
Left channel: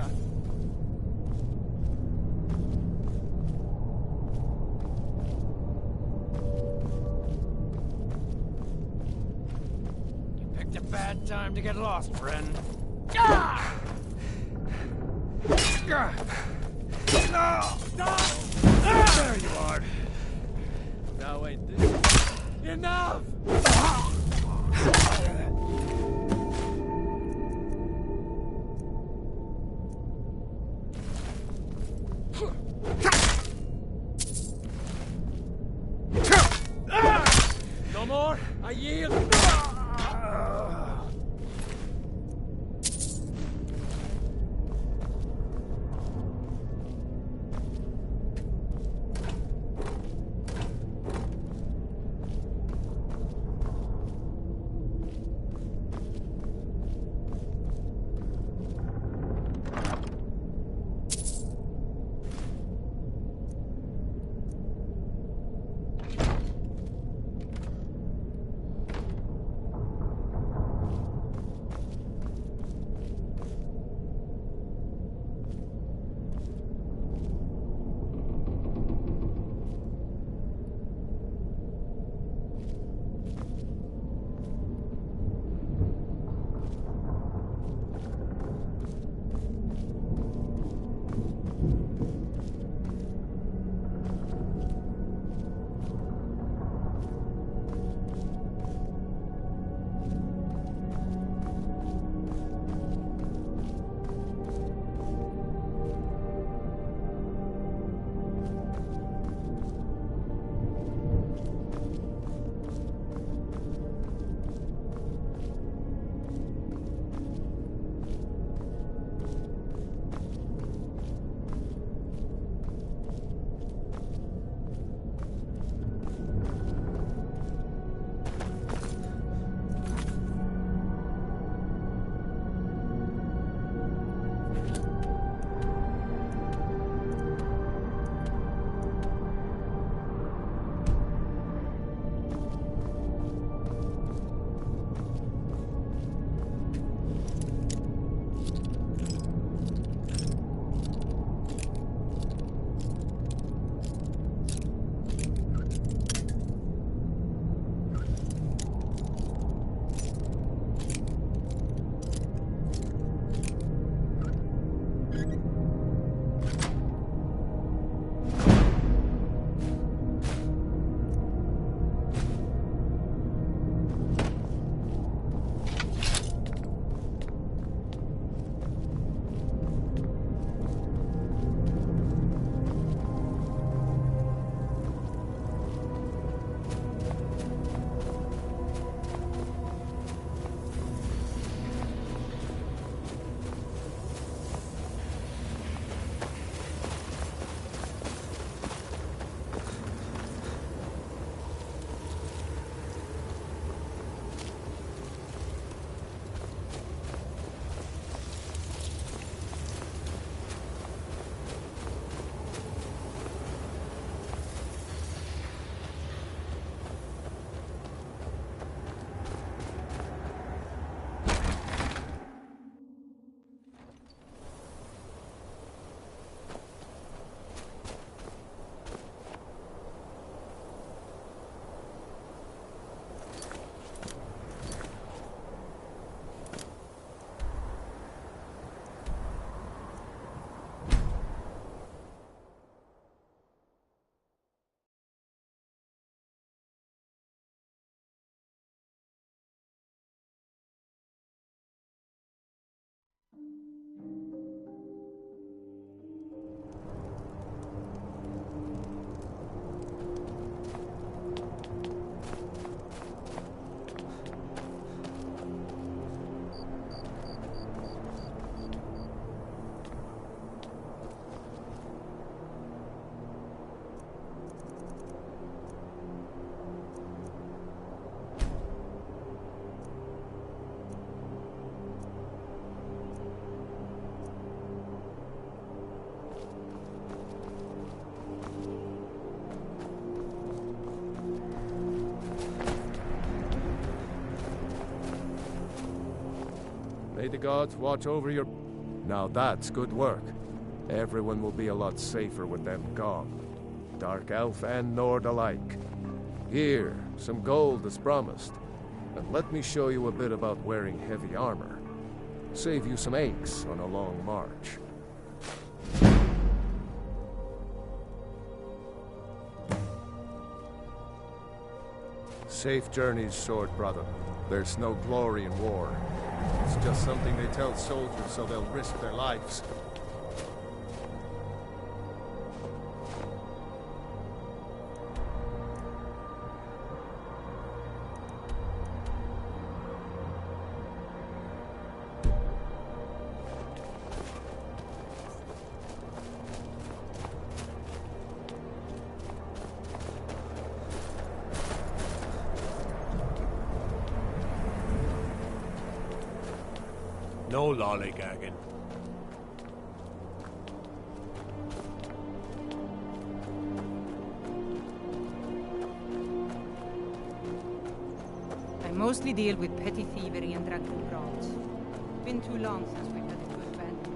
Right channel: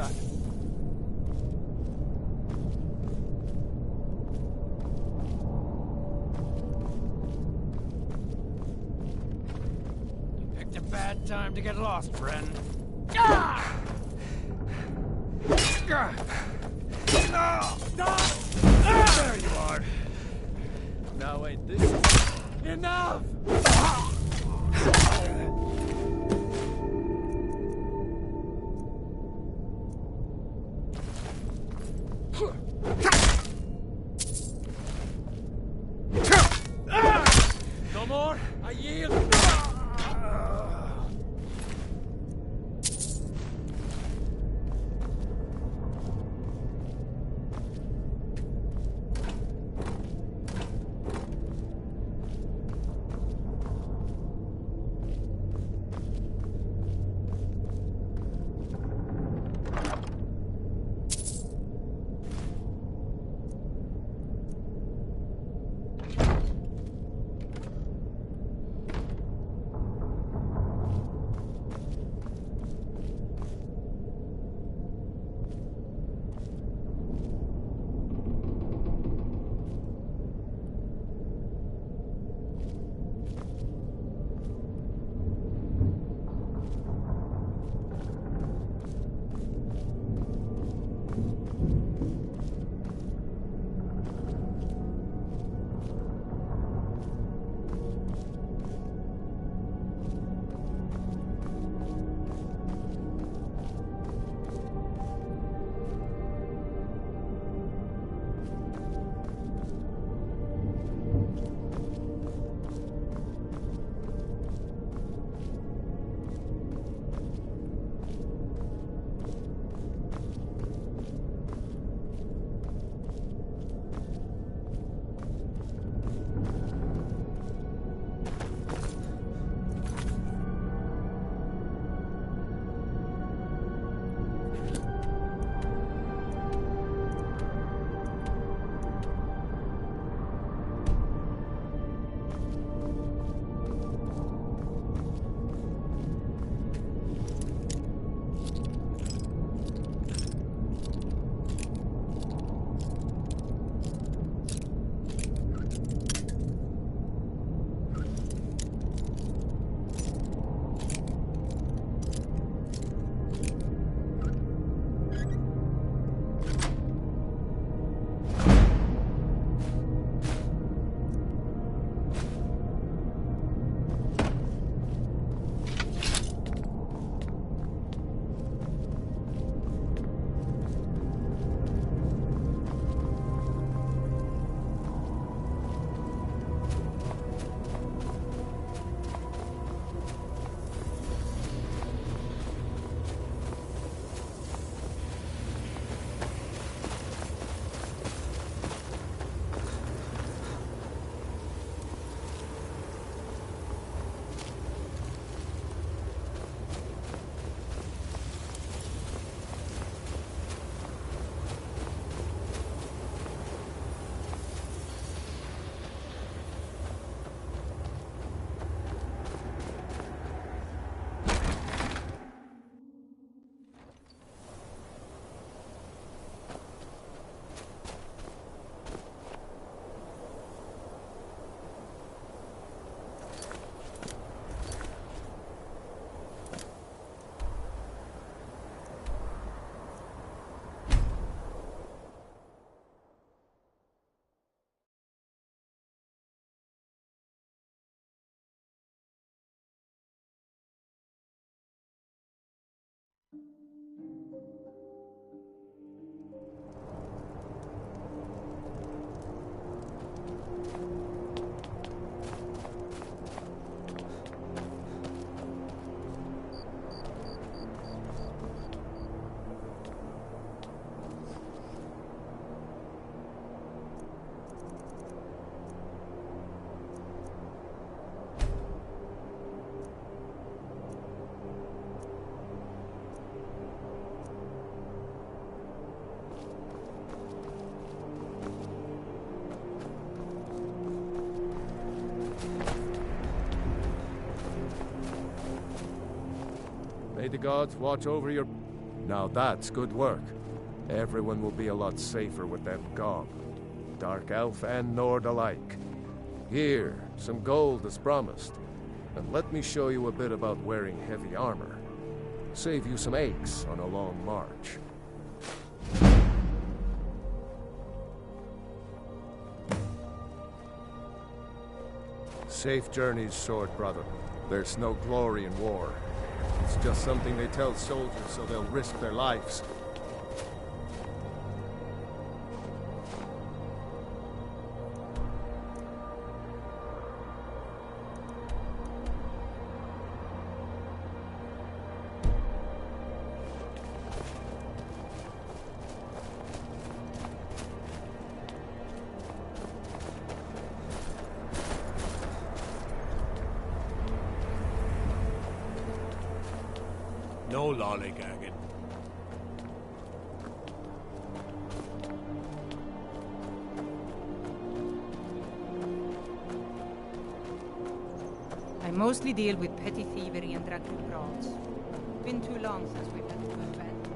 that? You picked a bad time to get lost, friend. There you are. Now ain't this enough? No more? I yield. May the gods watch over your... Now that's good work. Everyone will be a lot safer with them gone. Dark Elf and Nord alike. Here, some gold as promised. And let me show you a bit about wearing heavy armor. Save you some aches on a long march. Safe journeys, sword brother. There's no glory in war. It's just something they tell soldiers so they'll risk their lives. No lollygagging. I mostly deal with petty thievery and drunken brawls. Been too long since we've had a good banter.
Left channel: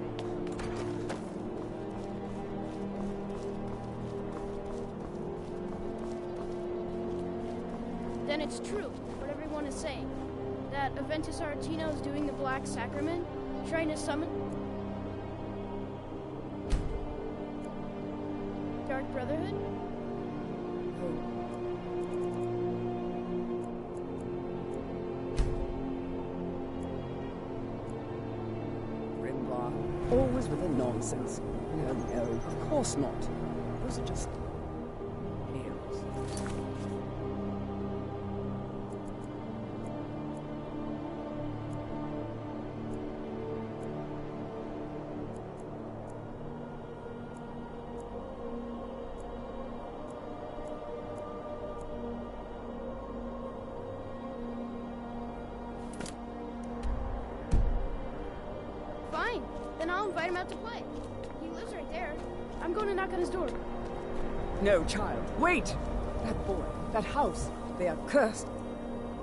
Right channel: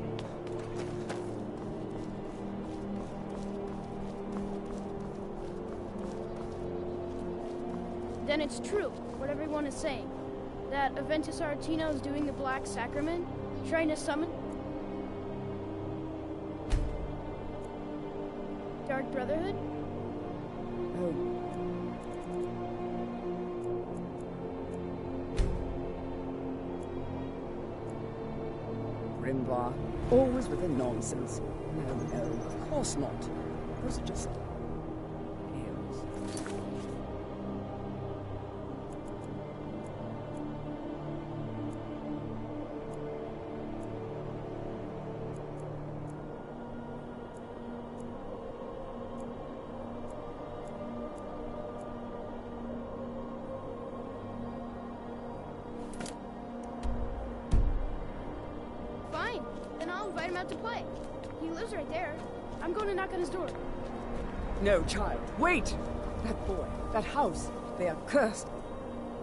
Then it's true, what everyone is saying. That Aventus Aretino is doing the Black Sacrament, trying to summon Dark Brotherhood? Oh. Grimvar, always with the nonsense. No, of course not. Those are just tales. Fine, then I'll invite him out to play. He lives right there. I'm going to knock on his door. No, child, wait! That boy, that house, they are cursed.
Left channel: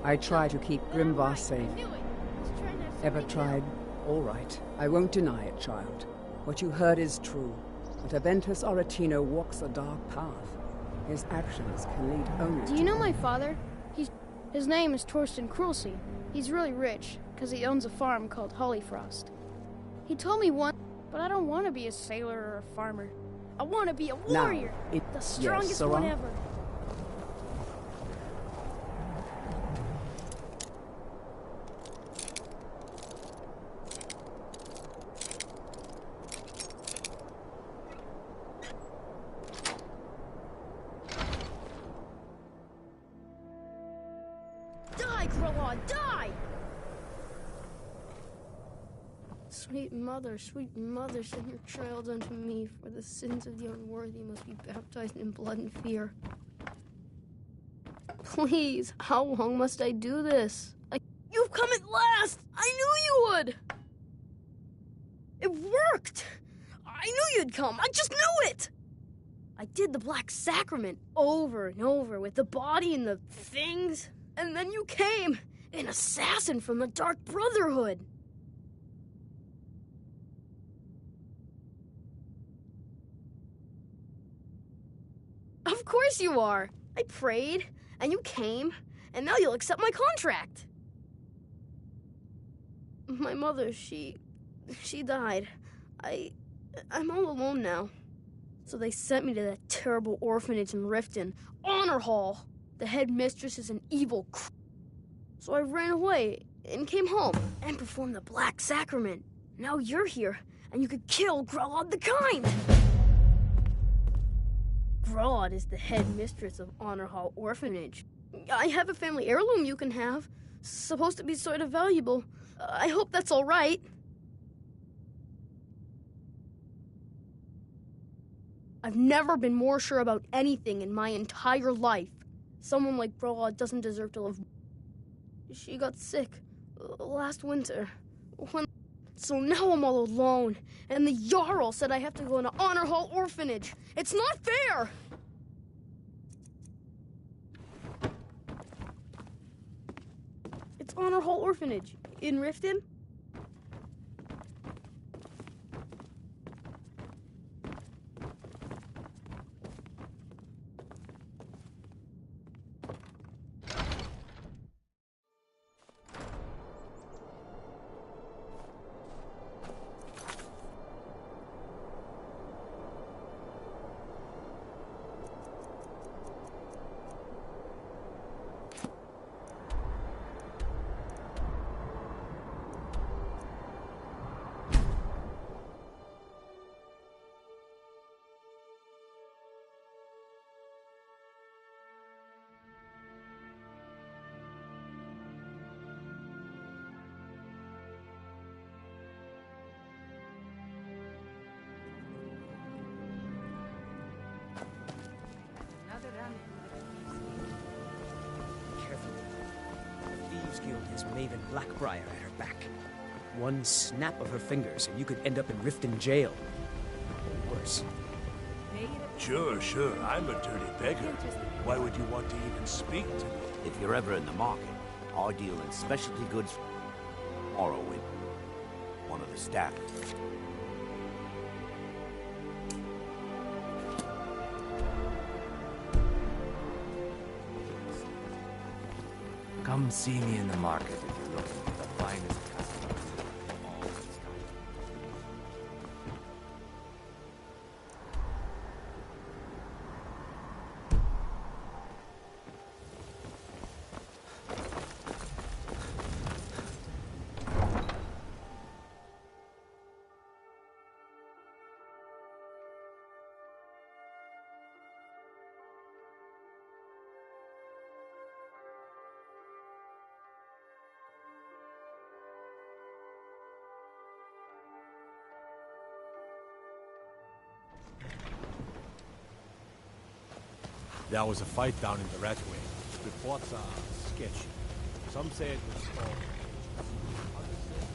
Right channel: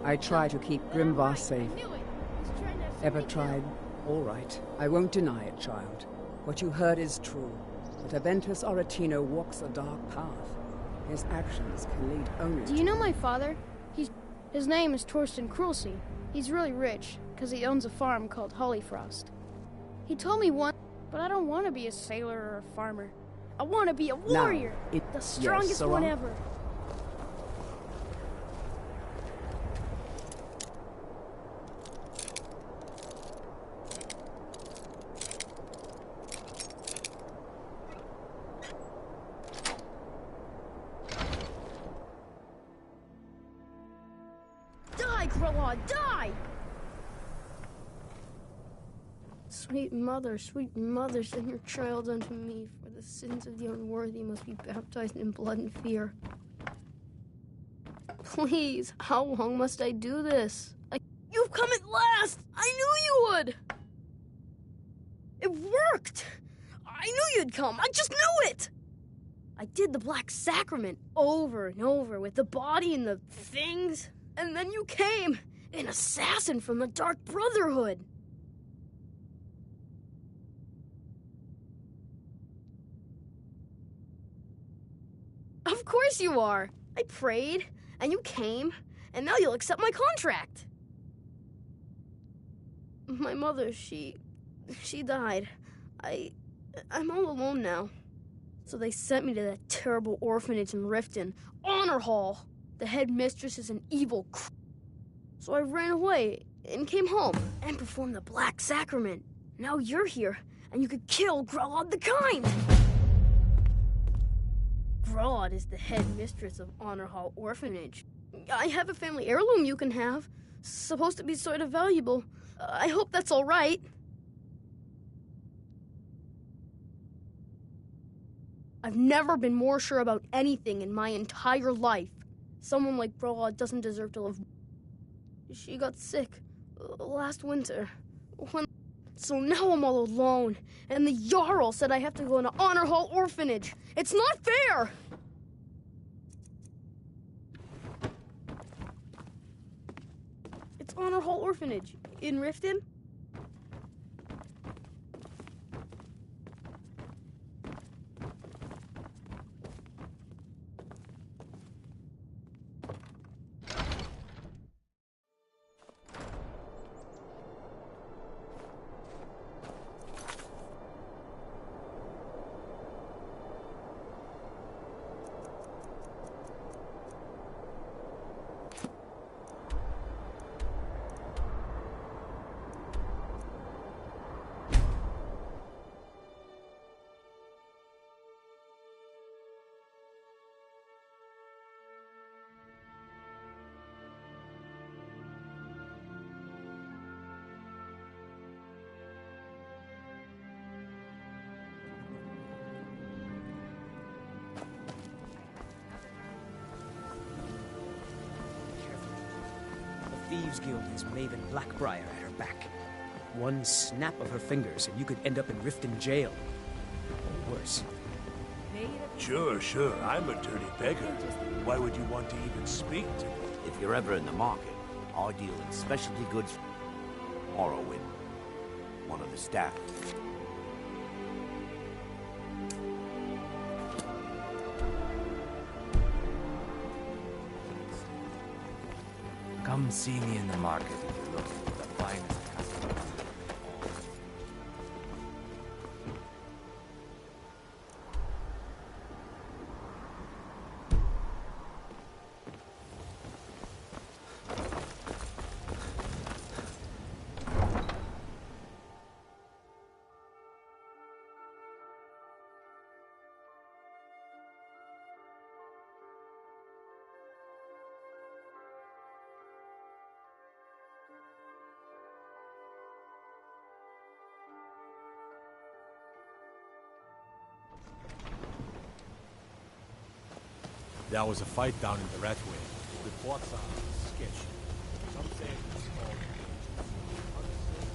I try to keep Grimvar safe. I knew it. He's trying to have Ever somebody tried? All right. I won't deny it, child. What you heard is true. But Aventus Aretino walks a dark path. His actions can lead only Do you know my father? His name is Torsten Krulsey. He's really rich, because he owns a farm called Hollyfrost. He told me once, but I don't want to be a sailor or a farmer. I want to be a warrior! The strongest one ever. Die, Krillon, die! Sweet mother, send your child unto me, for the sins of the unworthy must be baptized in blood and fear. Please, how long must I do this? You've come at last! I knew you would! It worked! I knew you'd come, I just knew it! I did the Black Sacrament over and over with the body and the things, and then you came, an assassin from the Dark Brotherhood. Of course you are. I prayed, and you came, and now you'll accept my contract. My mother, she died. I'm all alone now. So they sent me to that terrible orphanage in Riften, Honor Hall. The headmistress is an evil So I ran away and came home and performed the Black Sacrament. Now you're here, and you could kill Grelod the Kind! Grelod is the head mistress of Honor Hall Orphanage. I have a family heirloom you can have. Supposed to be sort of valuable. I hope that's all right. I've never been more sure about anything in my entire life. Someone like Grelod doesn't deserve to live. She got sick last winter. So now I'm all alone, and the Jarl said I have to go into Honor Hall Orphanage. It's not fair! It's Honor Hall Orphanage in Riften. Thieves Guild has Maven Blackbriar at her back. One snap of her fingers and you could end up in Riften jail. Or worse. Sure. I'm a dirty beggar. Why would you want to even speak to me? If you're ever in the market, I deal in specialty goods. Morrowind. One of the staff. Come see me in the market if you're looking for the finest customer. There was a fight down in the Ratway. Reports are sketchy. Some say it was all engaged. Others say...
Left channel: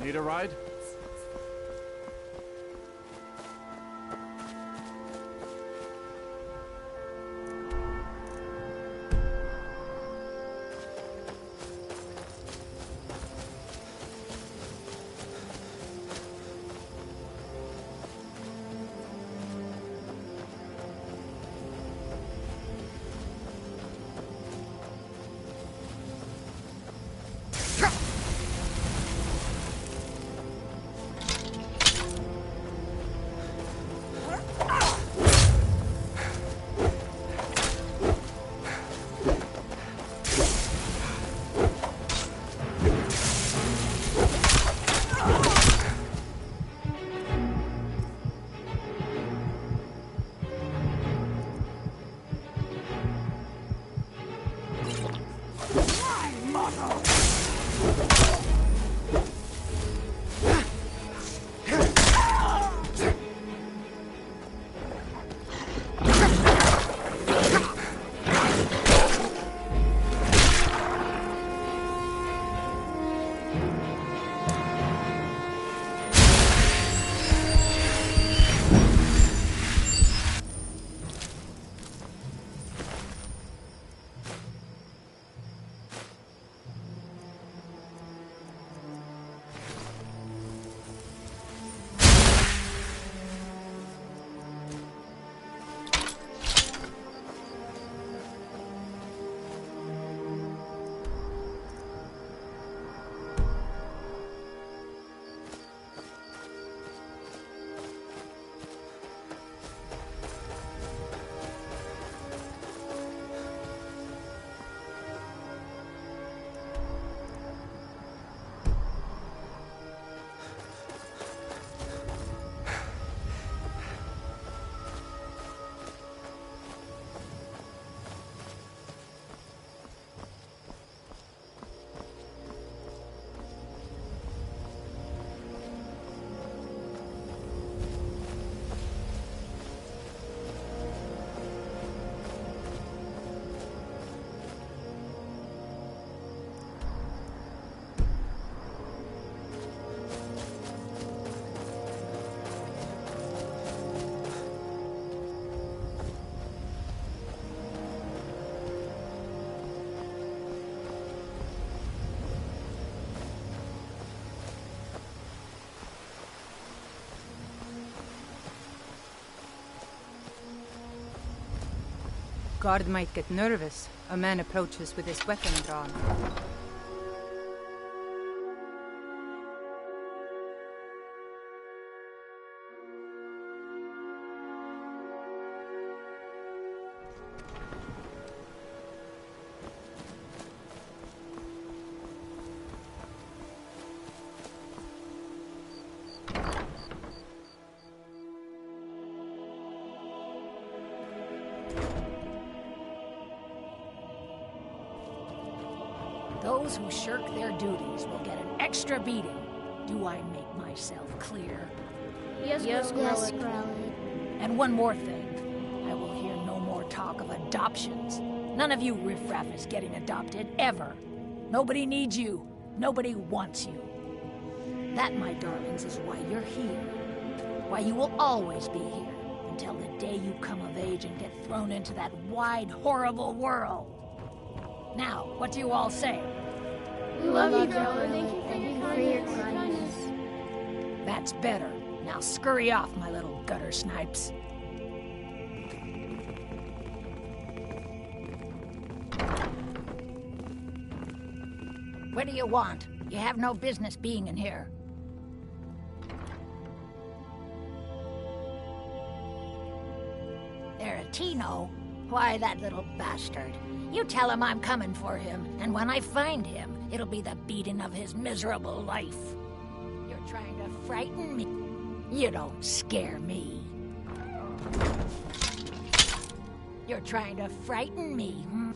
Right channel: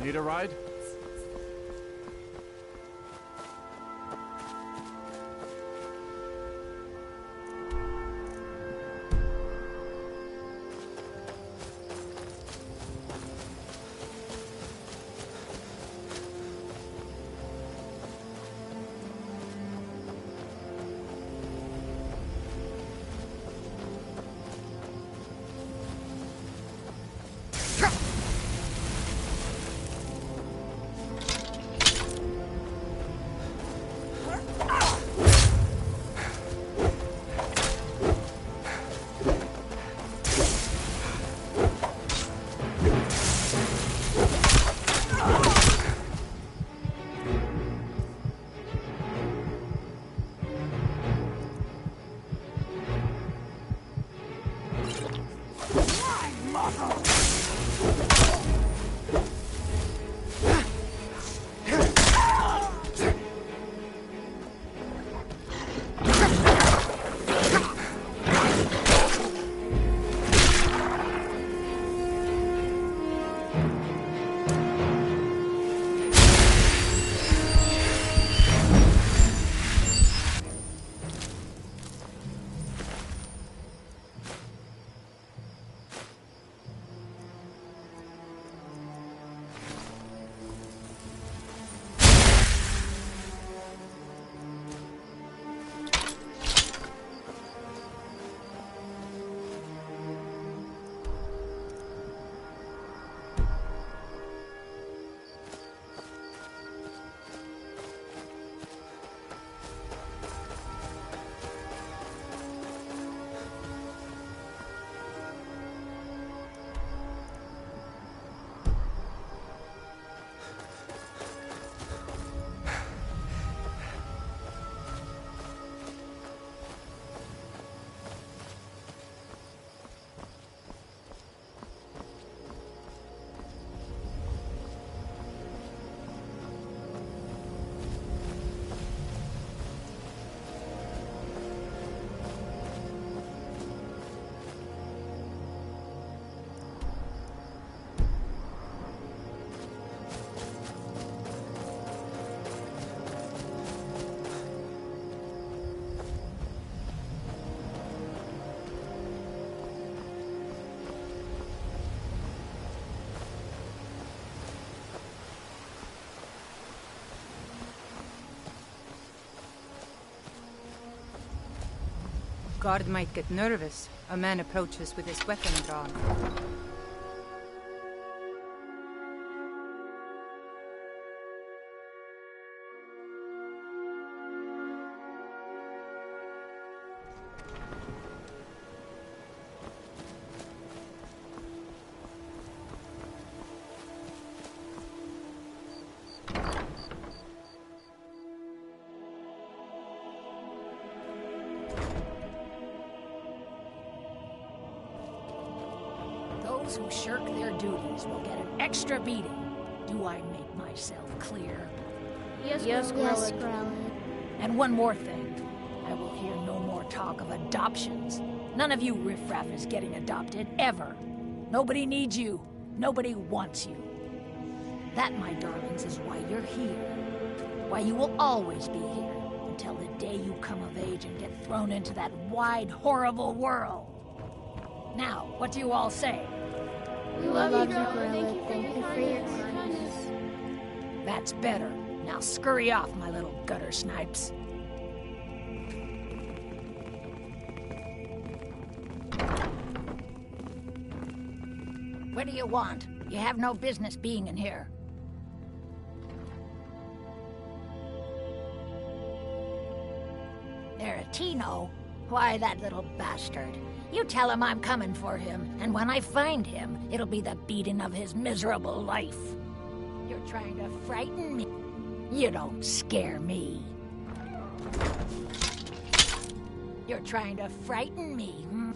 Need a ride? guard might get nervous. A man approaches with his weapon drawn. Those who shirk their duties will get an extra beating. Do I make myself clear? Yes, Grellig. And one more thing. I will hear no more talk of adoptions. None of you riffraff is getting adopted, ever. Nobody needs you. Nobody wants you. That, my darlings, is why you're here. Why you will always be here, until the day you come of age and get thrown into that wide, horrible world. Now, what do you all say? We love you, Grellig. Thank you for your kindness. That's better. Now scurry off, my little gutter snipes. What do you want? You have no business being in here. Aretino? Why, that little bastard. You tell him I'm coming for him, and when I find him, it'll be the beating of his miserable life. You're trying to frighten me. You don't scare me. You're trying to frighten me. Hmm?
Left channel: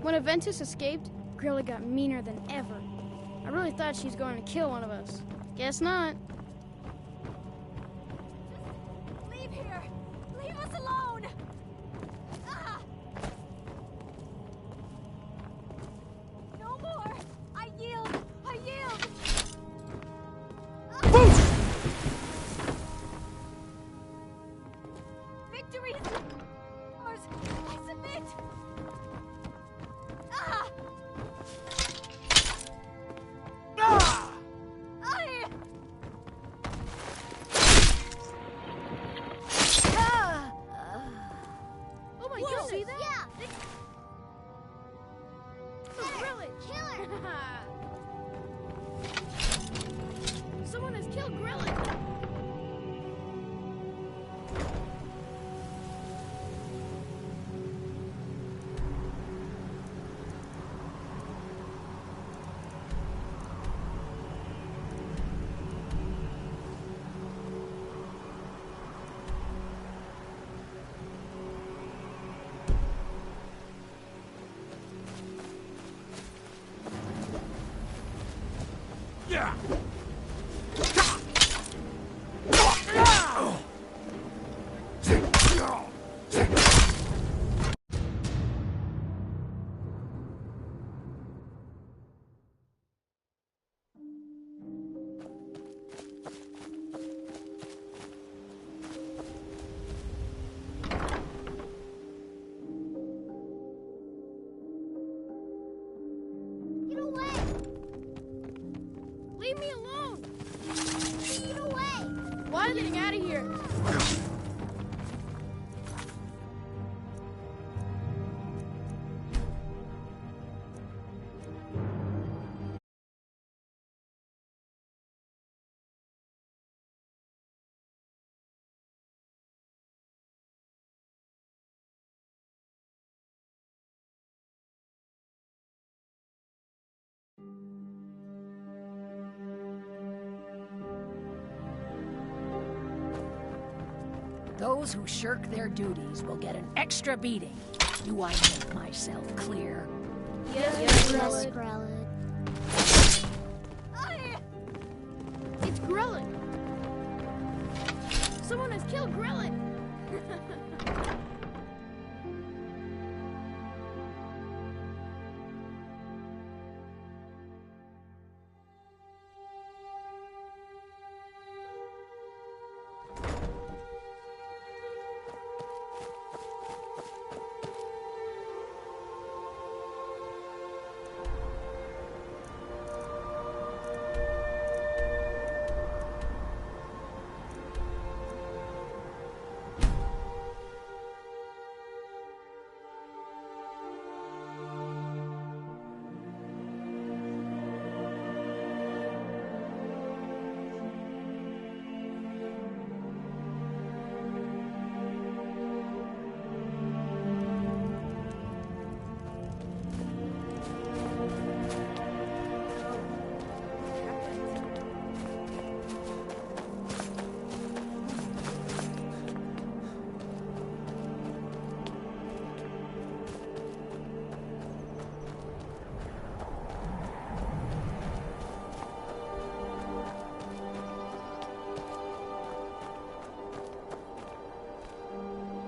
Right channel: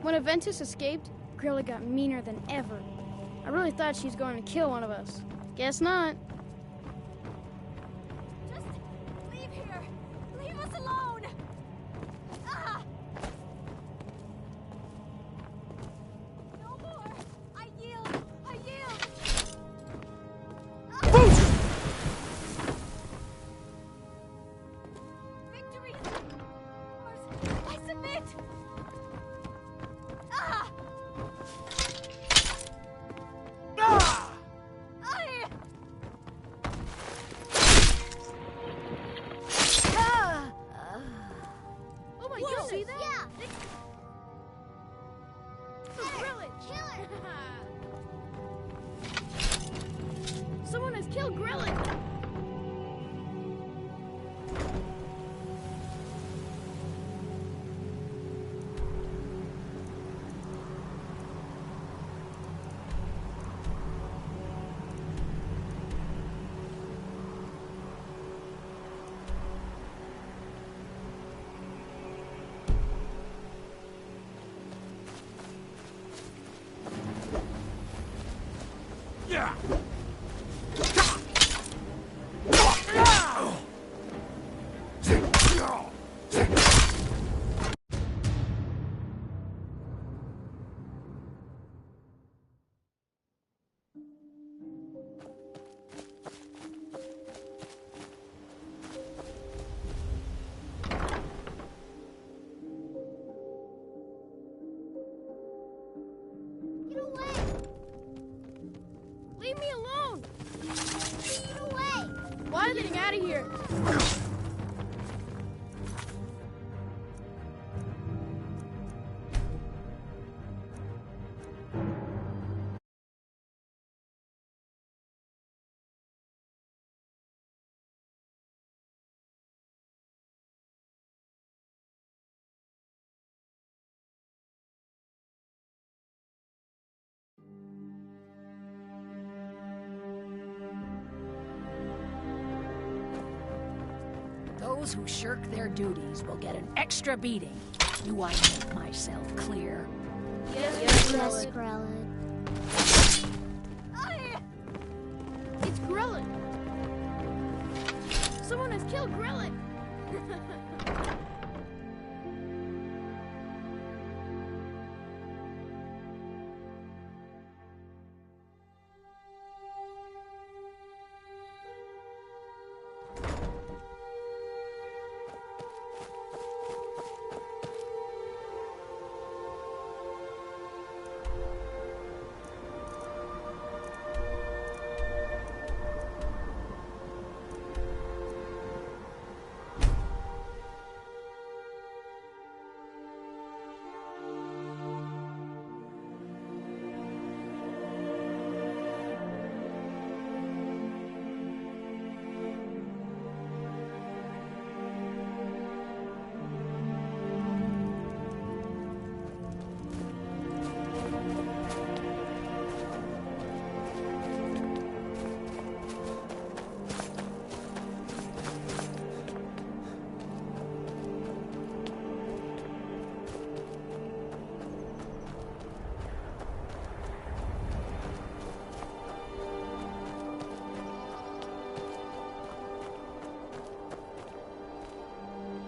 When Aventus escaped, Grilla got meaner than ever. I really thought she was going to kill one of us. Guess not. Just leave here. Leave us alone. Ah! No more. I yield. I yield. Ah! Victory is ours. I submit. Ah! Ah! Oh my goodness! See that? Yeah. Grillin! Kill her. Someone has killed Grillin! Yeah. Get away. Leave me alone! Get away. Why are you getting out of here? Those who shirk their duties will get an extra beating. Do I make myself clear? Yes, Grellig. It's Grillin! Someone has killed Grillin!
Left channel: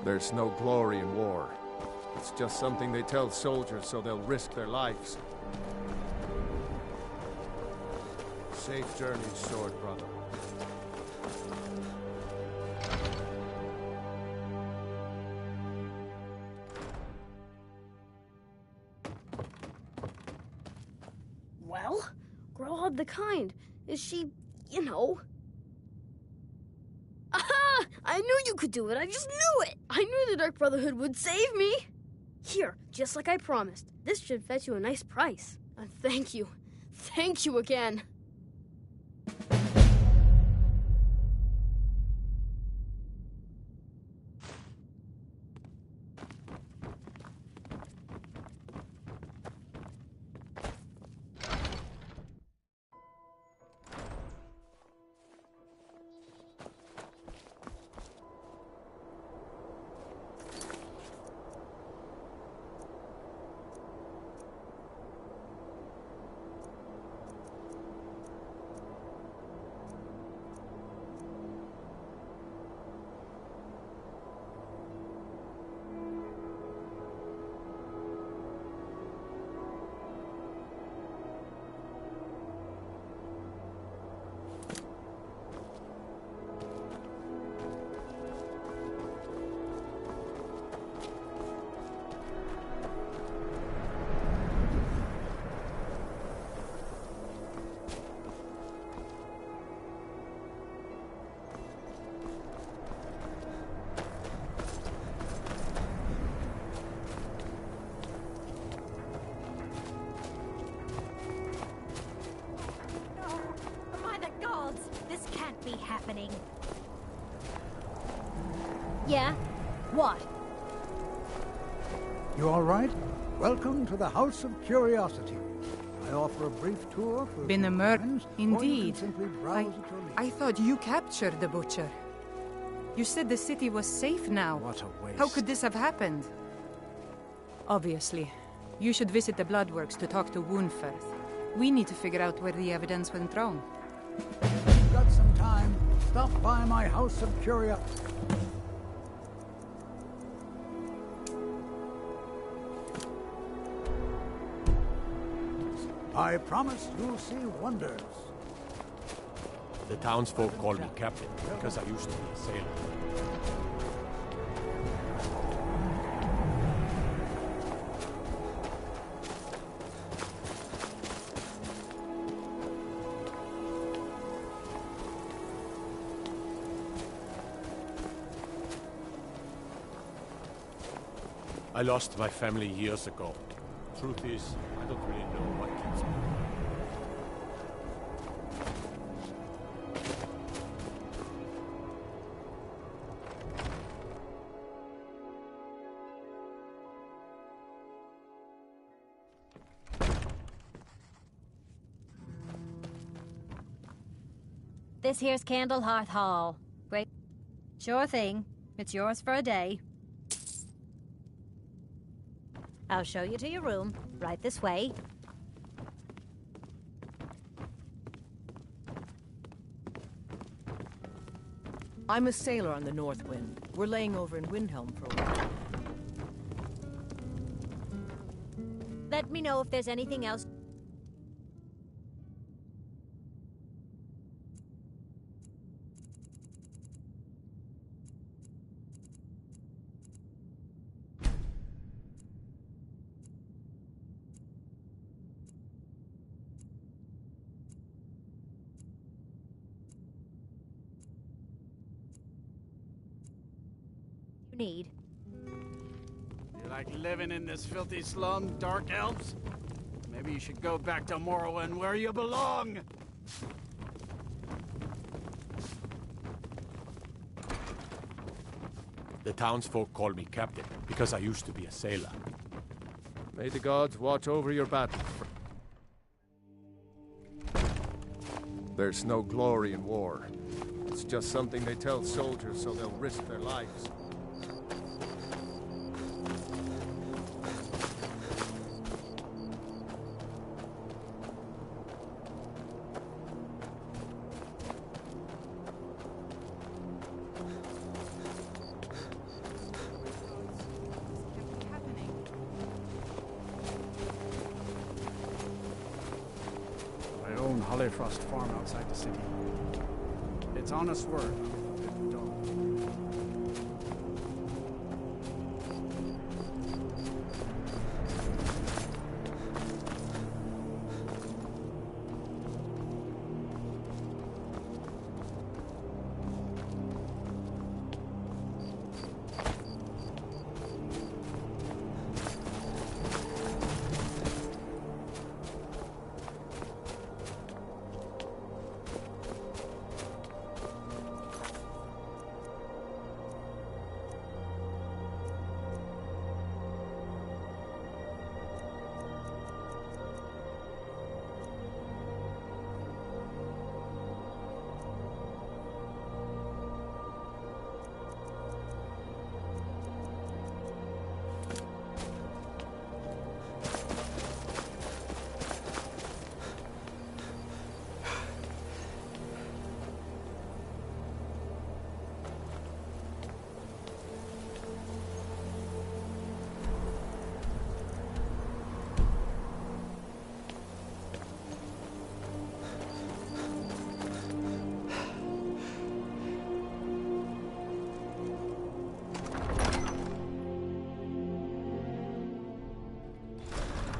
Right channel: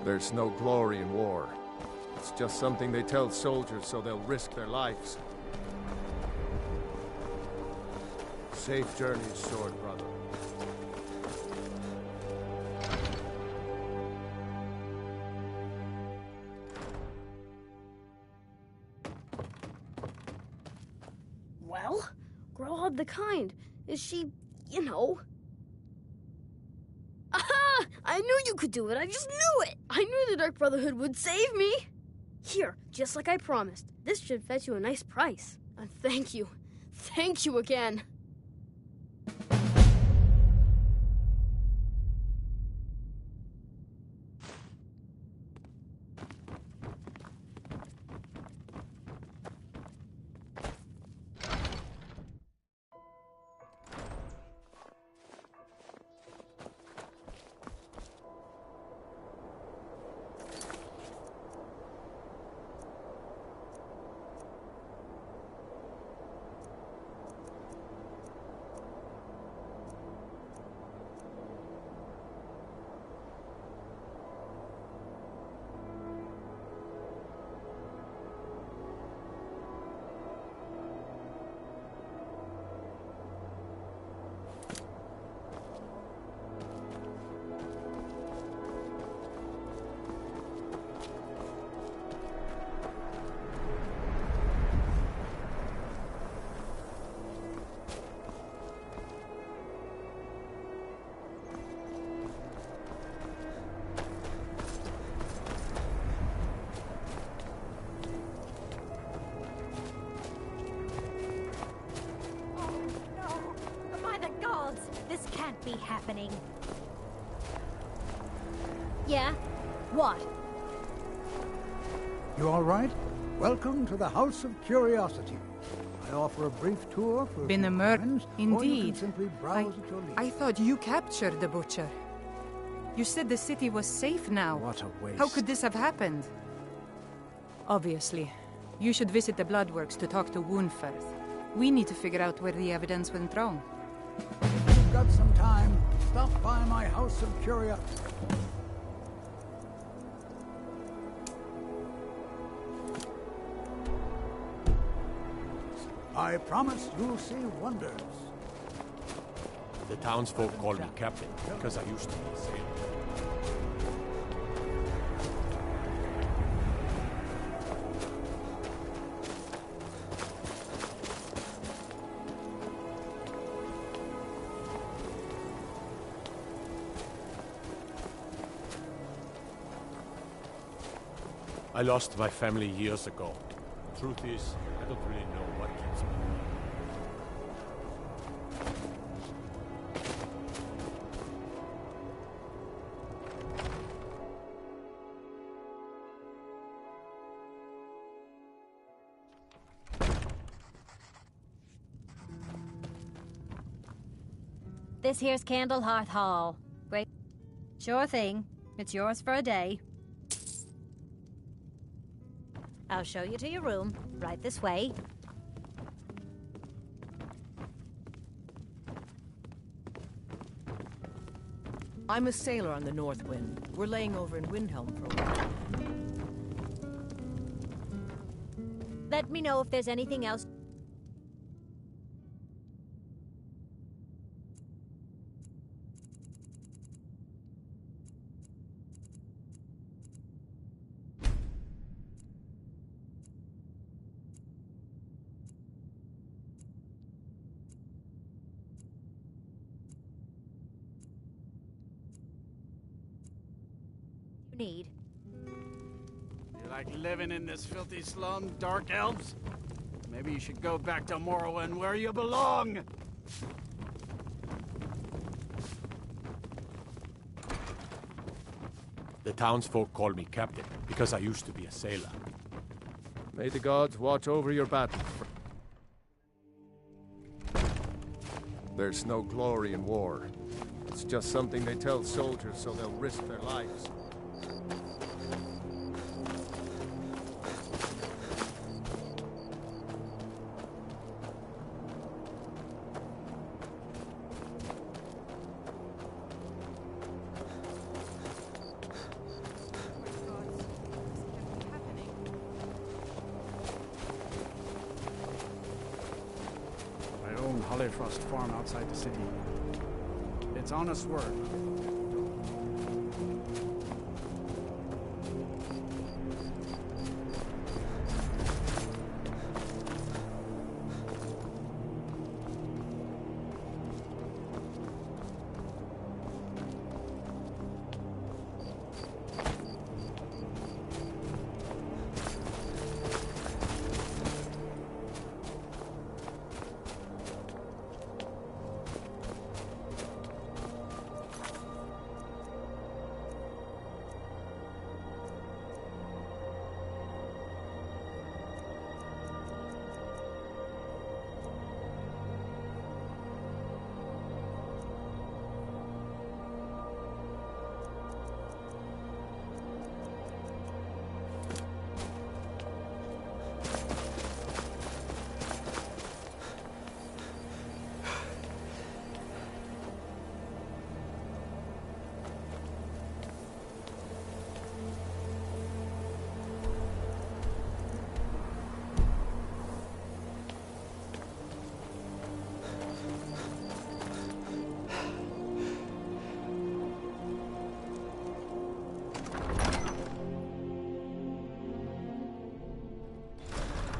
There's no glory in war. It's just something they tell soldiers so they'll risk their lives. Safe journeys, sword brother. Well, Growhub the Kind. Is she, you know... Aha! I knew you could do it. I just knew it. I knew the Dark Brotherhood would save me. Here, just like I promised. This should fetch you a nice price. And thank you. Thank you again. This can't be happening. Yeah? What? You all right? Welcome to the House of Curiosity. I offer a brief tour for Been a murder, indeed. or you can simply browse at your leisure. I thought you captured the butcher. You said the city was safe now. What a waste. How could this have happened? Obviously. You should visit the Bloodworks to talk to Woundfirth. We need to figure out where the evidence went wrong. If you've got some time, stop by my House of Curiosity. I promise you'll see wonders. The townsfolk call me captain because I used to be a sailor. I lost my family years ago. Truth is, I don't really know what keeps me alive. This here's Candlehearth Hall. Great. Sure thing. It's yours for a day. I'll show you to your room. Right this way. I'm a sailor on the North Wind. We're laying over in Windhelm for a while. Let me know if there's anything else. Need. You like living in this filthy slum, Dark Elves? Maybe you should go back to Morrowind where you belong! The townsfolk call me captain because I used to be a sailor. May the gods watch over your battle. There's no glory in war. It's just something they tell soldiers so they'll risk their lives. lone Hollifrost farm outside the city. It's honest work.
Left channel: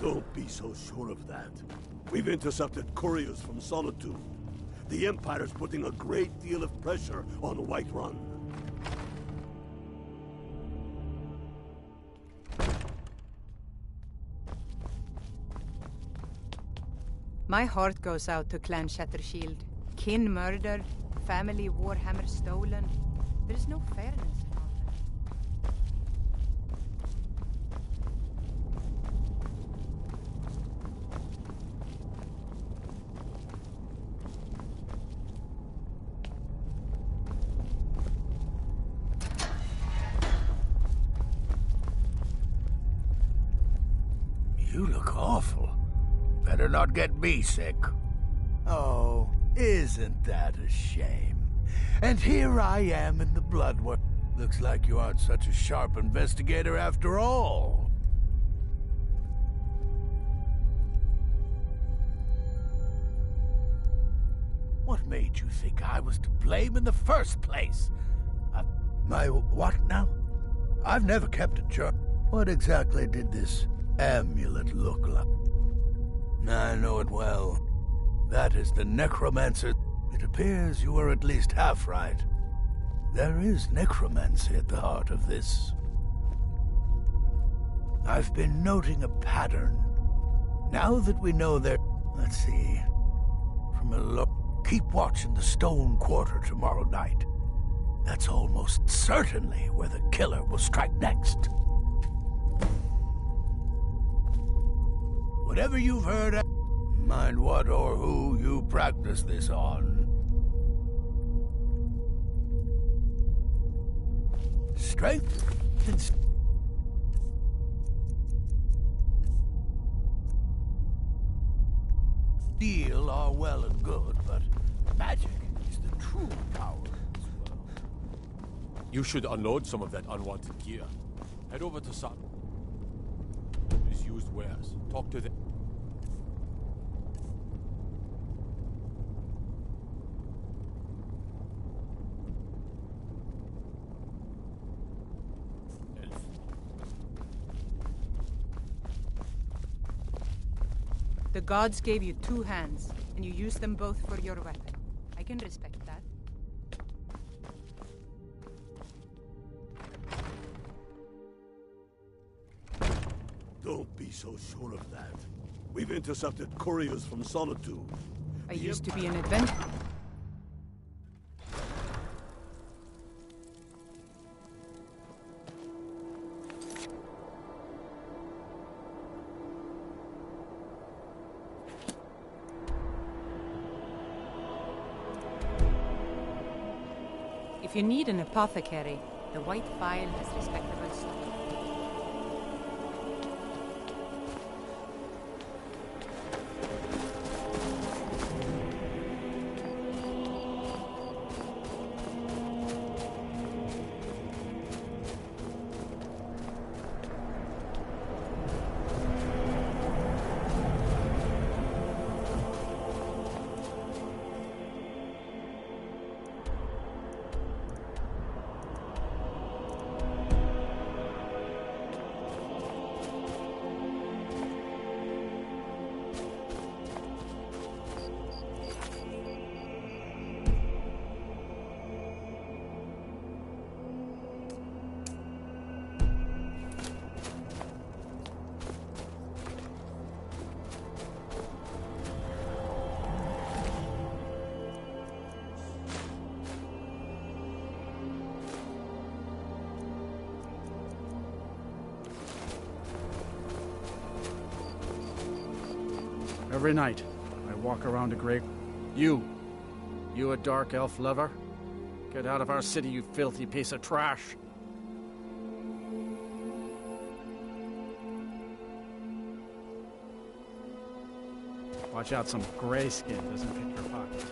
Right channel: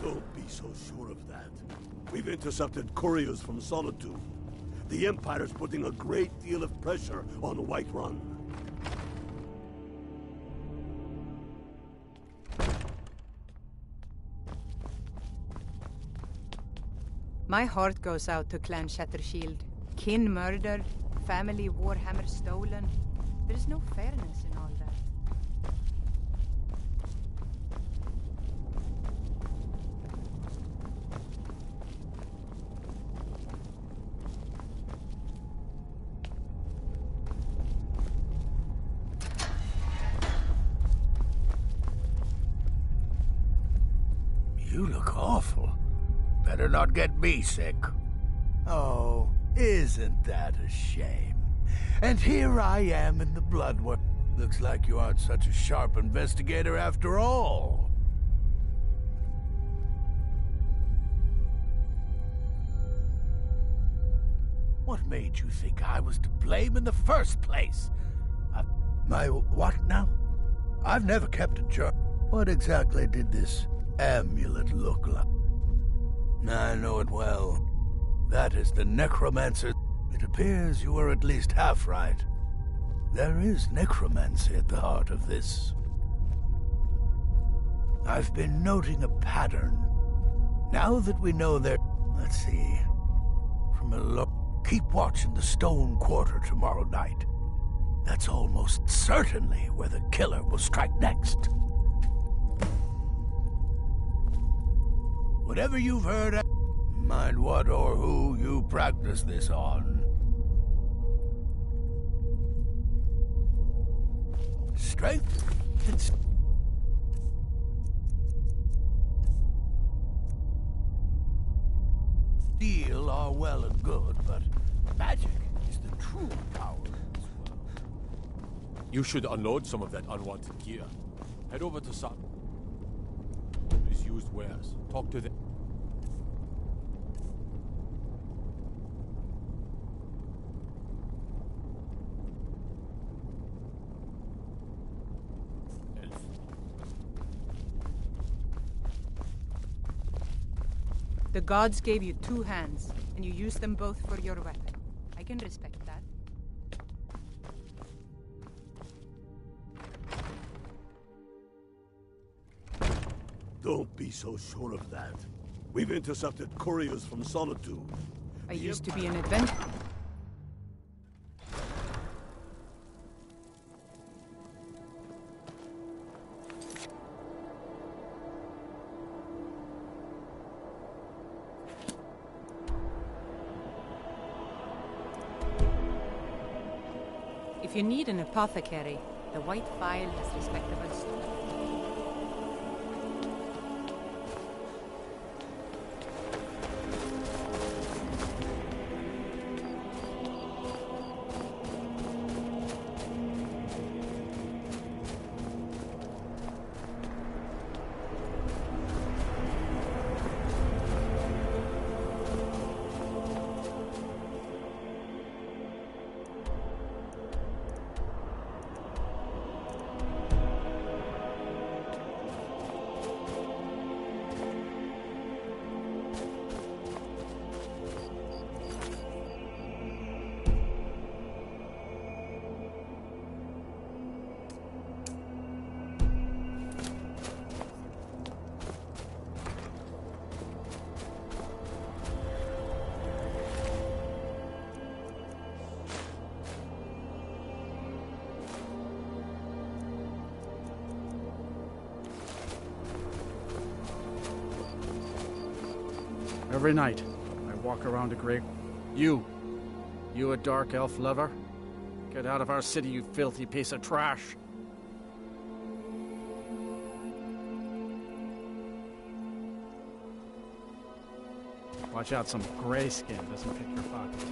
Don't be so sure of that. We've intercepted couriers from Solitude. The Empire's putting a great deal of pressure on the White Run. My heart goes out to Clan Shattershield. Kin murdered, family Warhammer stolen. There's no fairness in all that. You look awful. Better not get me sick. Oh, isn't that a shame? And here I am in the Bloodworm. Looks like you aren't such a sharp investigator after all. What made you think I was to blame in the first place? My what now? I've never kept a journal. What exactly did this amulet look like? I know it well. That is the necromancer. It appears you were at least half right. There is necromancy at the heart of this. I've been noting a pattern. Now that we know there... Let's see. From a look... Keep watch in the Stone Quarter tomorrow night. That's almost certainly where the killer will strike next. Whatever you've heard, mind what or who you practice this on. Strength and... steel are well and good, but magic is the true power in this world. You should unload some of that unwanted gear. Head over to Sutton. His used wares. Talk to them. The gods gave you two hands, and you used them both for your weapon. I can respect that. Don't be so sure of that. We've intercepted couriers from Solitude. I used to be an adventurer. If you need an apothecary, the White Phial has respectable stock. Every night, I walk around a grave. You a dark elf lover? Get out of our city, you filthy piece of trash! Watch out, some gray skin doesn't pick your pocket.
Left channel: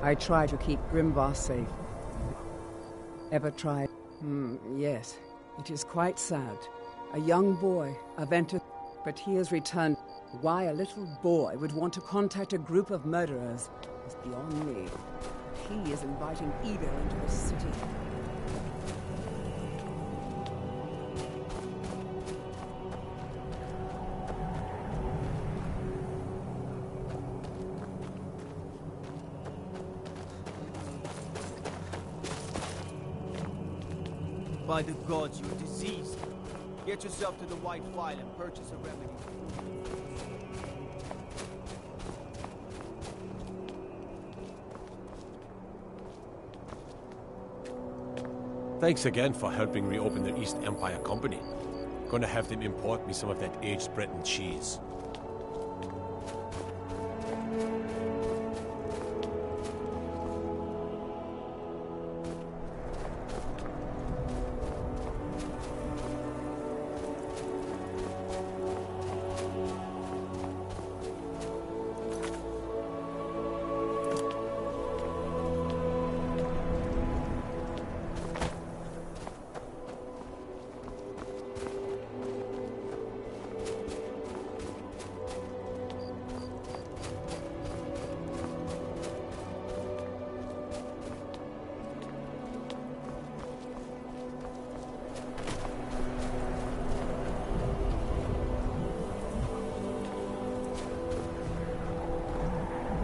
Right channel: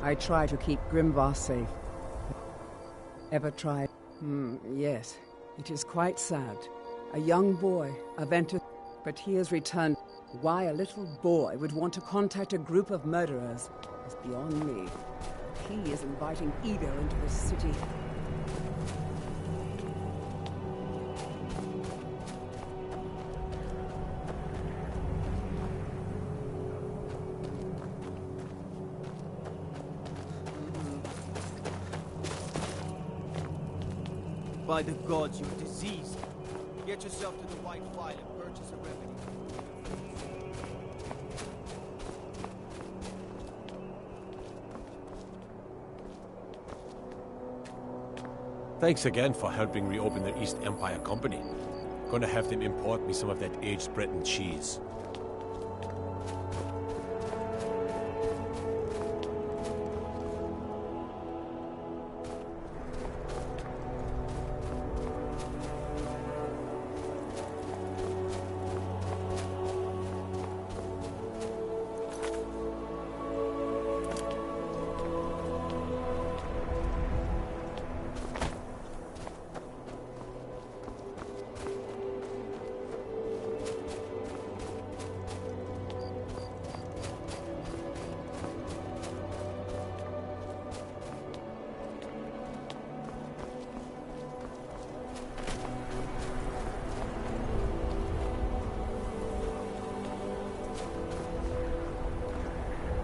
I try to keep Grimvar safe. Ever tried? Yes. It is quite sad. A young boy, Aventus, but he has returned. Why a little boy would want to contact a group of murderers is beyond me. He is inviting evil into the city. By the gods, you're diseased. Get yourself to the White File and purchase a remedy. Thanks again for helping reopen the East Empire Company. Gonna have them import me some of that aged Breton cheese.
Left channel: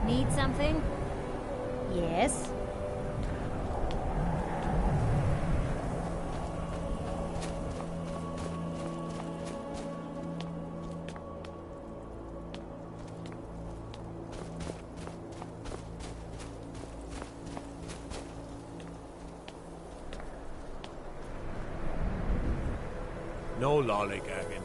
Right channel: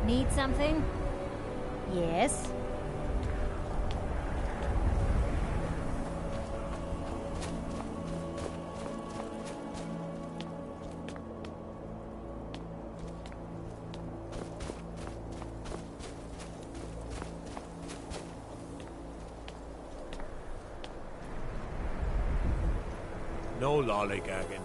Need something? Yes? No lollygagging.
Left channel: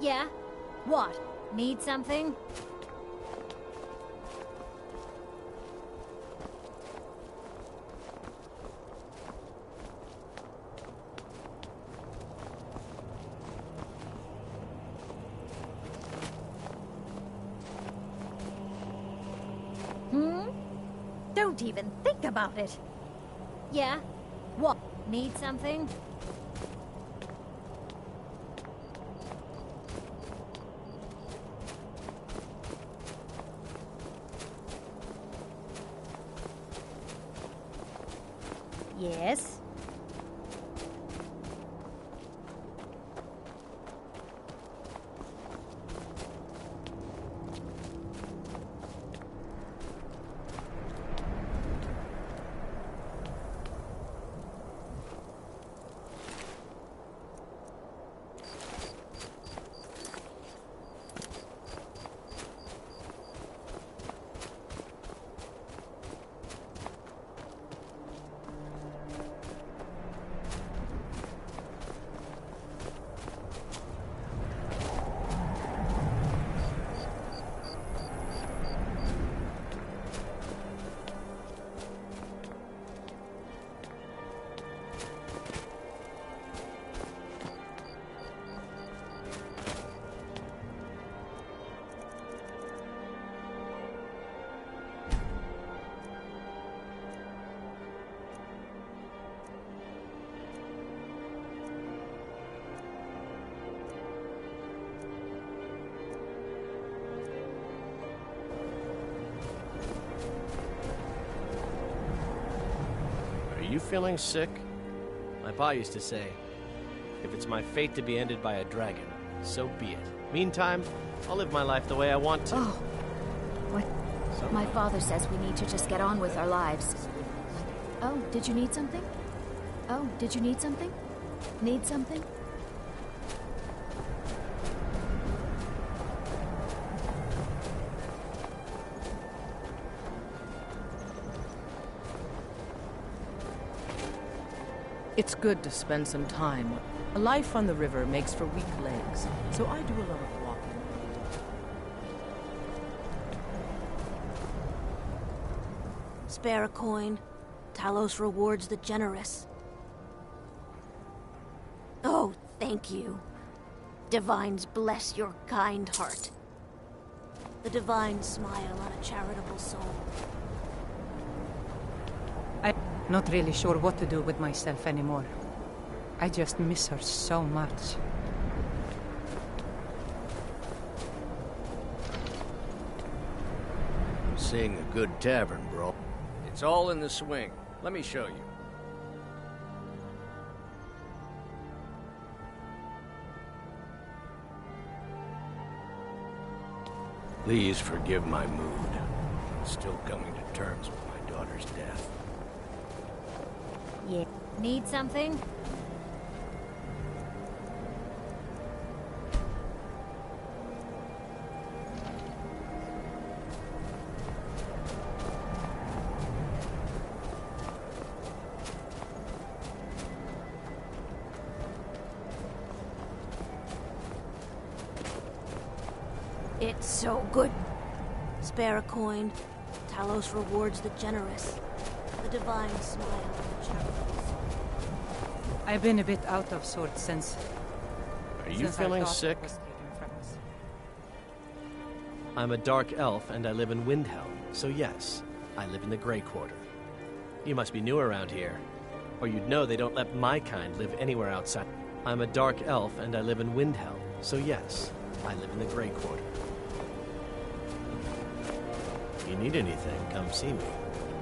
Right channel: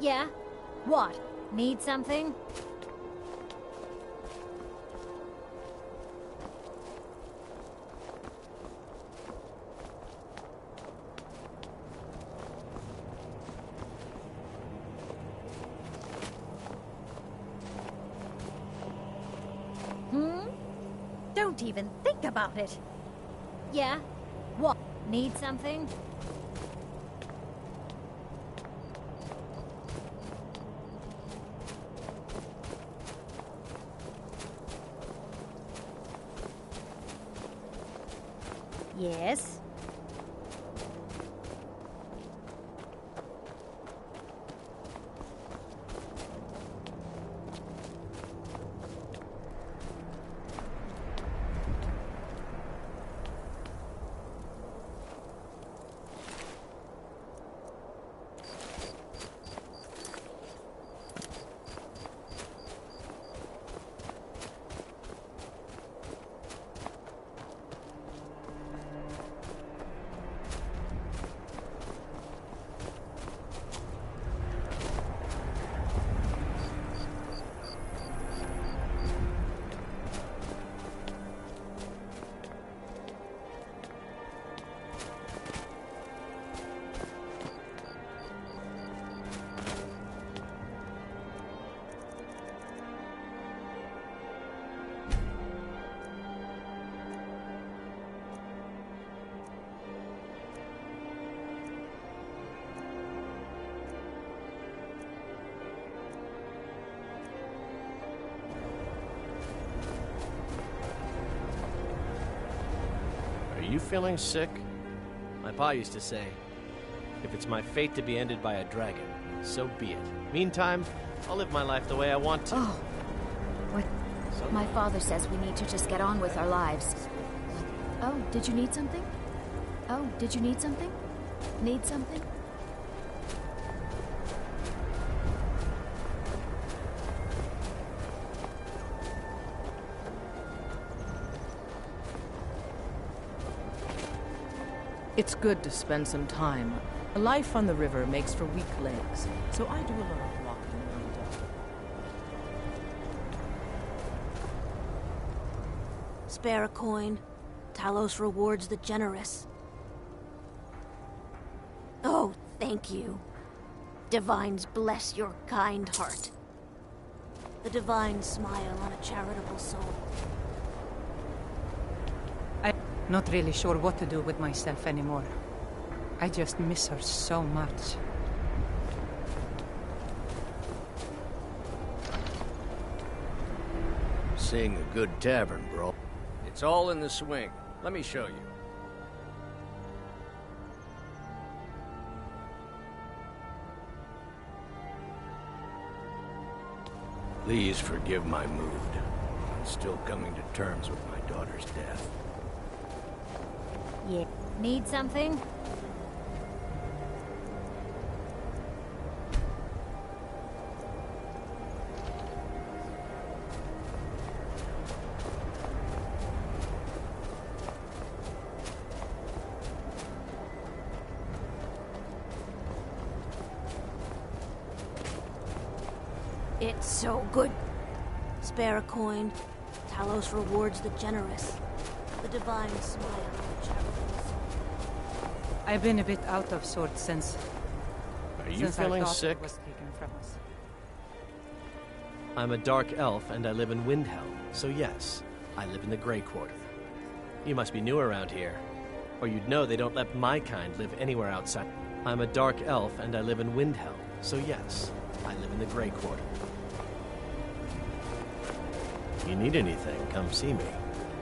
Yeah? What? Need something? Don't even think about it. Yeah? What? Need something? Yes? you feeling sick? My pa used to say, if it's my fate to be ended by a dragon, so be it. Meantime, I'll live my life the way I want to. Oh. What? My father says we need to just get on with our lives. Oh, did you need something? Oh, did you need something? Need something? It's good to spend some time. A life on the river makes for weak legs, so I do a lot of walking when I don't. Spare a coin. Talos rewards the generous. Oh, thank you. Divines bless your kind heart. The divine smile on a charitable soul. I'm not really sure what to do with myself anymore. I just miss her so much. Seeing a good tavern, bro. It's all in the swing. Let me show you. Please forgive my mood. I'm still coming to terms with my daughter's death. Yeah. Need something? It's so good. Spare a coin. Talos rewards the generous. The divine smile on the charitable soul. I've been a bit out of sorts since... Are you feeling sick? Was taken from us. I'm a dark elf and I live in Windhelm, so yes, I live in the Grey Quarter. You must be new around here, or you'd know they don't let my kind live anywhere outside. I'm a dark elf and I live in Windhelm, so yes, I live in the Grey Quarter. If you need anything, come see me.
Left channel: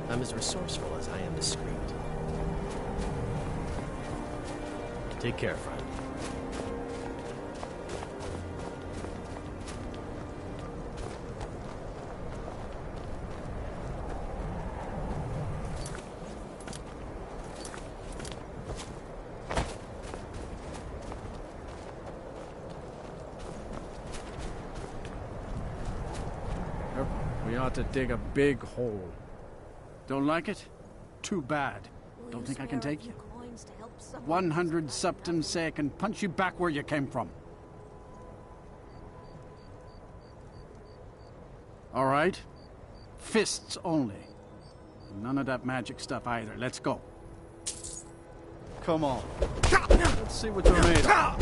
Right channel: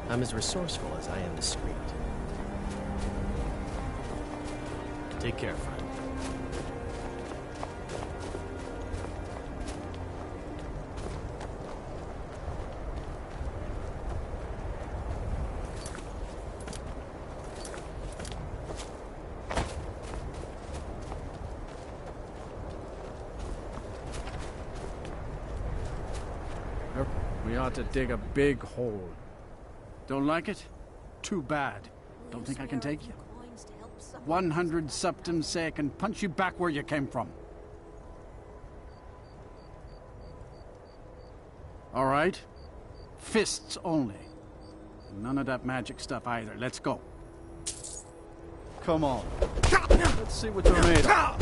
I'm as resourceful as I am discreet. Take care, friend. We ought to dig a big hole. Don't like it? Too bad. Don't think I can take you? 100 septums say I can punch you back where you came from. All right? Fists only. And none of that magic stuff either. Let's go. Come on. Let's see what you're made of.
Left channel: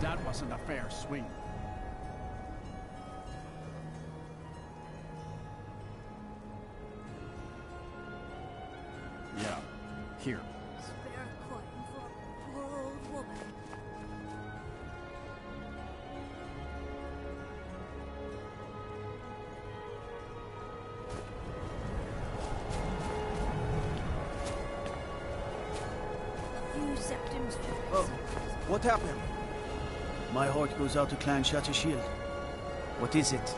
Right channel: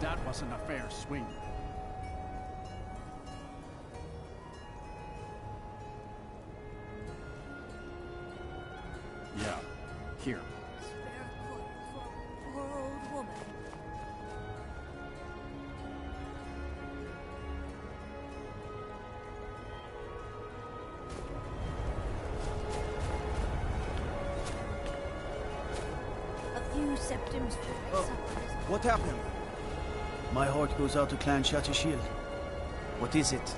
That wasn't a fair swing. Yeah, here. Spare a coin for a poor old woman. A few septums to fix up on his... What happened? My heart goes out to Clan Shattershield. What is it?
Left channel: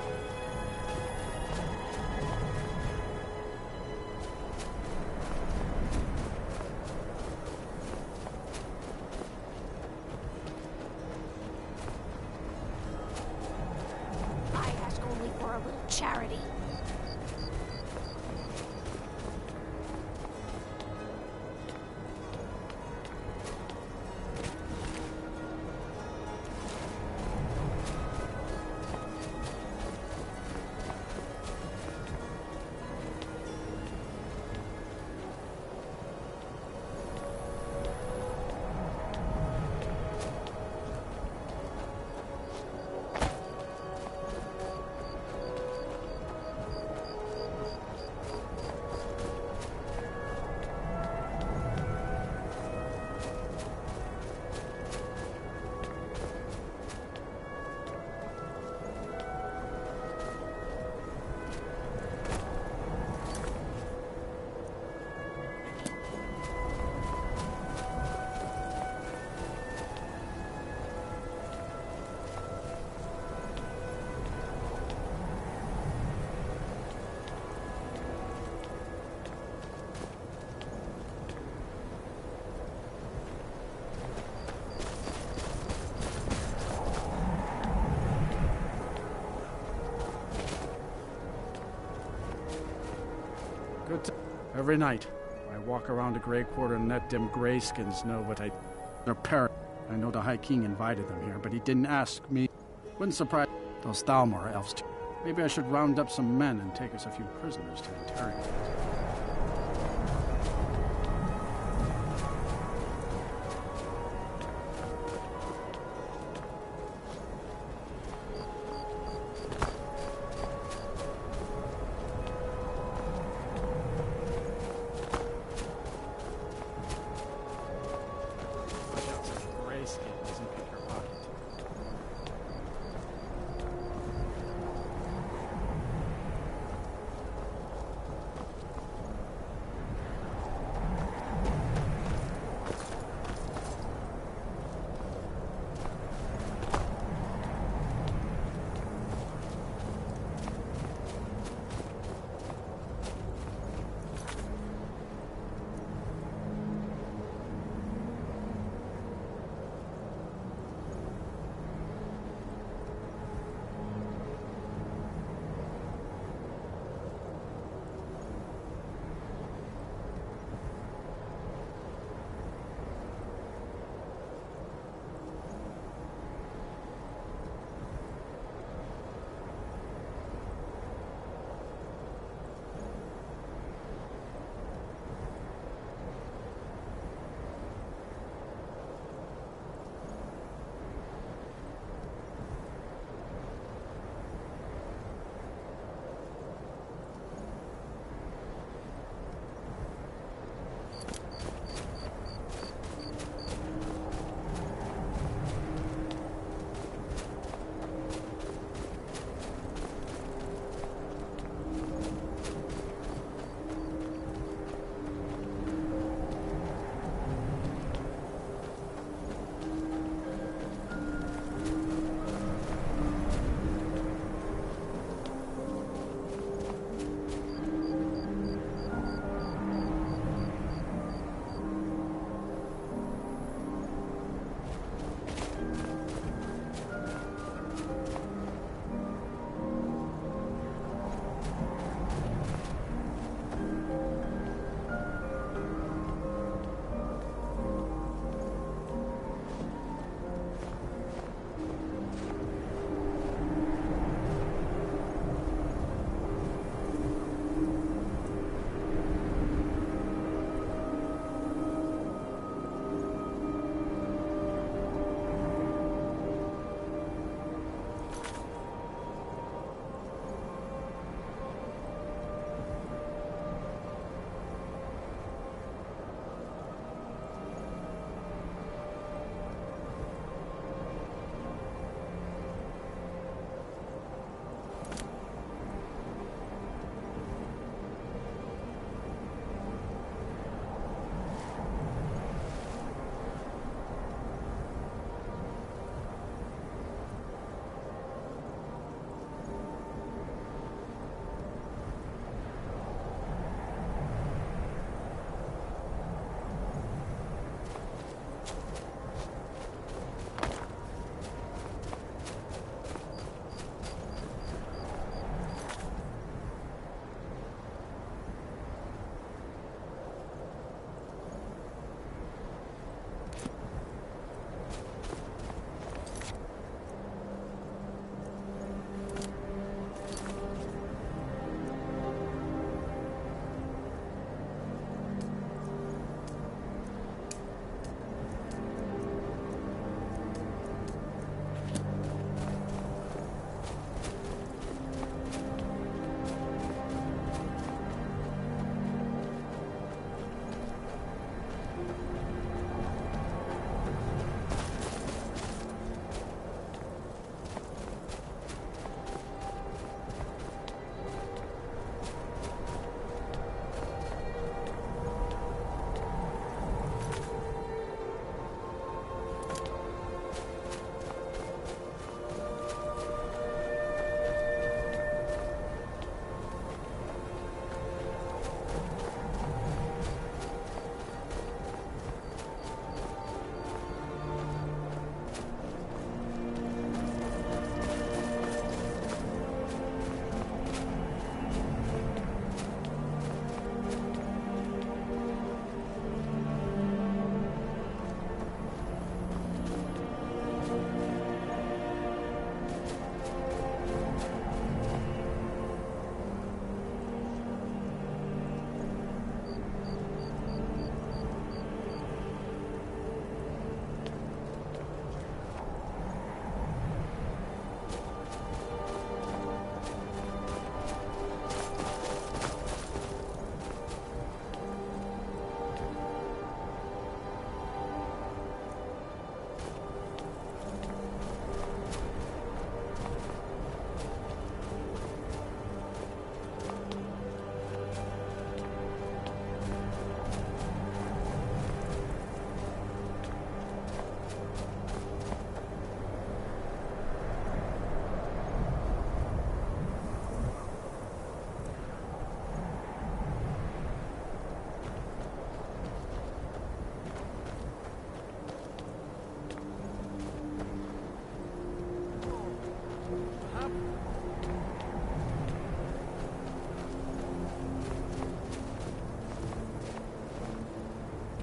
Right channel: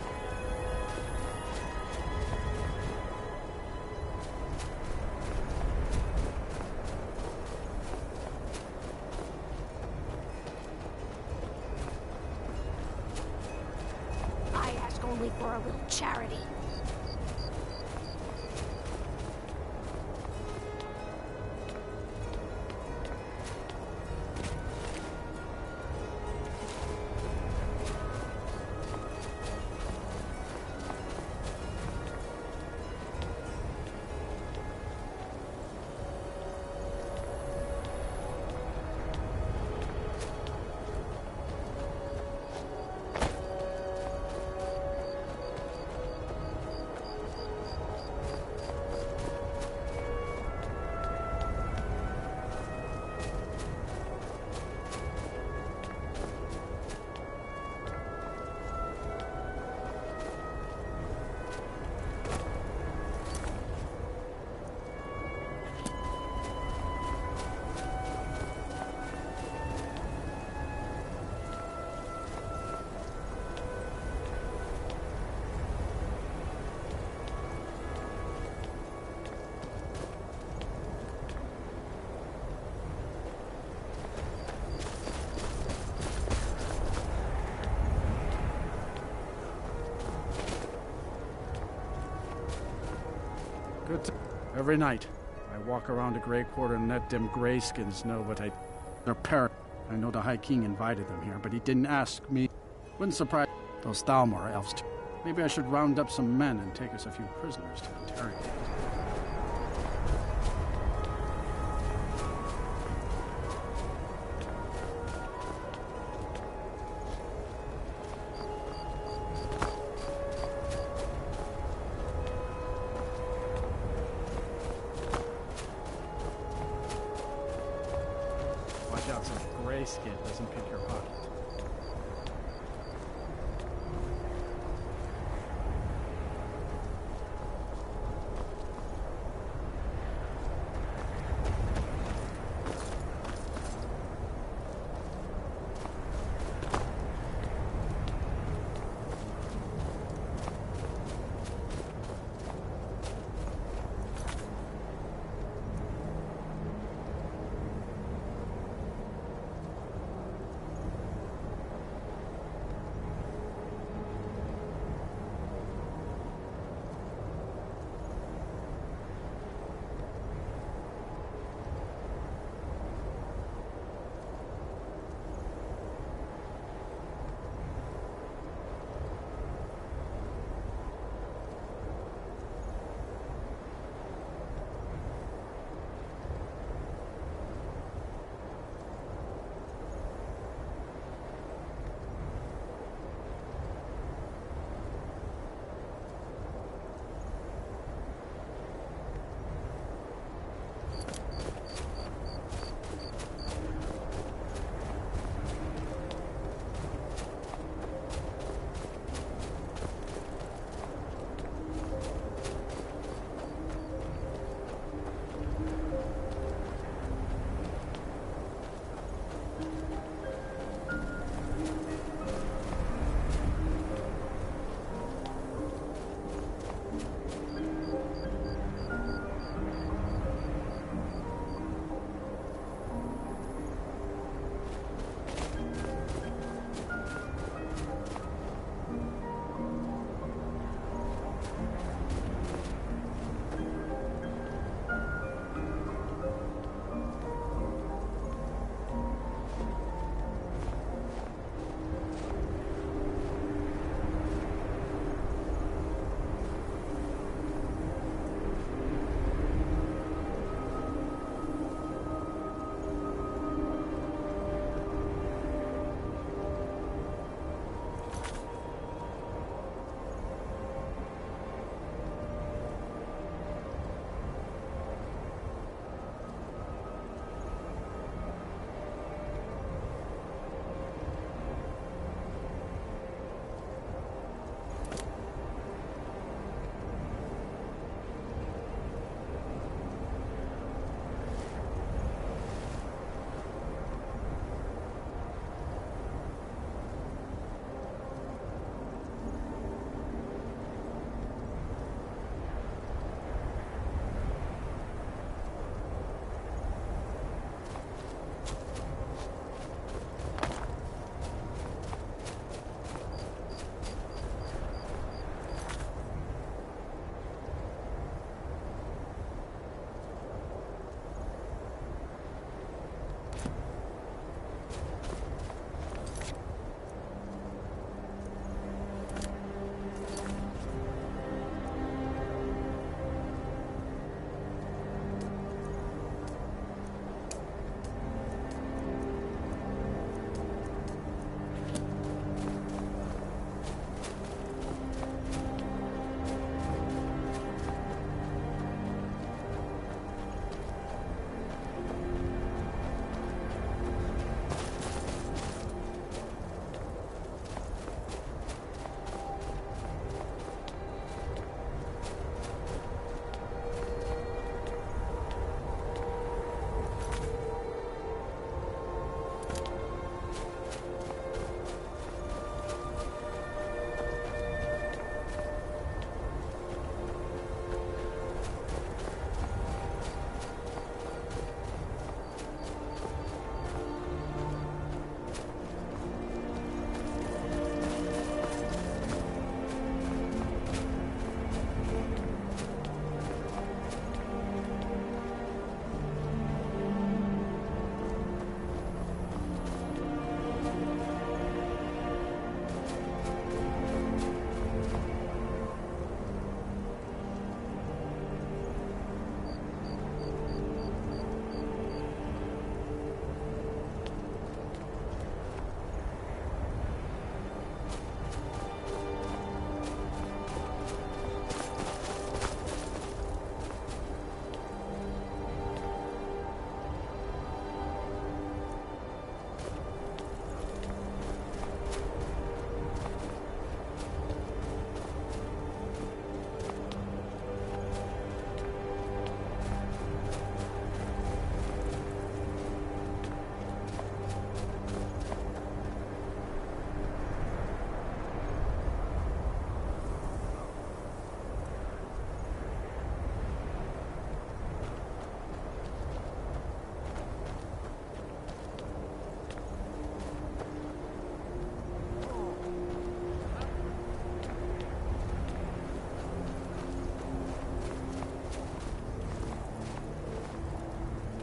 I ask only for a little charity. Every night, I walk around the Grey Quarter and let them Greyskins know what their parent. I know the High King invited them here, but he didn't ask me. Wouldn't surprise those Thalmor elves too. Maybe I should round up some men and take us a few prisoners to interrogate. Skin doesn't pick your pocket.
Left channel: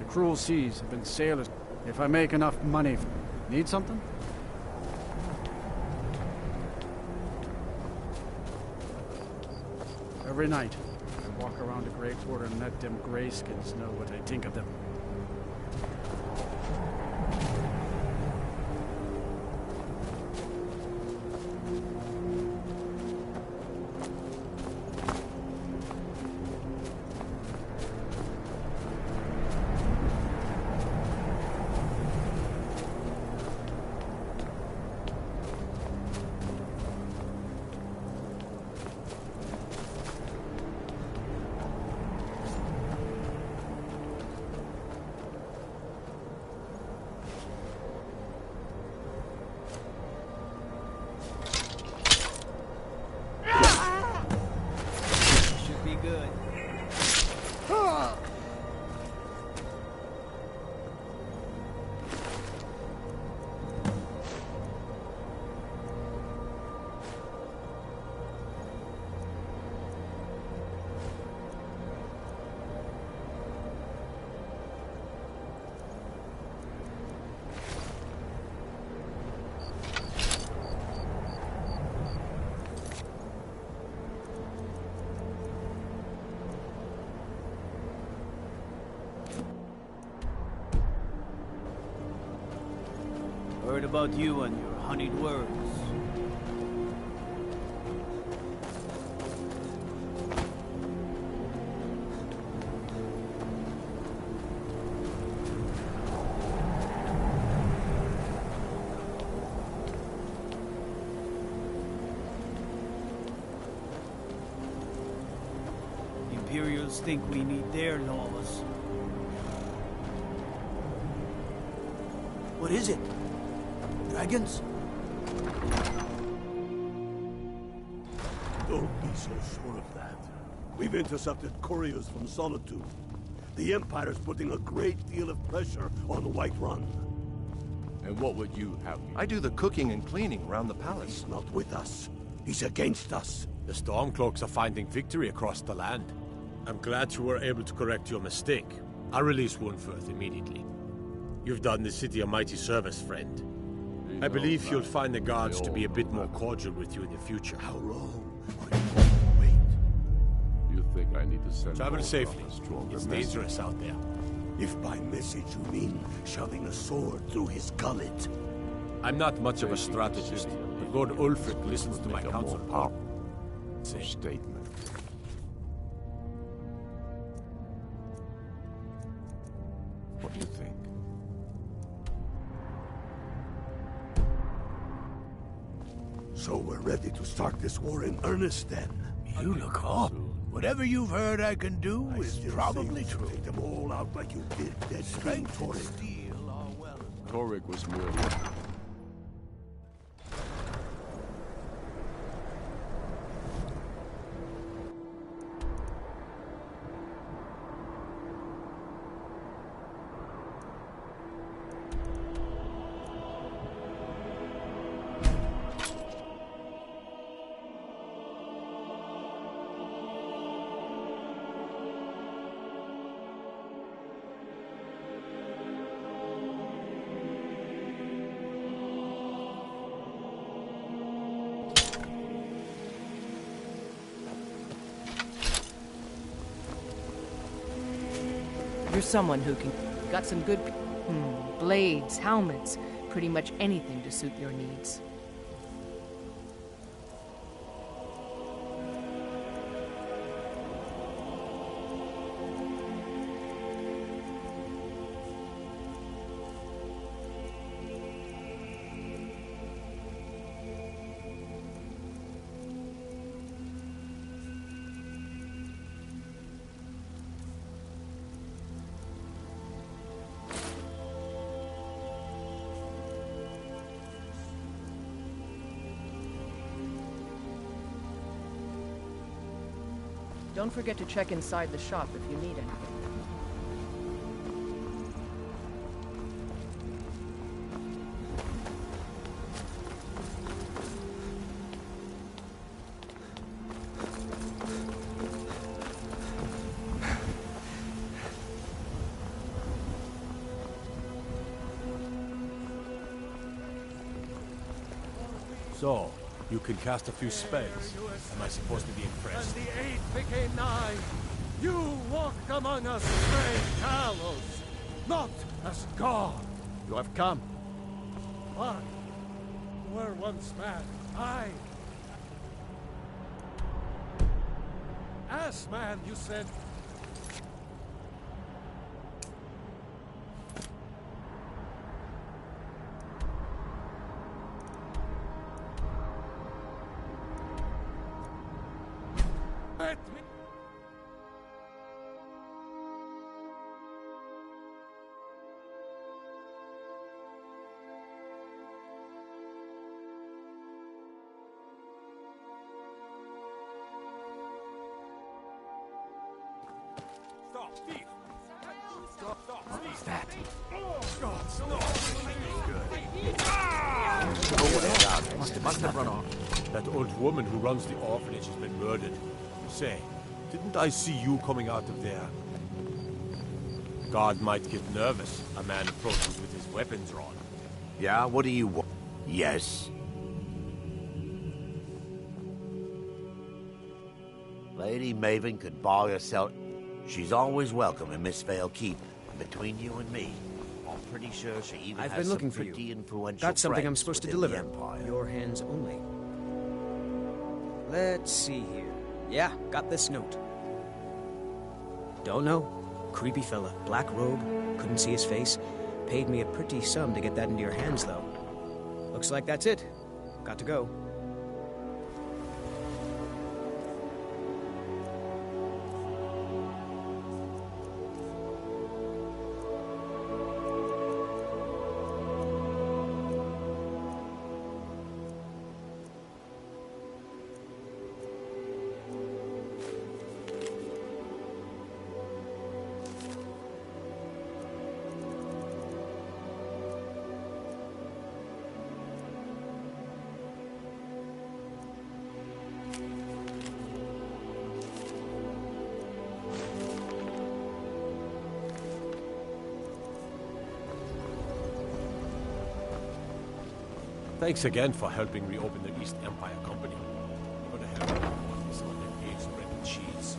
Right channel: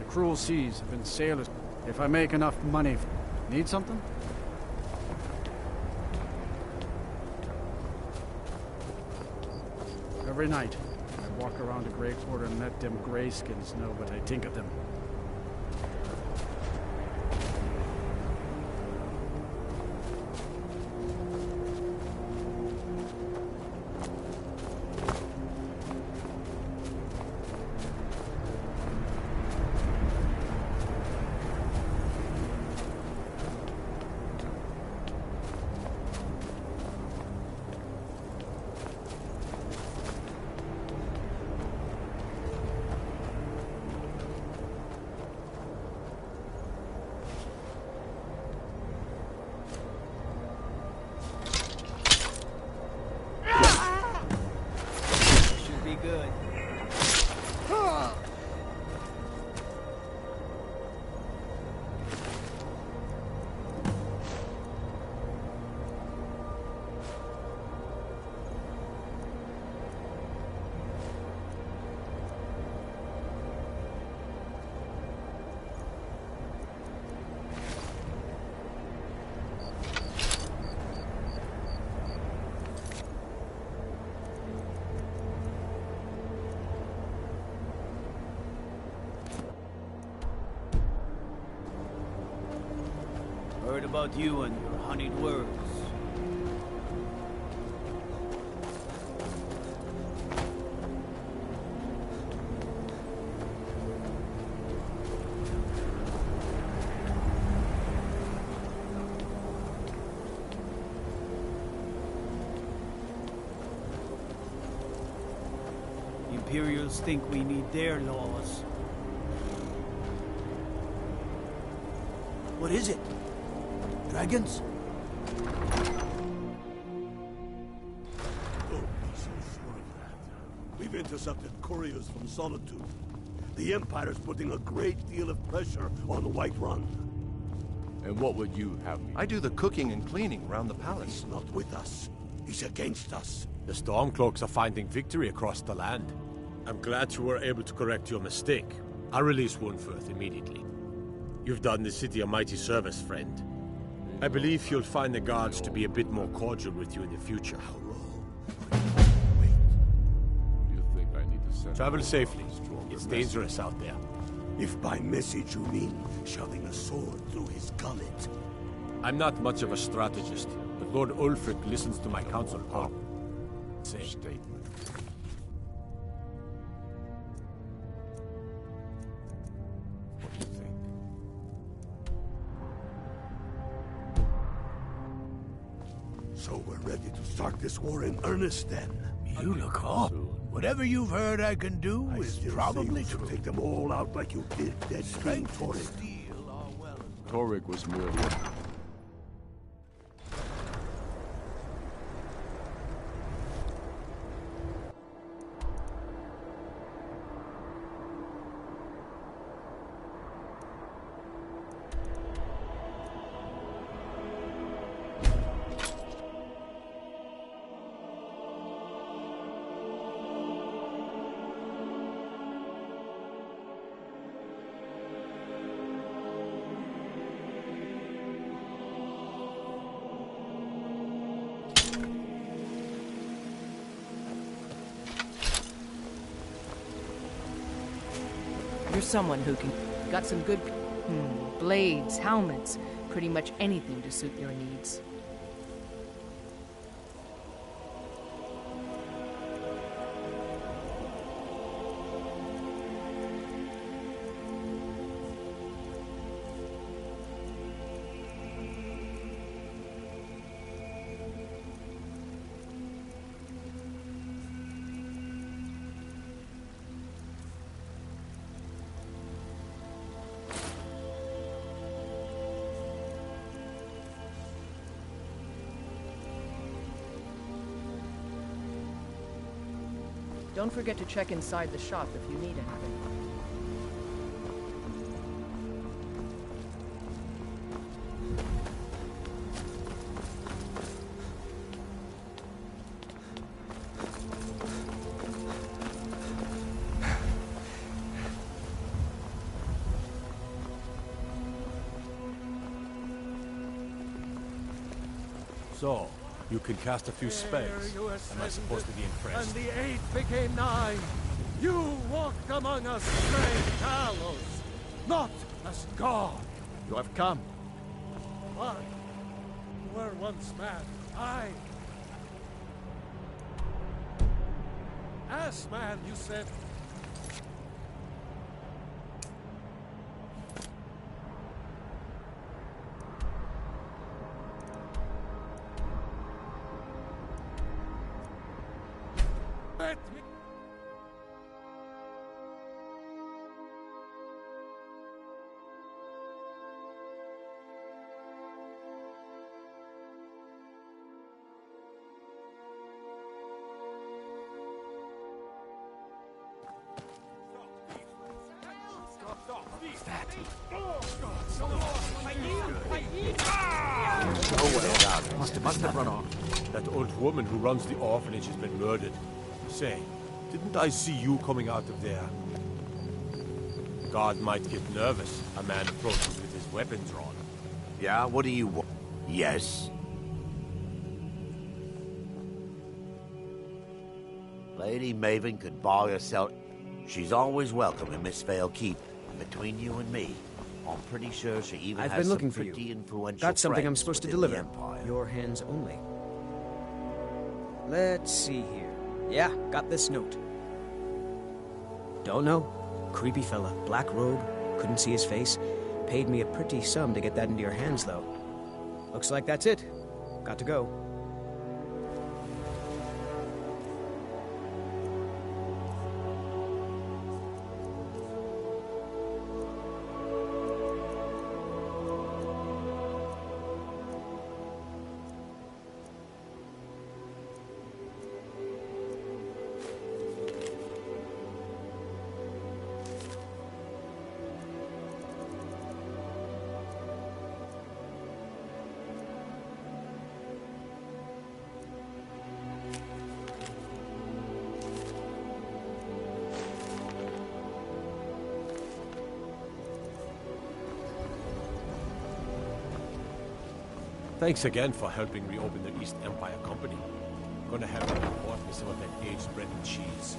cruel seas have been sailors. If I make enough money... Need something? Every night, I walk around the Grey Quarter and let them greyskins know what I think of them. Good. Heard about you and your honeyed words. Imperials think we need their laws. What is it? Dragons? Don't be so sure of that. We've intercepted couriers from Solitude. The Empire's putting a great deal of pressure on the White Run. And what would you have me? I do the cooking and cleaning around the palace. He's not with us. He's against us. The Stormcloaks are finding victory across the land. I'm glad you were able to correct your mistake. I'll release Wunferth immediately. You've done the city a mighty service, friend. I believe you'll find the guards to be a bit more cordial with you in the future. How long are you going to wait? You think I need to send... Travel safely. It's dangerous out there. If by message you mean shoving a sword through his gullet. I'm not much of a strategist, but Lord Ulfric listens to my counsel. Statement. What do you think? So we're ready to start this war in earnest then. You look off. Whatever you've heard I can do is probably true. Take them all out like you did dead King Geogre. Torrik was merely... You're someone who can... Got some good... blades, helmets, pretty much anything to suit your needs. Don't forget to check inside the shop if you need anything. So, you can cast a few spells. Am I supposed to be impressed? And the 8th became 9. You walked among us, great Talos, not as God. You have come. Why? You were once man. As man, you said. Let me. What's that? Must have run off. That old woman who runs the orphanage has been murdered. Say, didn't I see you coming out of there? God might get nervous. A man approaches with his weapons drawn. Yeah, what do you want? Yes. Lady Maven could buy herself. She's always welcome in Miss Vale Keep. Between you and me, I'm pretty sure she even I've has been looking some for pretty you. influential Got something I'm friends supposed to within the deliver. Empire. Your hands only. Let's see here. Yeah, got this note. Don't know. Creepy fella. Black robe. Couldn't see his face. Paid me a pretty sum to get that into your hands, though. Looks like that's it. Got to go. Thanks again for helping reopen the East Empire Company. I'm gonna have to report me some of that aged bread and cheese.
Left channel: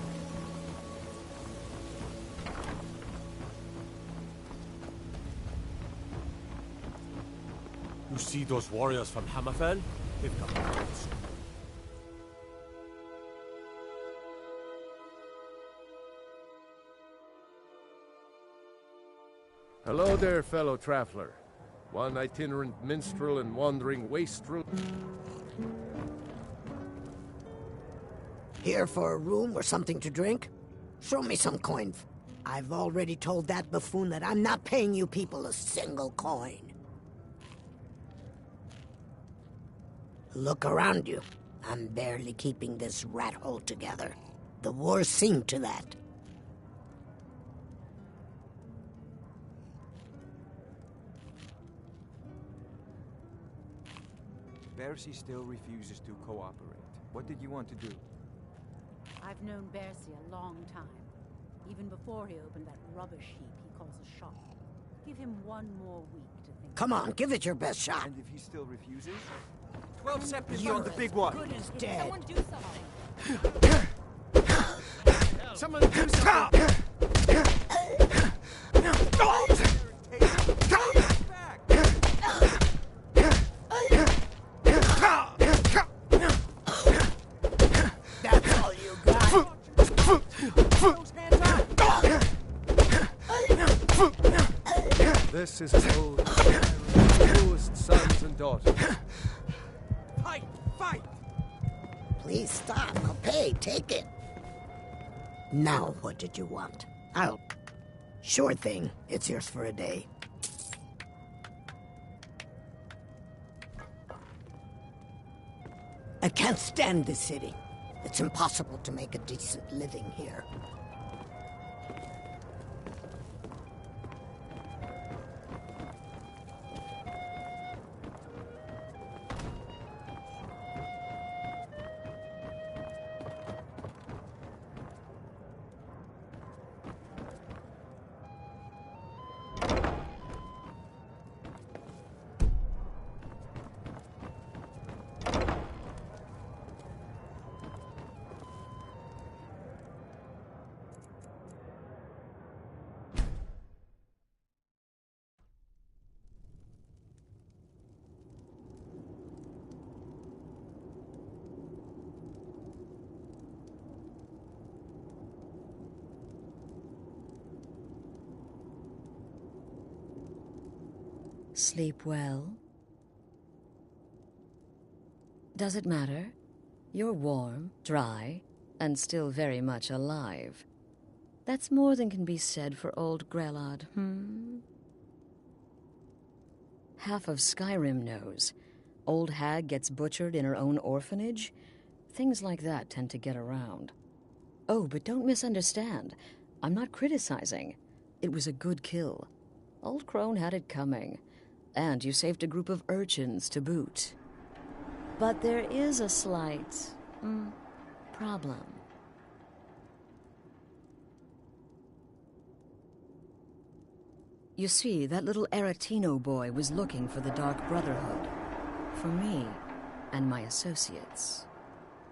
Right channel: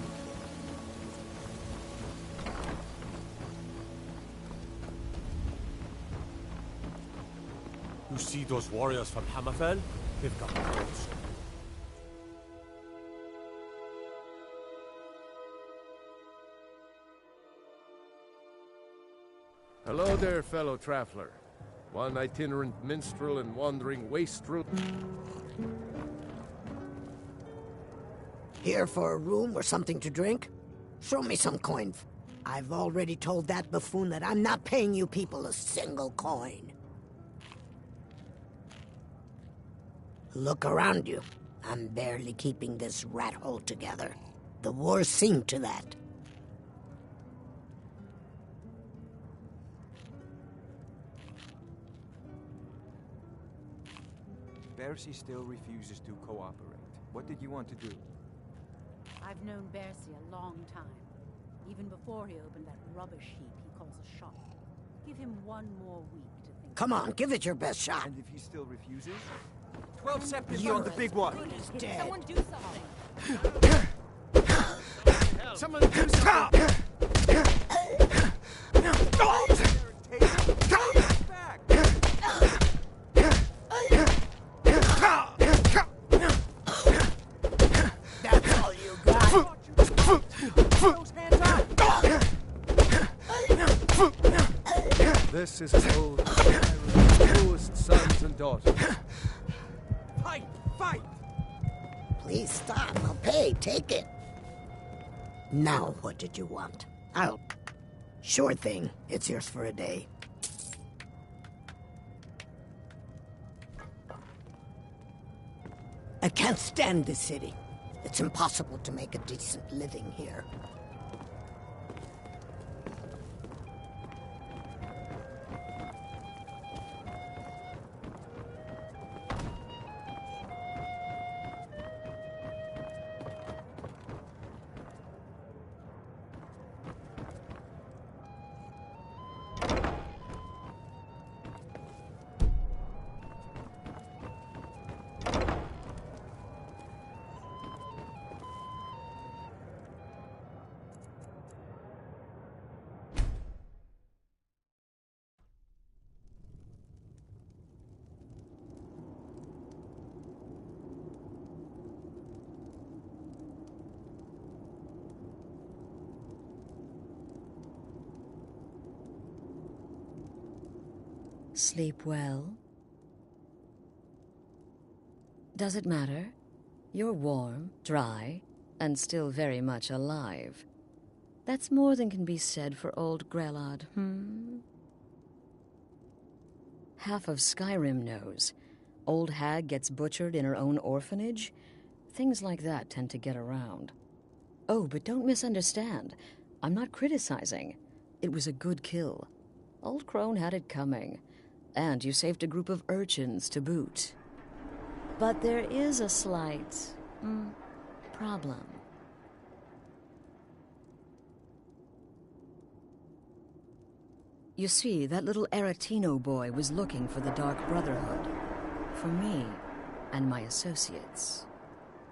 You see those warriors from Hammerfell? They've got guns. Hello there, fellow traveler. One itinerant minstrel and wandering wastrel. Here for a room or something to drink? Show me some coin. I've already told that buffoon that I'm not paying you people a single coin. Look around you. I'm barely keeping this rat hole together. The war's seen to that. Bercy still refuses to cooperate. What did you want to do? I've known Bercy a long time. Even before he opened that rubbish heap he calls a shop. Give him one more week to think. Come on, give it your best shot. And if he still refuses? 12 seconds. You're the big one. He's dead. Someone do something. Someone do something. That's all you got. This is Skyrim's newest sons and daughters. Fight! Fight! Please stop. I'll pay. Take it. Now, what did you want? Sure thing. It's yours for a day. I can't stand this city. It's impossible to make a decent living here. Sleep well? Does it matter? You're warm, dry, and still very much alive. That's more than can be said for old Grelod, Half of Skyrim knows. Old hag gets butchered in her own orphanage. Things like that tend to get around. Oh, but don't misunderstand. I'm not criticizing. It was a good kill. Old Crone had it coming. And you saved a group of urchins to boot. But there is a slight, problem. You see, that little Aretino boy was looking for the Dark Brotherhood. For me and my associates.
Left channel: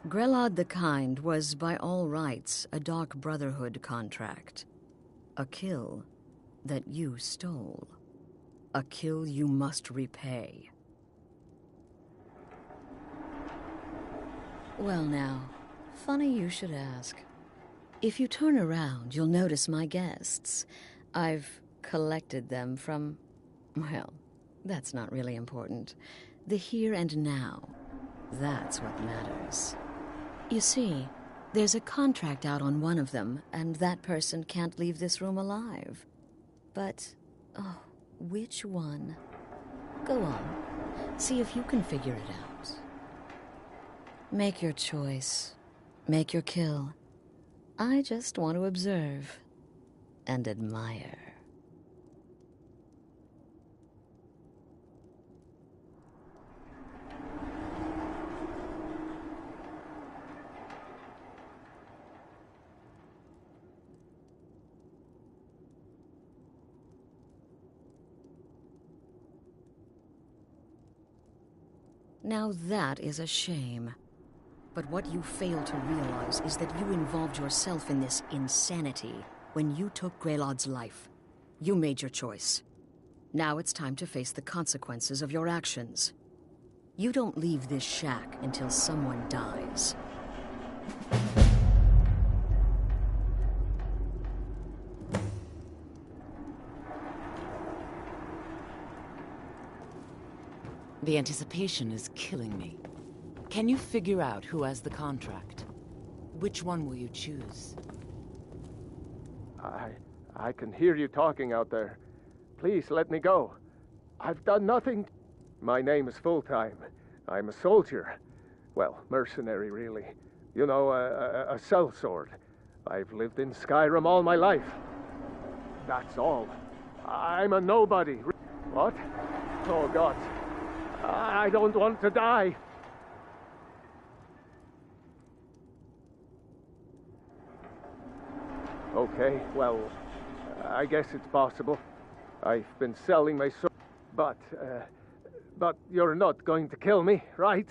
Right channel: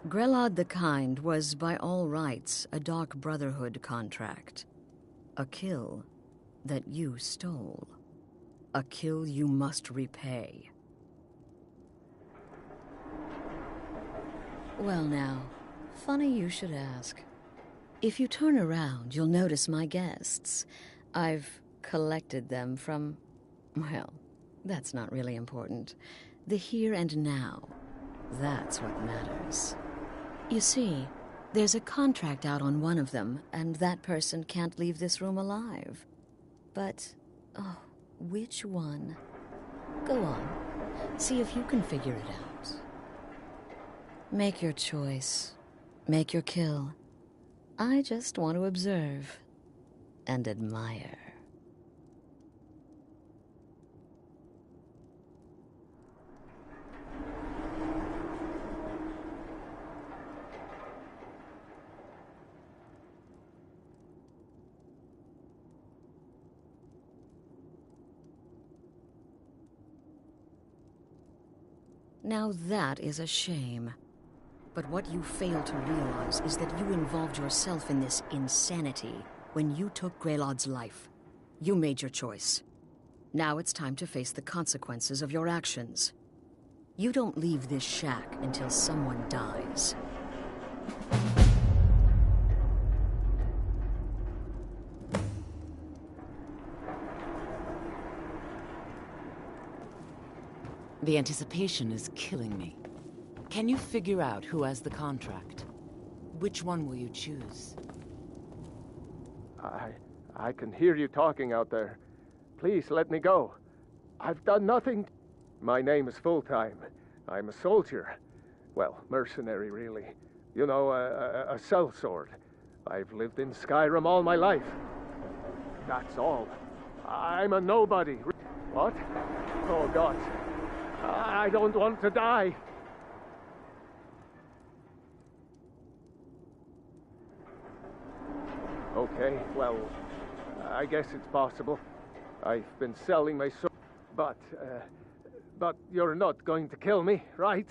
Grelod the Kind was, by all rights, a Dark Brotherhood contract. A kill that you stole. A kill you must repay. Well now, funny you should ask. If you turn around, you'll notice my guests. I've collected them from, well, that's not really important. The here and now. That's what matters. You see, there's a contract out on one of them, and that person can't leave this room alive. But, oh, which one? Go on. See if you can figure it out. Make your choice. Make your kill. I just want to observe and admire. Now that is a shame. But what you fail to realize is that you involved yourself in this insanity when you took Grelod's life. You made your choice. Now it's time to face the consequences of your actions. You don't leave this shack until someone dies. The anticipation is killing me. Can you figure out who has the contract? Which one will you choose? I can hear you talking out there. Please let me go. I've done nothing. My name is Full-Time. I'm a soldier. Well, mercenary, really. You know, a sellsword. I've lived in Skyrim all my life. That's all. I'm a nobody. What? Oh, God. I don't want to die. Okay, well, I guess it's possible. I've been selling my sword, but you're not going to kill me, right?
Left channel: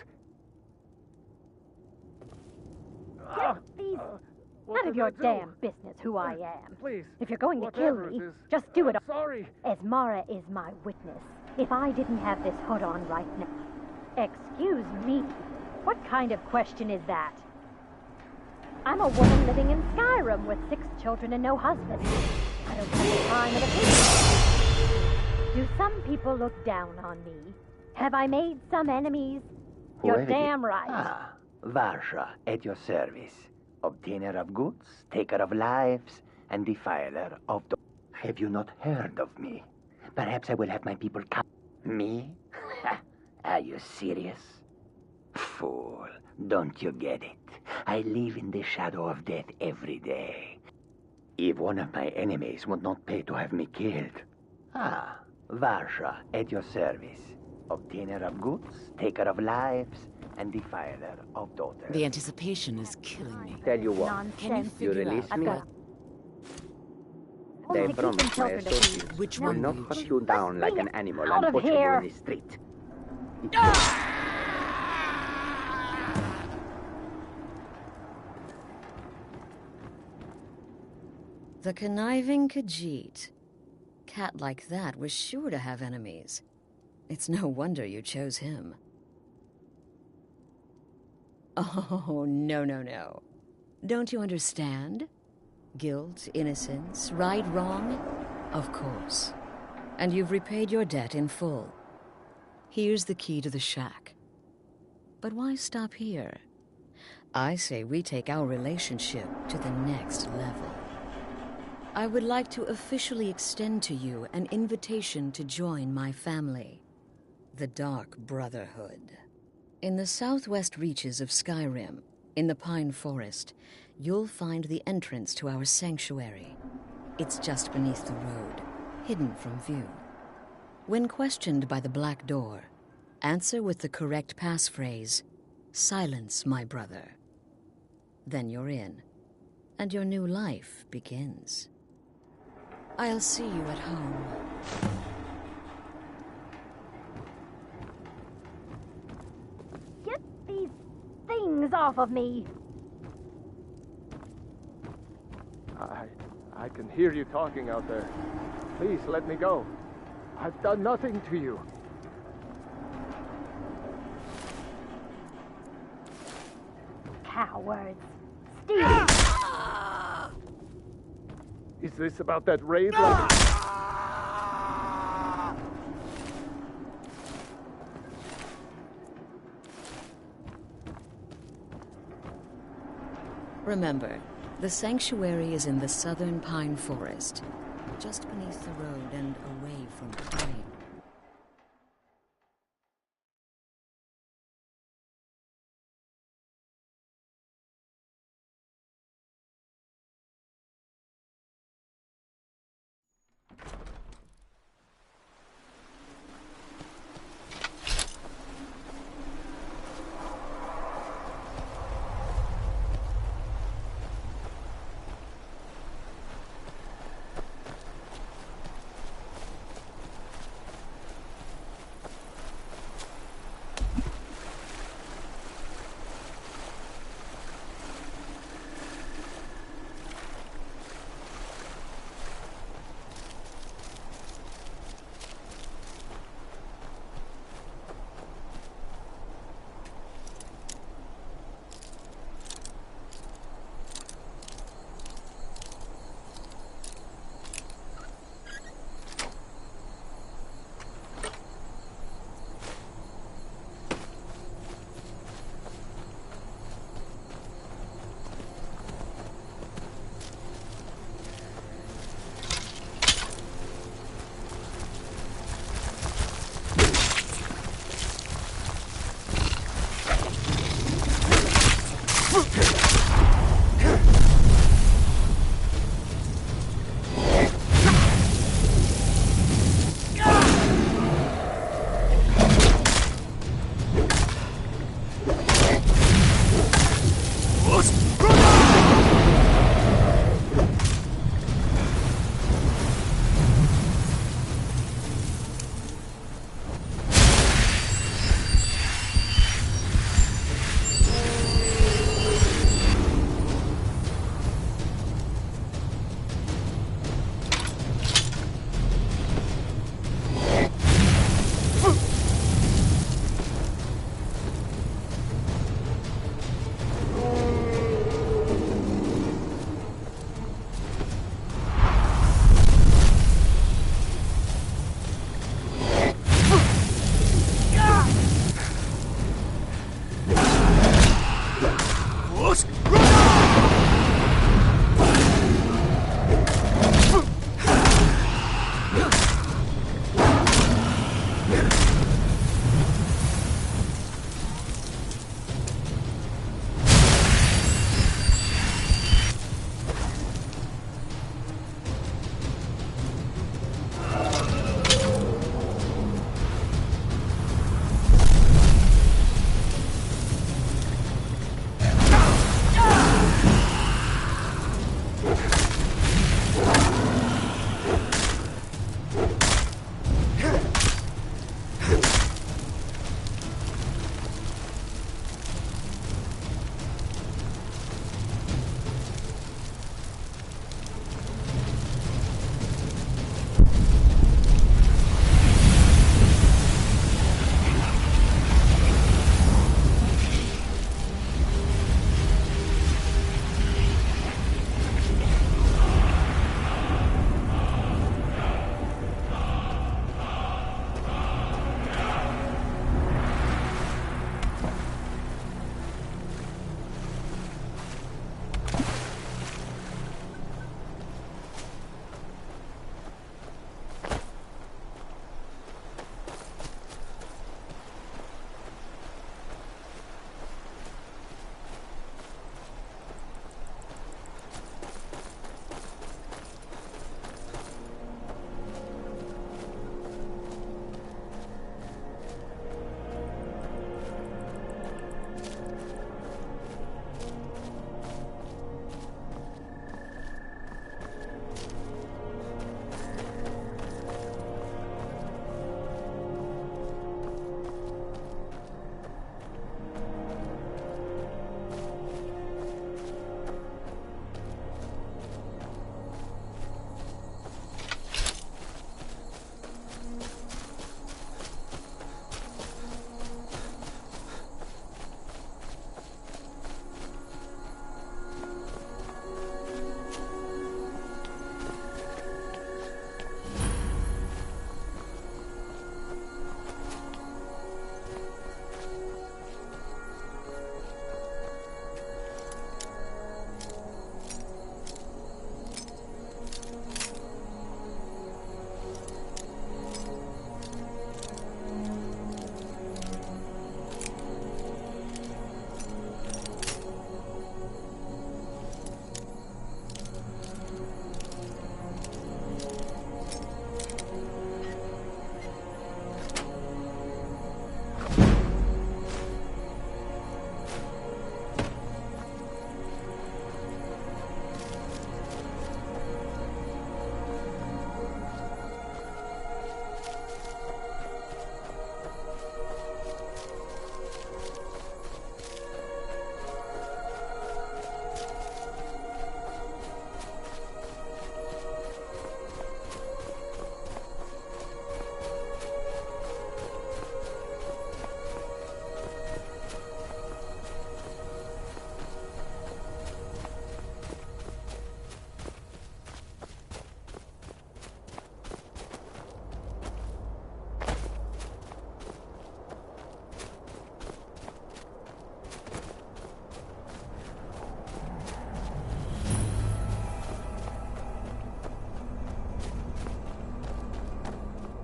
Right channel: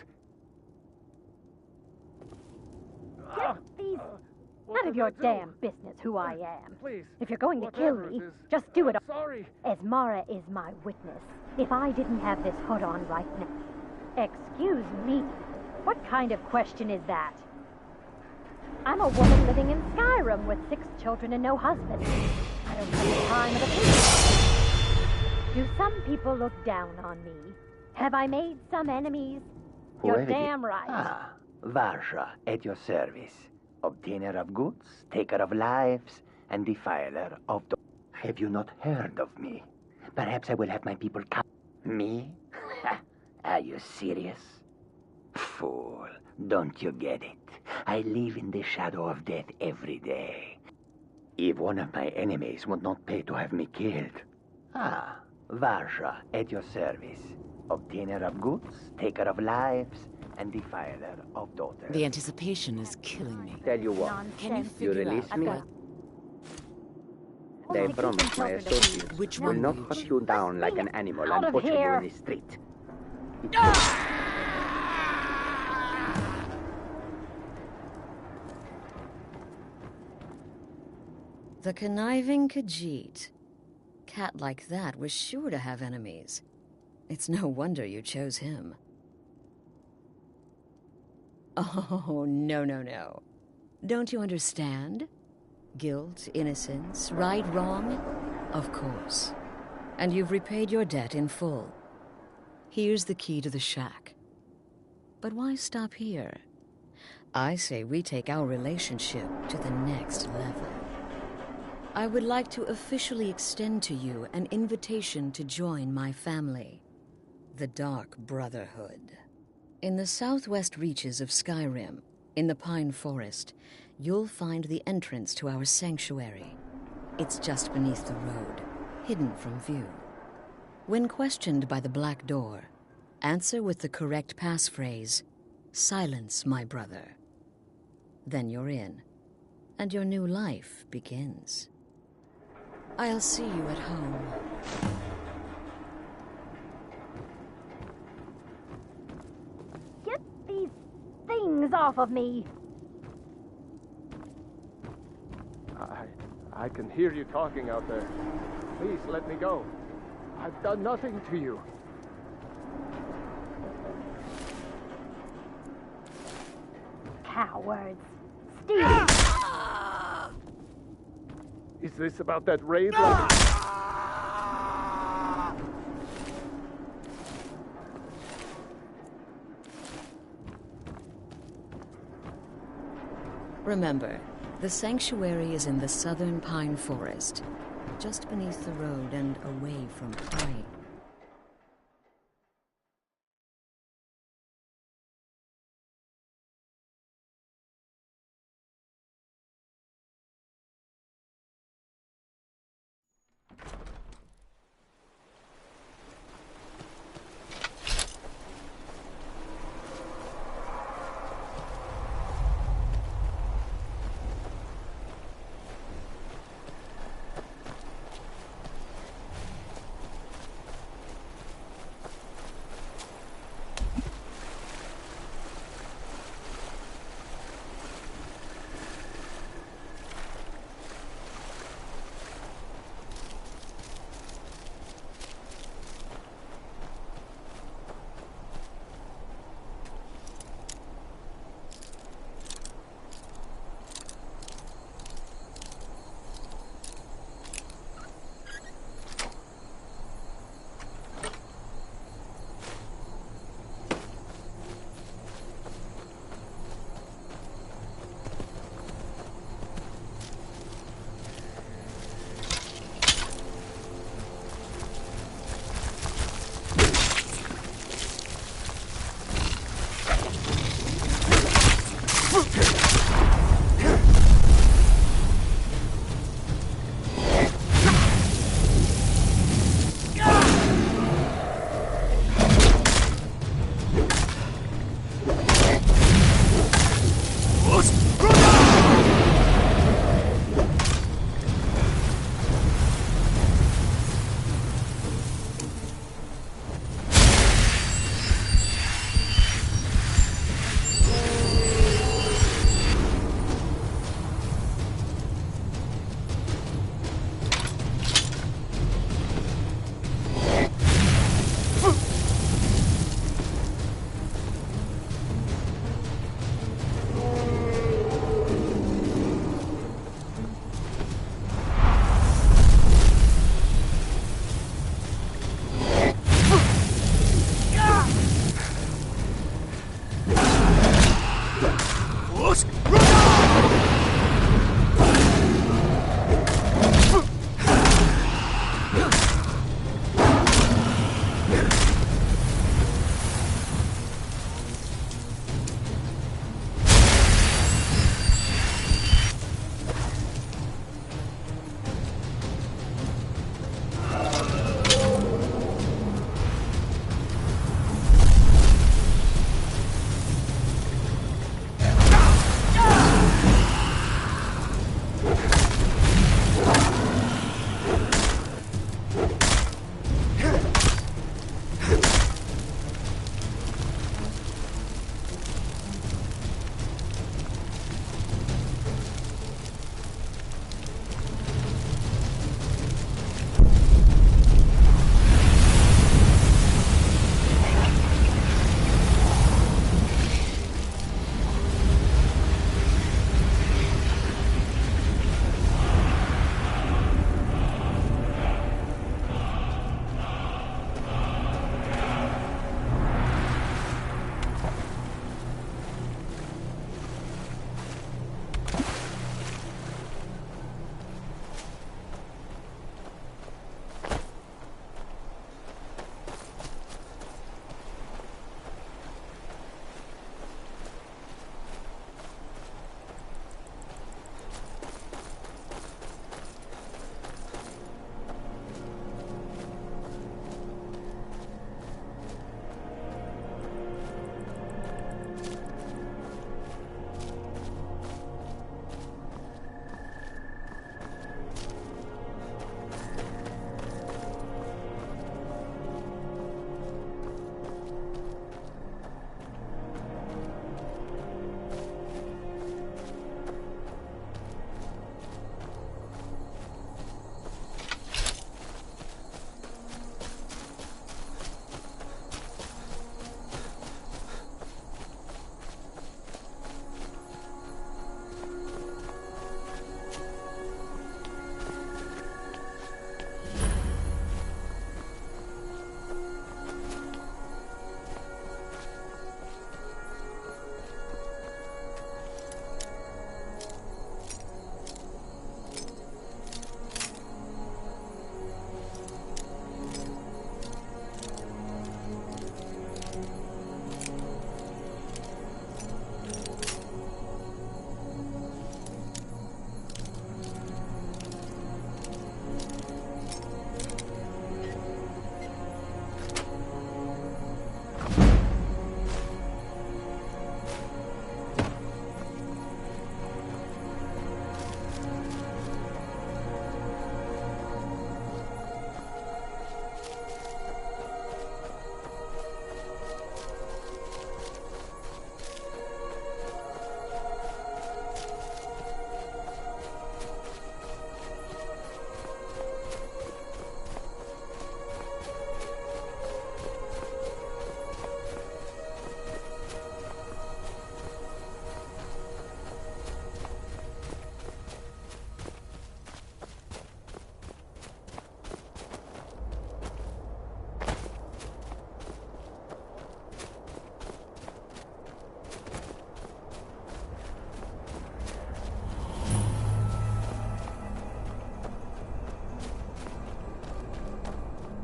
These... None of your damn business who I am. Please. If you're going to kill me, just do it. Sorry. Esmara is my witness. If I didn't have this hood on right now... Excuse me. What kind of question is that? I'm a woman living in Skyrim with 6 children and no husband. I don't have the time of the people. Do some people look down on me? Have I made some enemies? You're damn right. Ah, Varsha, at your service. Obtainer of goods, taker of lives, and defiler of the... Have you not heard of me? Perhaps I will have my people come... Me? Are you serious? Fool, don't you get it? I live in the shadow of death every day. If one of my enemies would not pay to have me killed... Ah, Varsha, at your service. Obtainer of goods, taker of lives, and defiler of daughters. The anticipation is killing me. Tell you what, Can you figure release out me? what... They promise my associates Which will one not will you hunt choose? you down like an animal Out and of butcher you here. in the street. The conniving Khajiit. Cat like that was sure to have enemies. It's no wonder you chose him. Oh, no. Don't you understand? Guilt, innocence, right, wrong? Of course. and you've repaid your debt in full. Here's the key to the shack. But why stop here? I say we take our relationship to the next level. I would like to officially extend to you an invitation to join my family, the Dark Brotherhood. In the southwest reaches of Skyrim, in the Pine Forest, you'll find the entrance to our sanctuary. It's just beneath the road, hidden from view. When questioned by the Black Door, answer with the correct passphrase, "Silence, my brother." Then you're in, and your new life begins. I'll see you at home. Get these things off of me! I can hear you talking out there. Please, let me go. I've done nothing to you. Cowards. Steal! Is this about that raid? Remember, the sanctuary is in the southern Pine Forest, just beneath the road and away from Pine.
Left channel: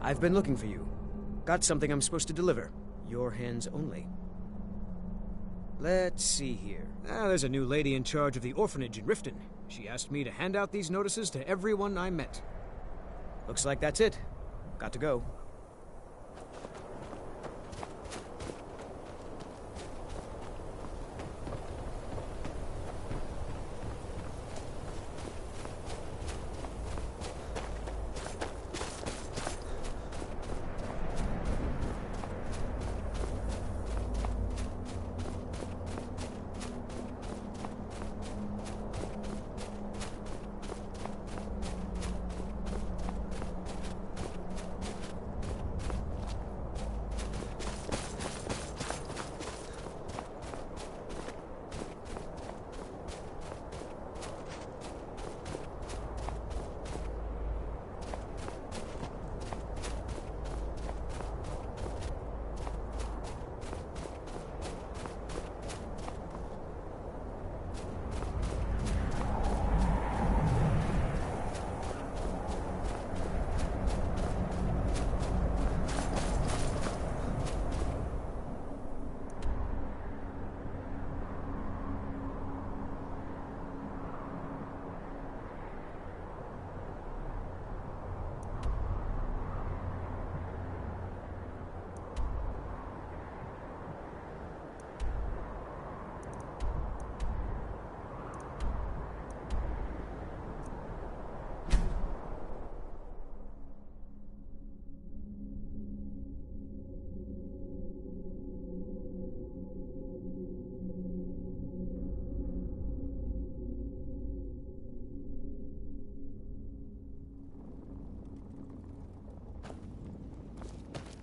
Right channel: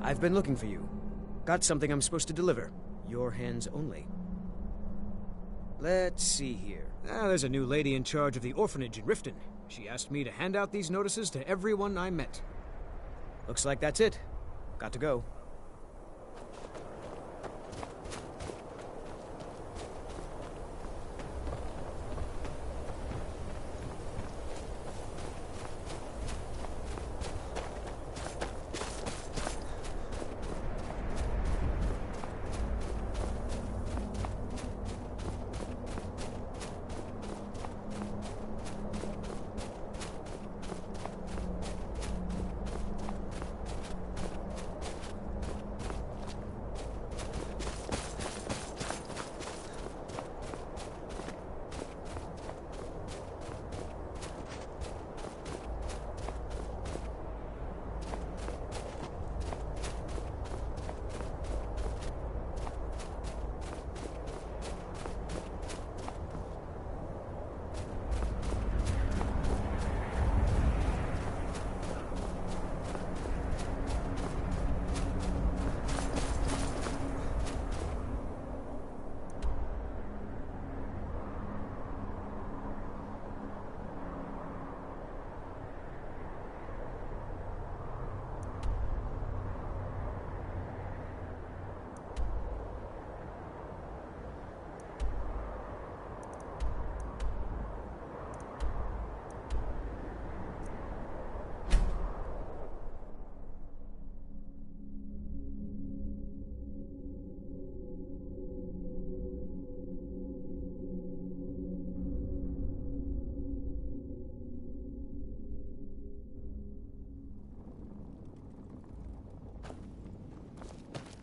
I've been looking for you. Got something I'm supposed to deliver. Your hands only. Let's see here. There's a new lady in charge of the orphanage in Riften. She asked me to hand out these notices to everyone I met. Looks like that's it. Got to go.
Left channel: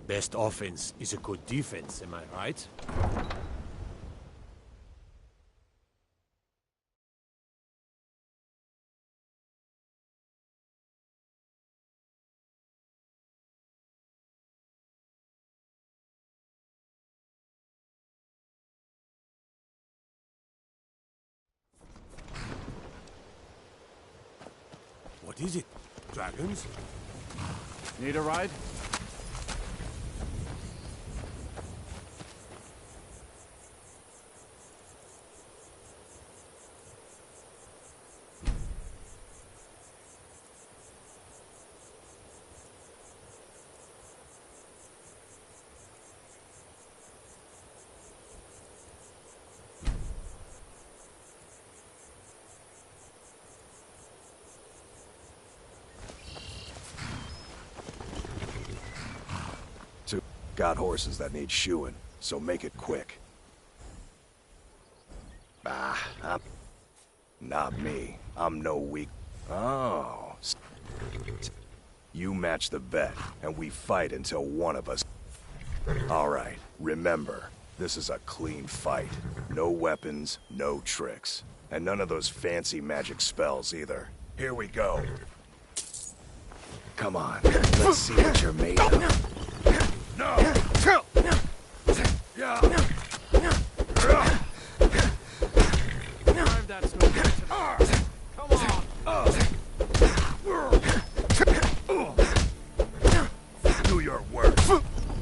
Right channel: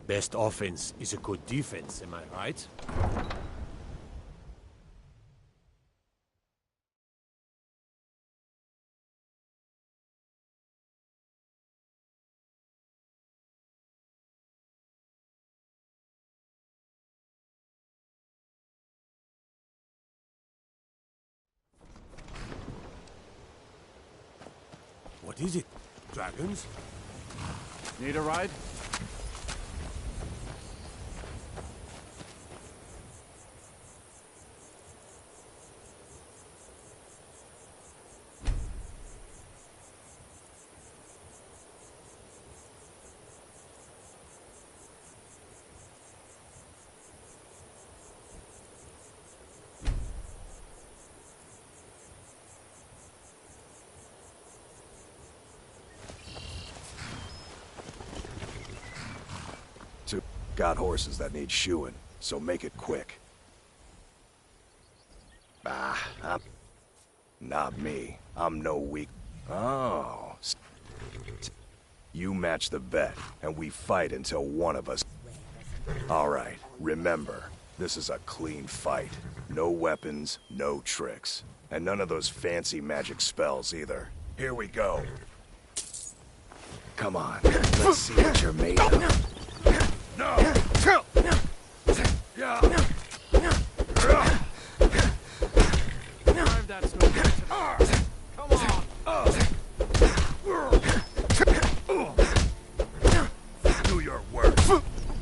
Best offense is a good defense, am I right? What is it? Dragons? Need a ride? Got horses that need shoeing, so make it quick. Not me. I'm no weak. Oh. You match the bet, and we fight until one of us... Alright, remember, this is a clean fight. No weapons, no tricks. And none of those fancy magic spells either. Here we go. Come on, let's see what you're made of. No! Yeah! Drive that snow. Come on! Do your worst.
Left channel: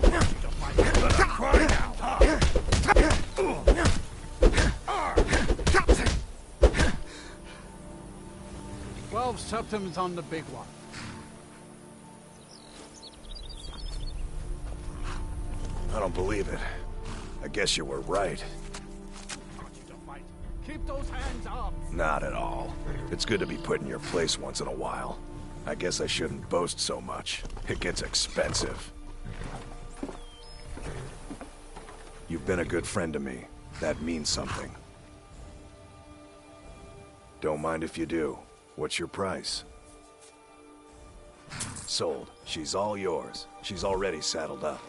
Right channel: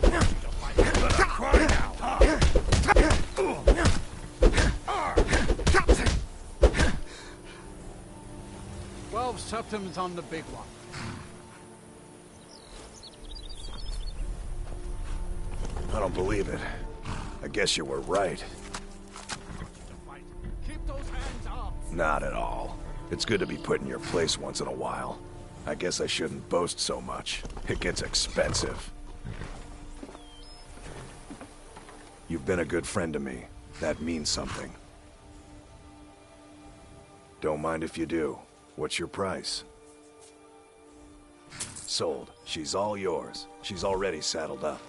Let her cry now, huh? 12 septums on the big one. I don't believe it. I guess you were right. Keep those hands up! Not at all. It's good to be put in your place once in a while. I guess I shouldn't boast so much. It gets expensive. You've been a good friend to me. That means something. Don't mind if you do. What's your price? Sold. She's all yours. She's already saddled up.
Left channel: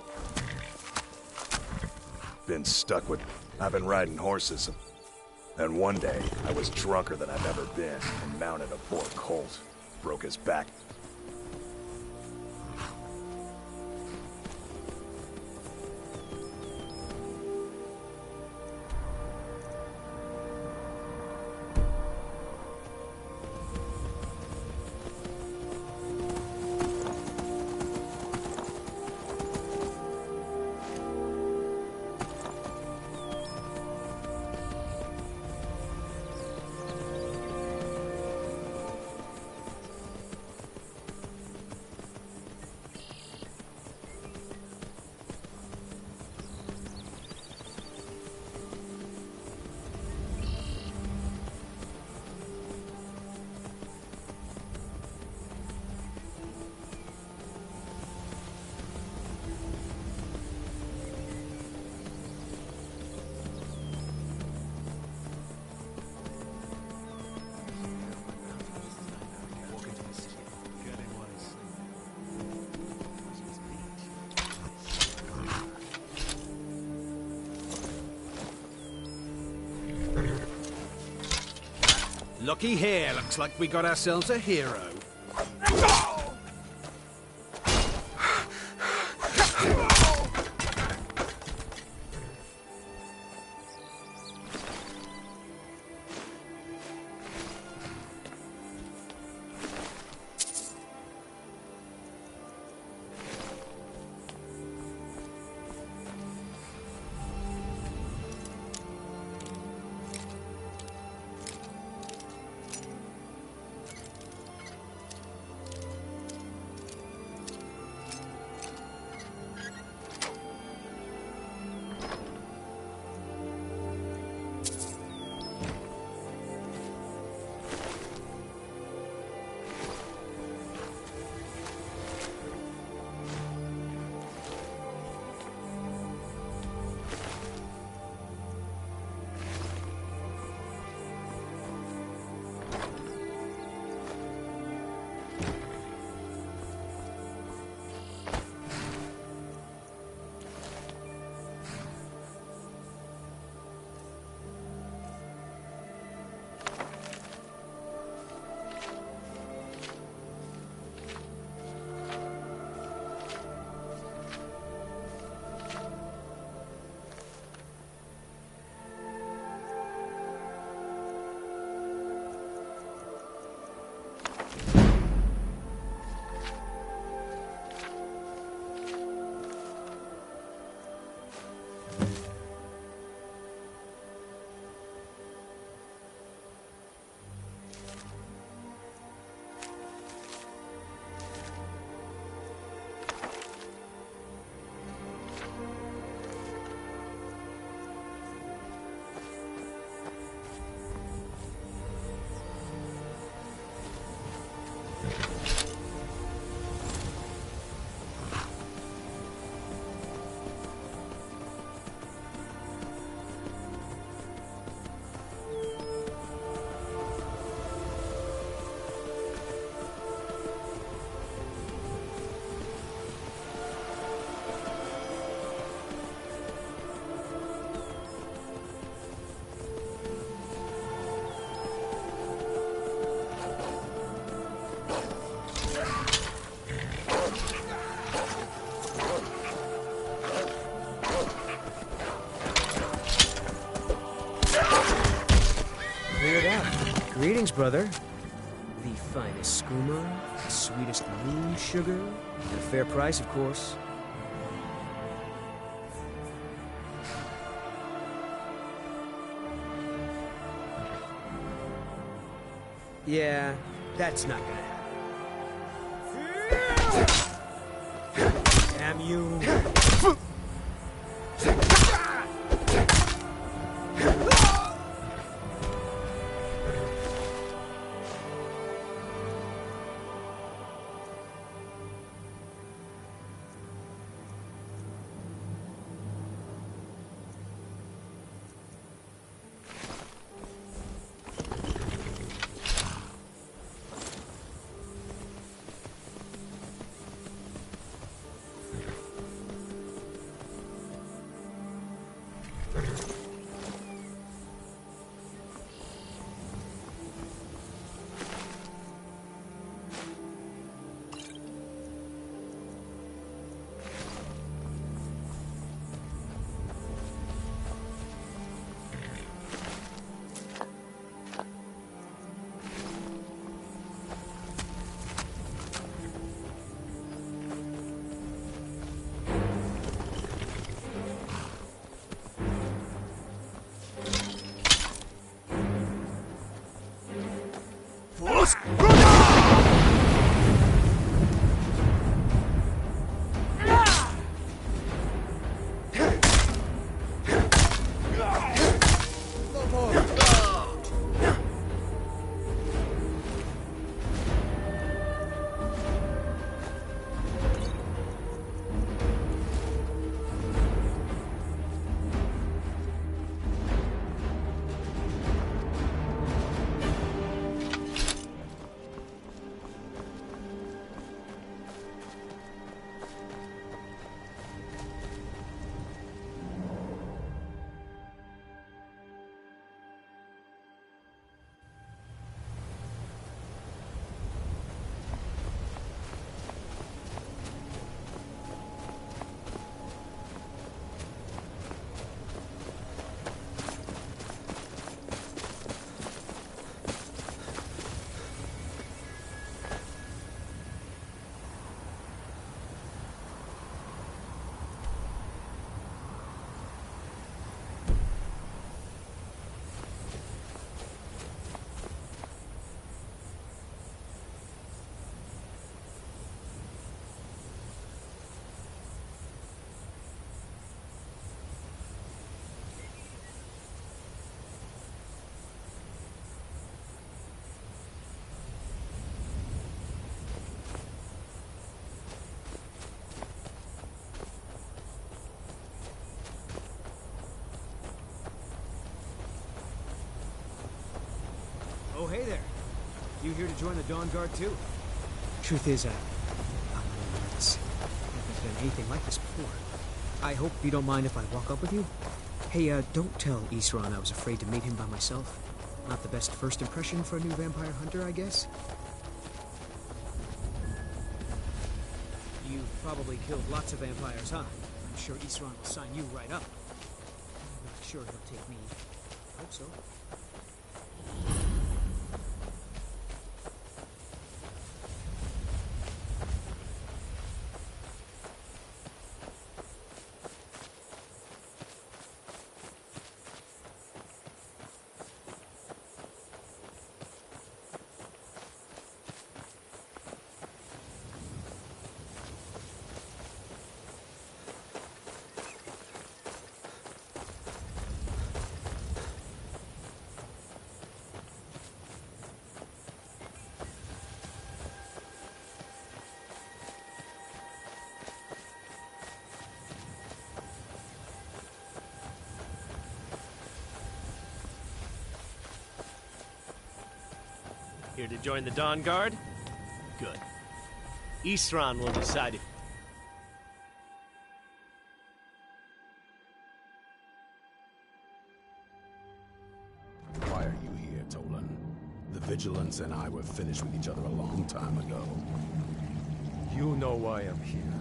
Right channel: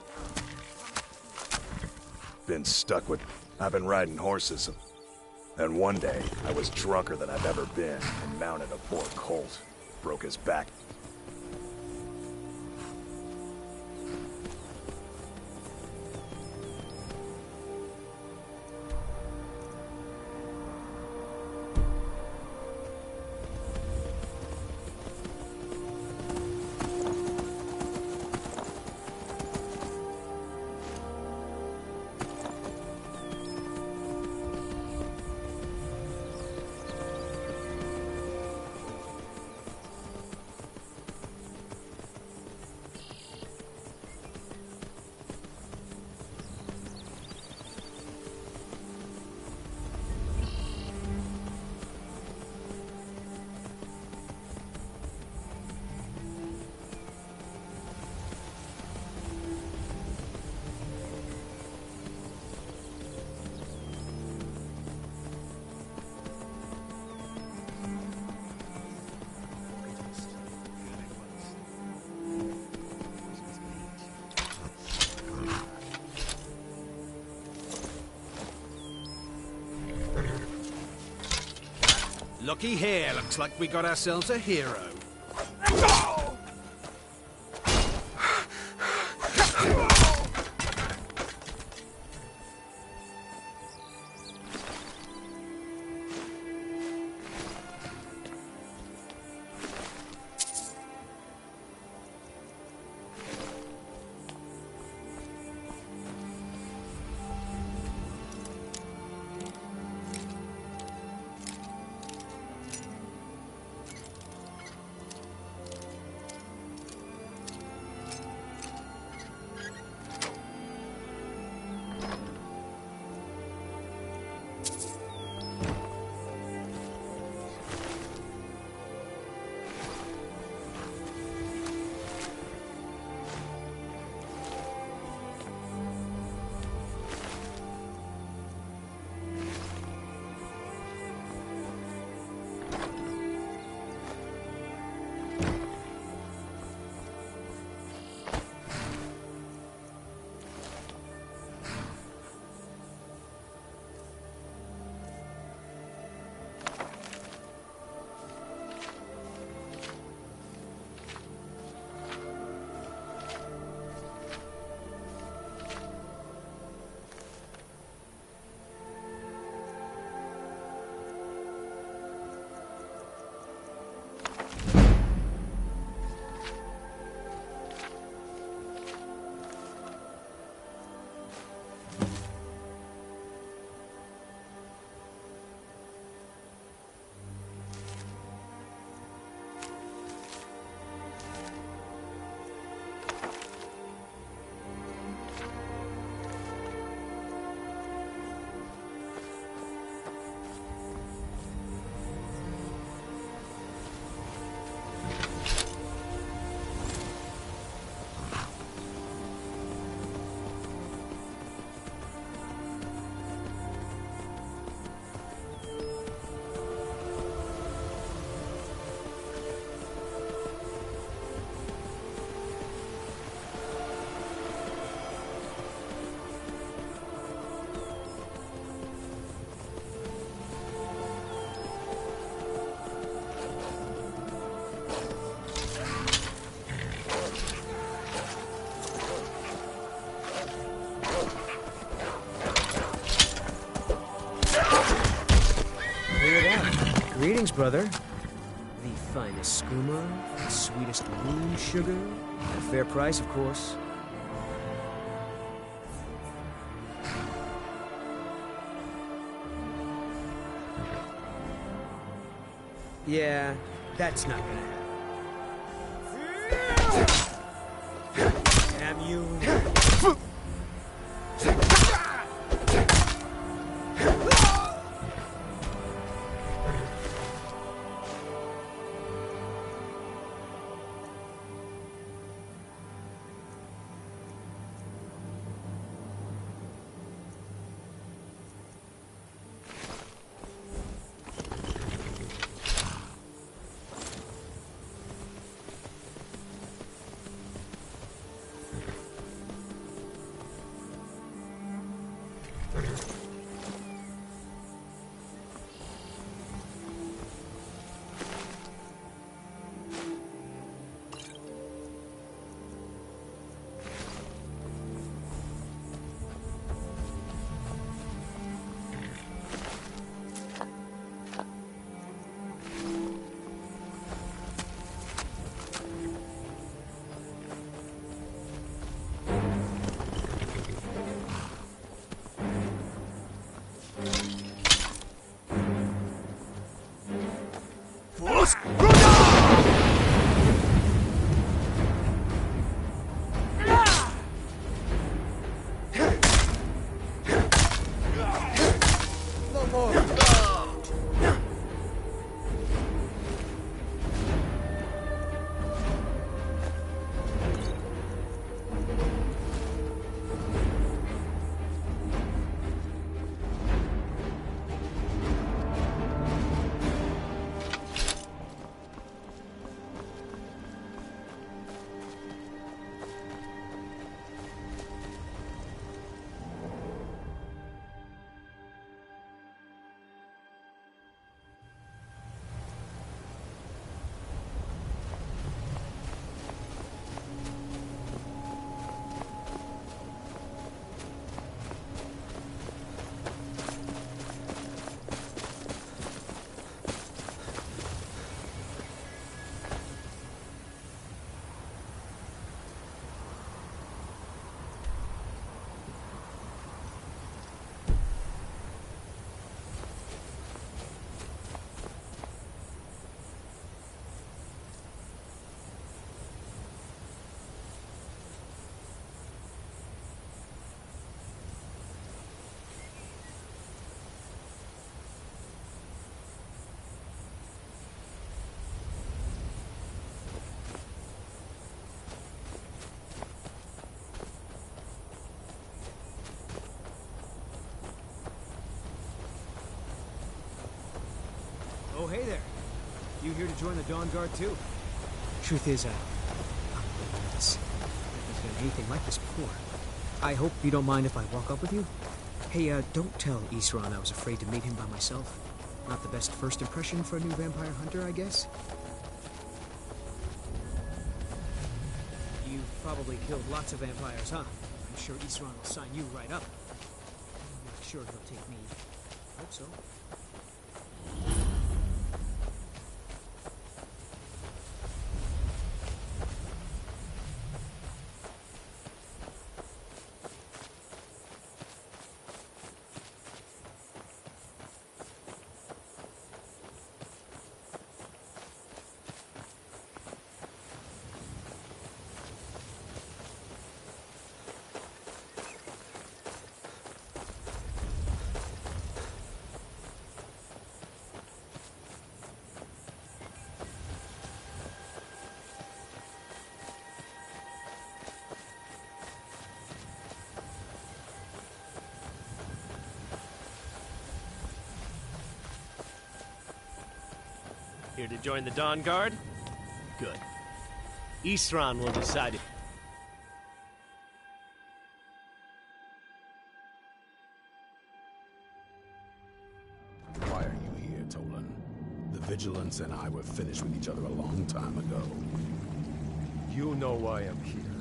Been stuck with... I've been riding horses. And one day, I was drunker than I've ever been and mounted a poor colt. Broke his back. Looky here, looks like we got ourselves a hero. Greetings, brother. The finest skooma, the sweetest moon sugar, at a fair price, of course. Yeah, that's not gonna happen. Damn you. hey there. You here to join the Dawn Guard, too? Truth is, I'm a little nervous. I've never done anything like this before. I hope you don't mind if I walk up with you? Hey, don't tell Isran I was afraid to meet him by myself. Not the best first impression for a new vampire hunter, I guess? You've probably killed lots of vampires, huh? I'm sure Isran will sign you right up. I'm not sure he'll take me. Hope so. Here to join the Dawn Guard? Good. Isran will decide if... Why are you here, Tolan? The Vigilance and I were finished with each other a long time ago. You know why I'm here.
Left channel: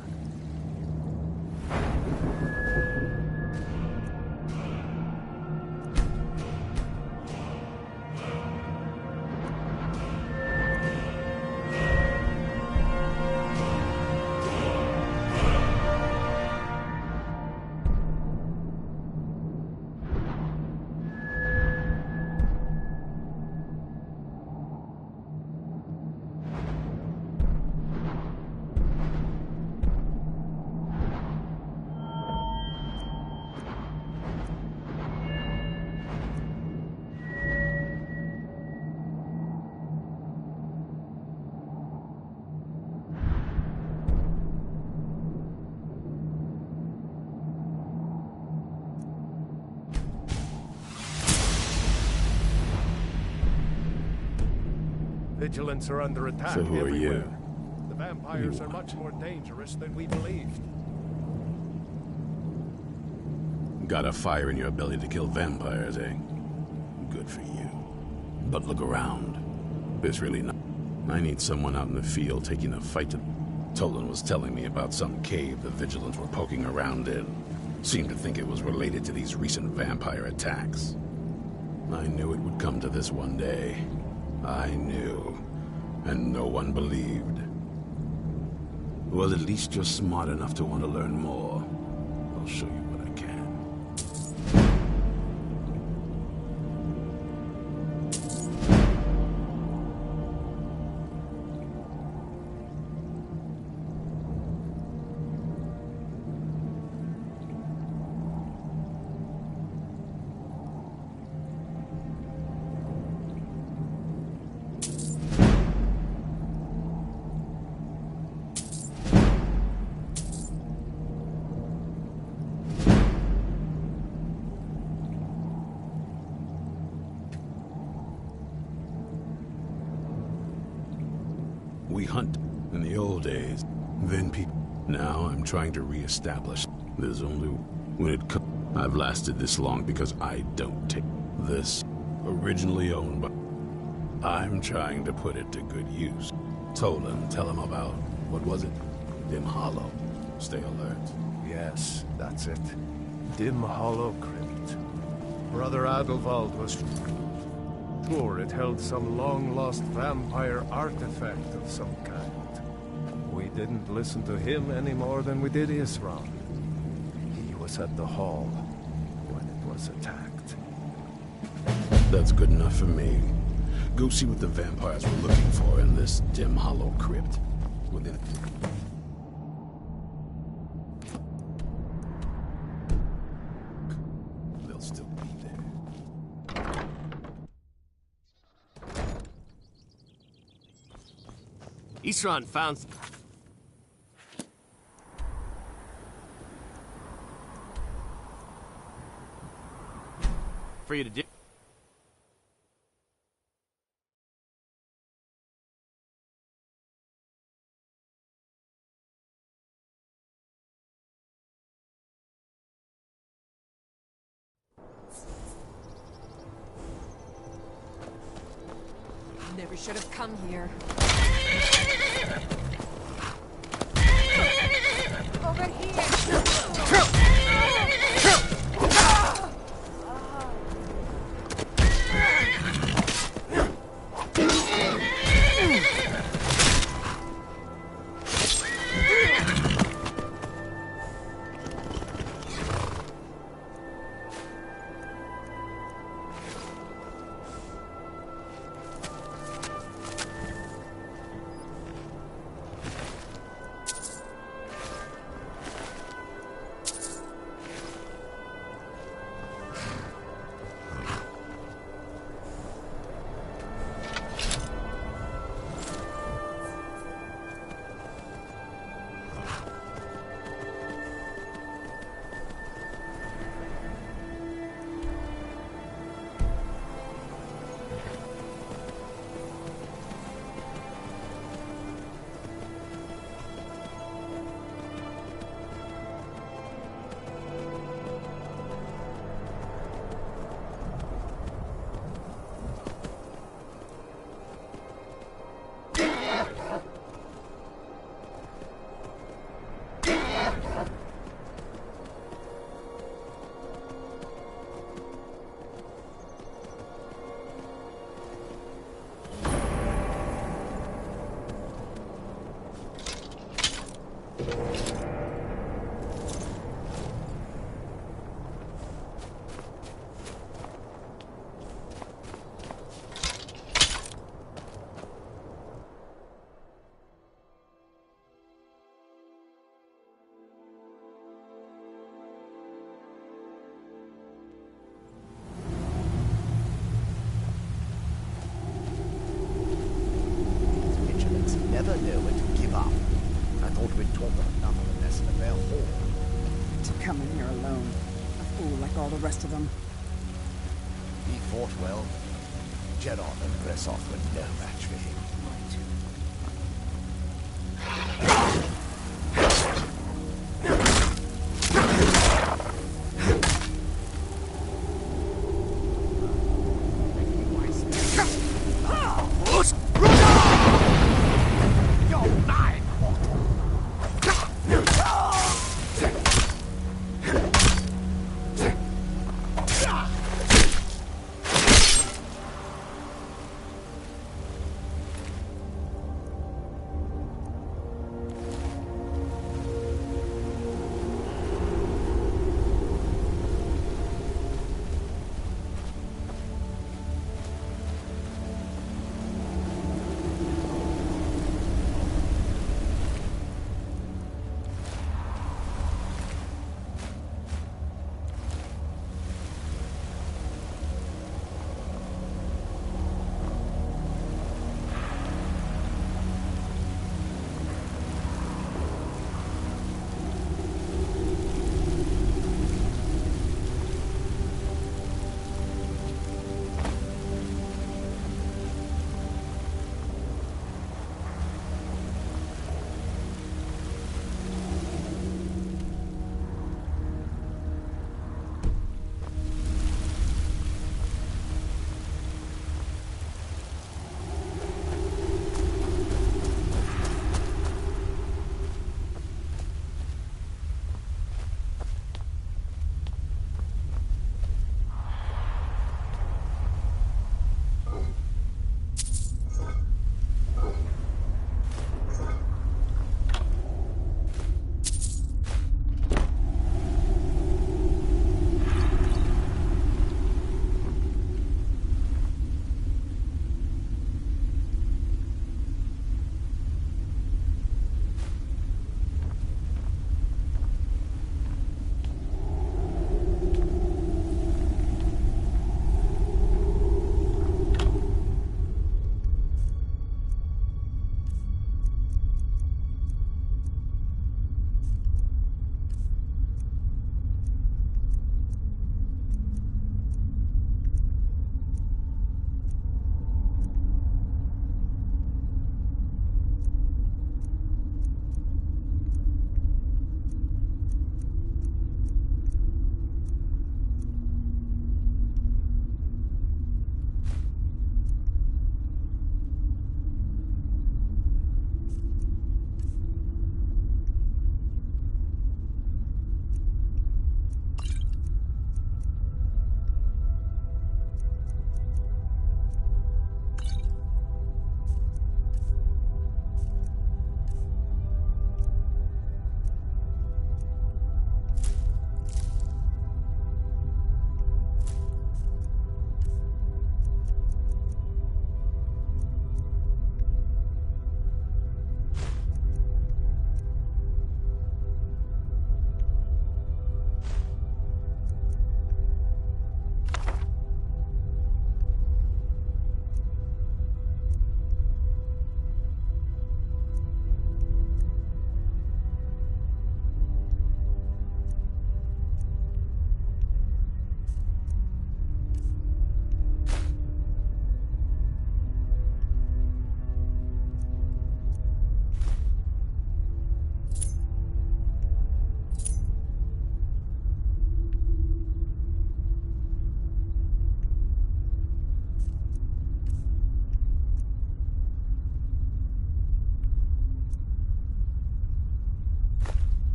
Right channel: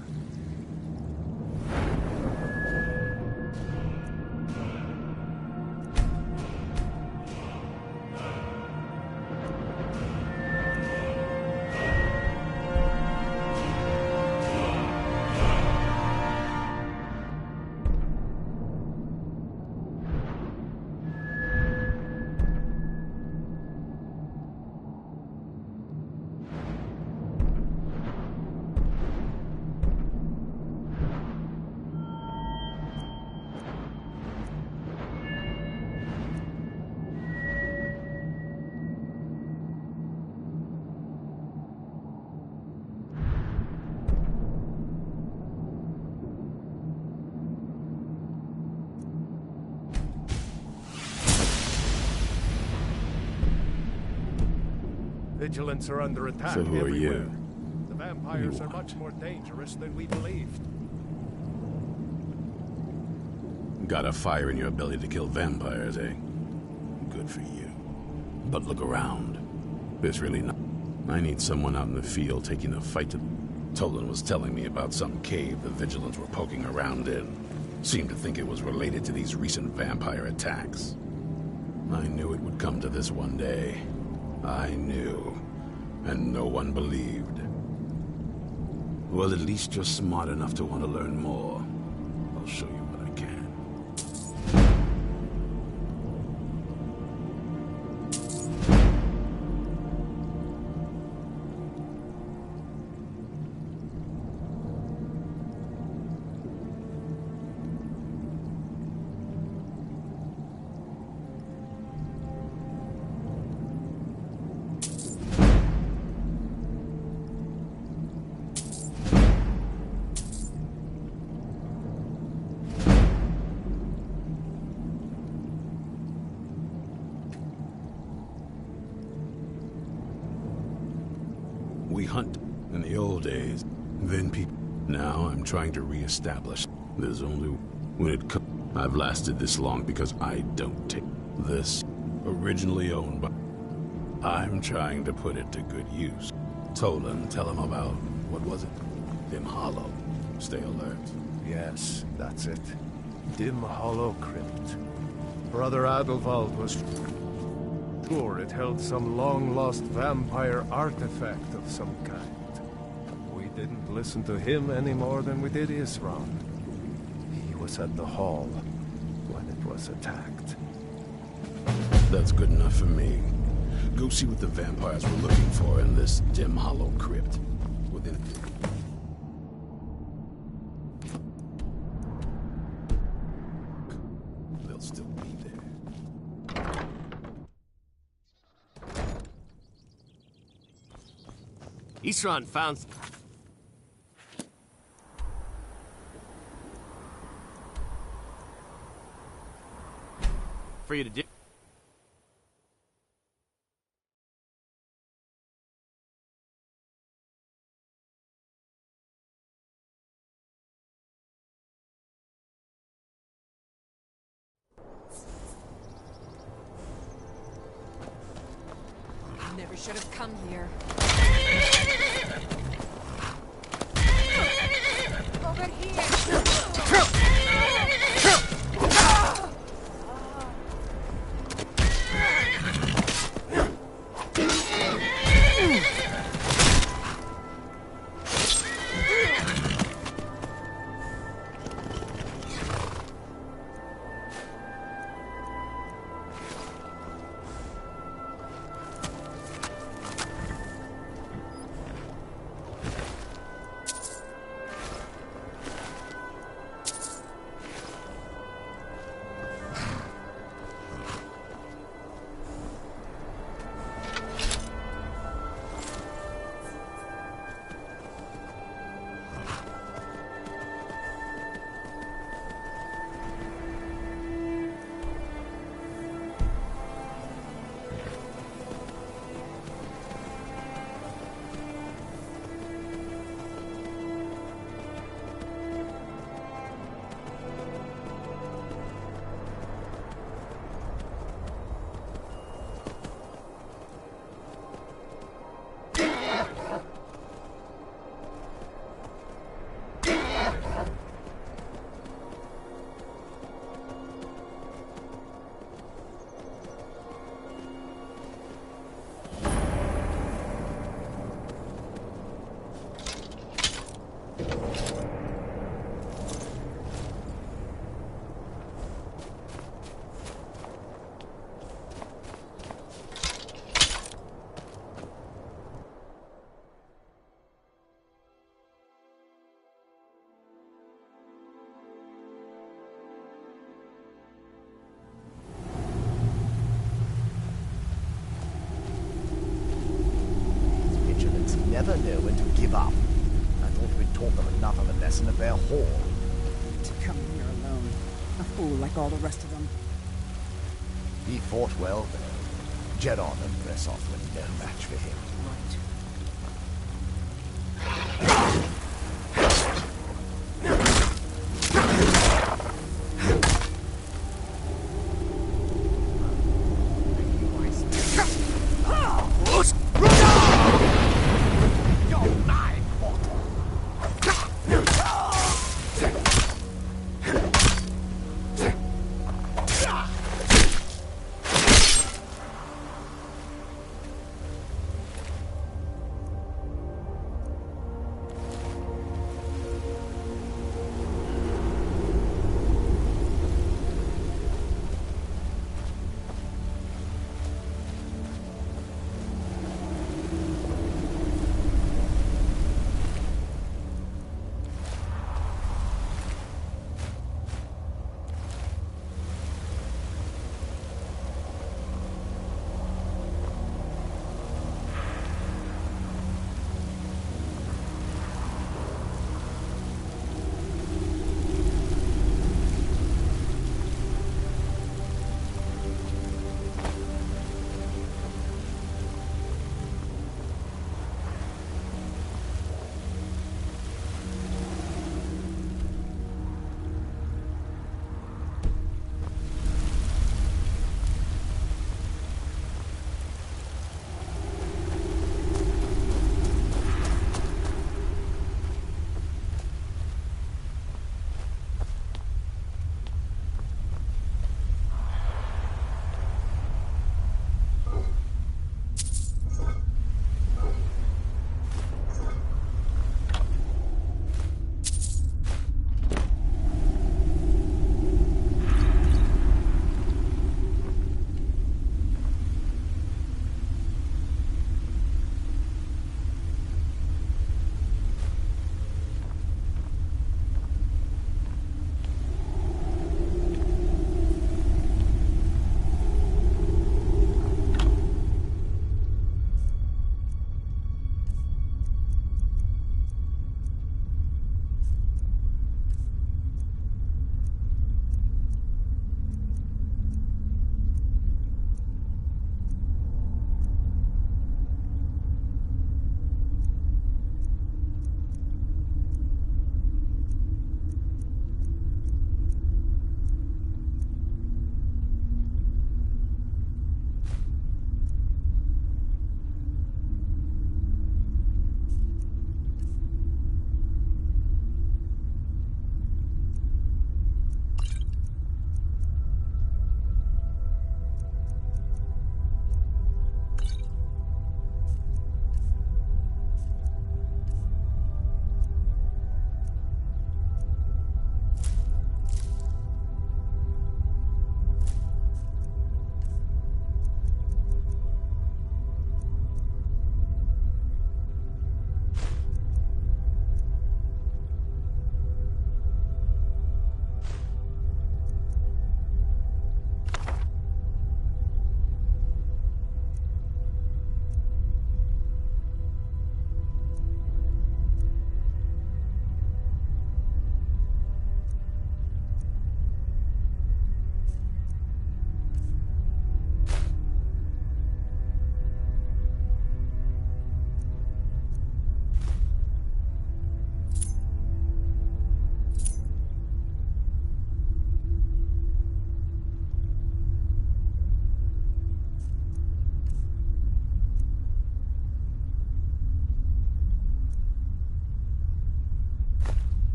Vigilants are under attack So who are everywhere. you? The vampires are much more dangerous than we believed. Got a fire in your belly to kill vampires, eh? Good for you. But look around. There's really not. I need someone out in the field taking a fight to... Tolan was telling me about some cave the Vigilants were poking around in. Seemed to think it was related to these recent vampire attacks. I knew it would come to this one day. I knew. And no one believed. Well, at least you're smart enough to want to learn more. I'll show you what I can. We hunt in the old days. Then people... Now I'm trying to re-establish. There's only... When it comes... I've lasted this long because I don't take... This, originally owned by... I'm trying to put it to good use. Tolan, tell him about... What was it? Dim Hollow. Stay alert. Yes, that's it. Dim Hollow Crypt. Brother Adelwald was sure it held some long-lost vampire artifact of some kind. We didn't listen to him any more than we did Isran. He was at the hall when it was attacked. That's good enough for me. Go see what the vampires were looking for in this Dim Hollow Crypt. Within... They'll still be there. Isran found... For you to do... Never should have come here. Over here! Never know when to give up. I thought we'd taught them enough of a lesson at their hall. To come in here alone. A fool like all the rest of them. He fought well, but Jedon and Bresoth were no match for him.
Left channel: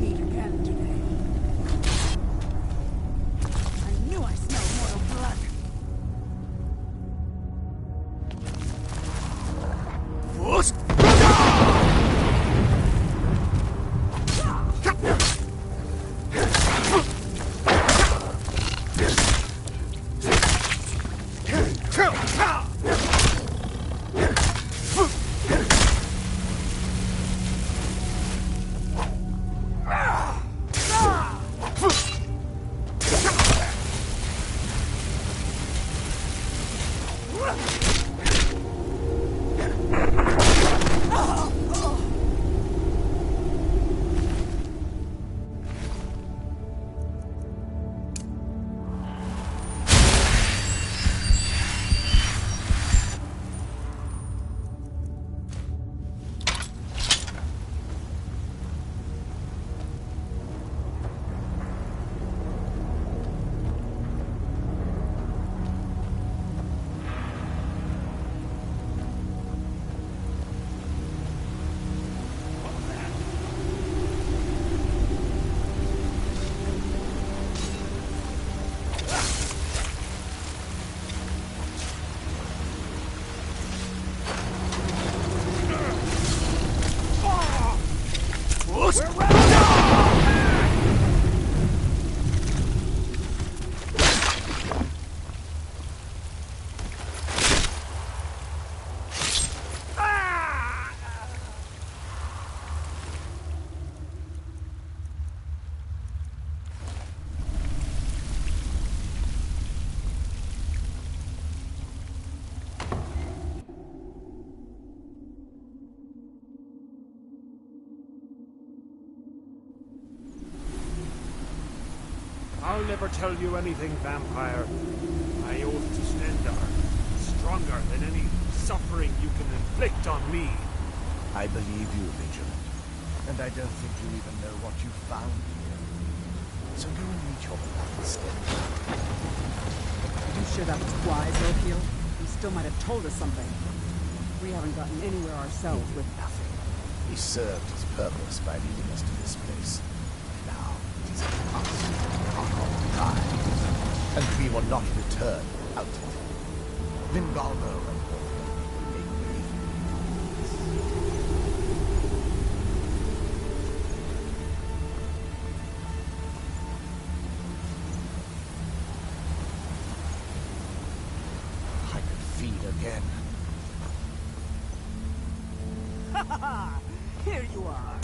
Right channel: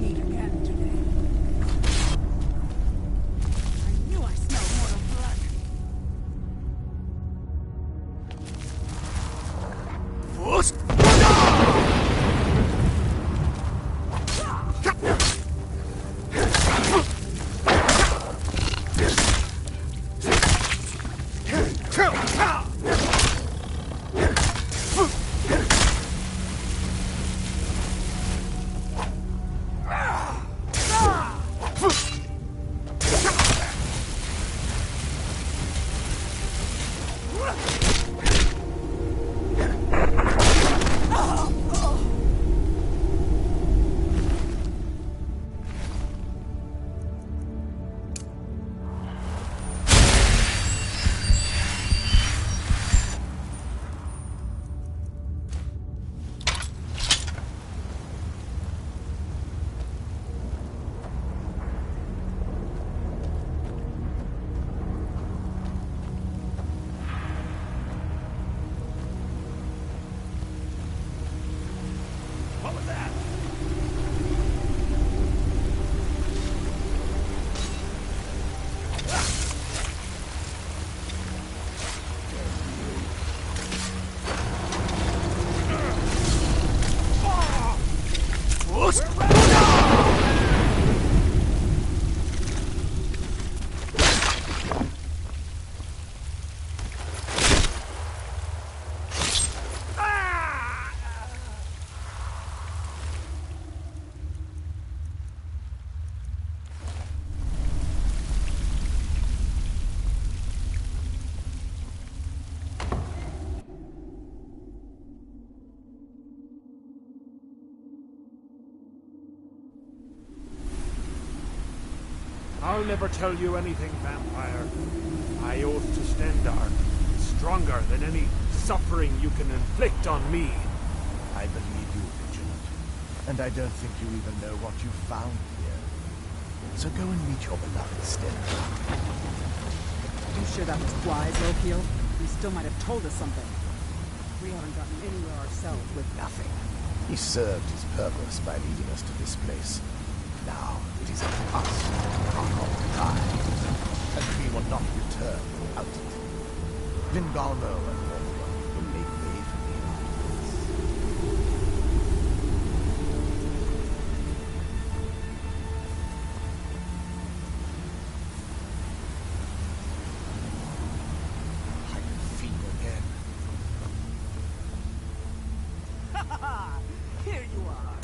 Meet again today. I knew I smelled mortal blood. I'll never tell you anything, vampire. My oath to Stendar is stronger than any suffering you can inflict on me. I believe you, Vigilant. And I don't think you even know what you found here. So go and meet your beloved Stendar. Are you sure that was wise, Lokiel? He still might have told us something. We haven't gotten anywhere ourselves with nothing. He served his purpose by leading us to this place. Now it is up to us to mark our lives, and we will not return without it. Vingalmo and Orpheon will make way for me afterwards. I can feed again. Ha ha ha! Here you are!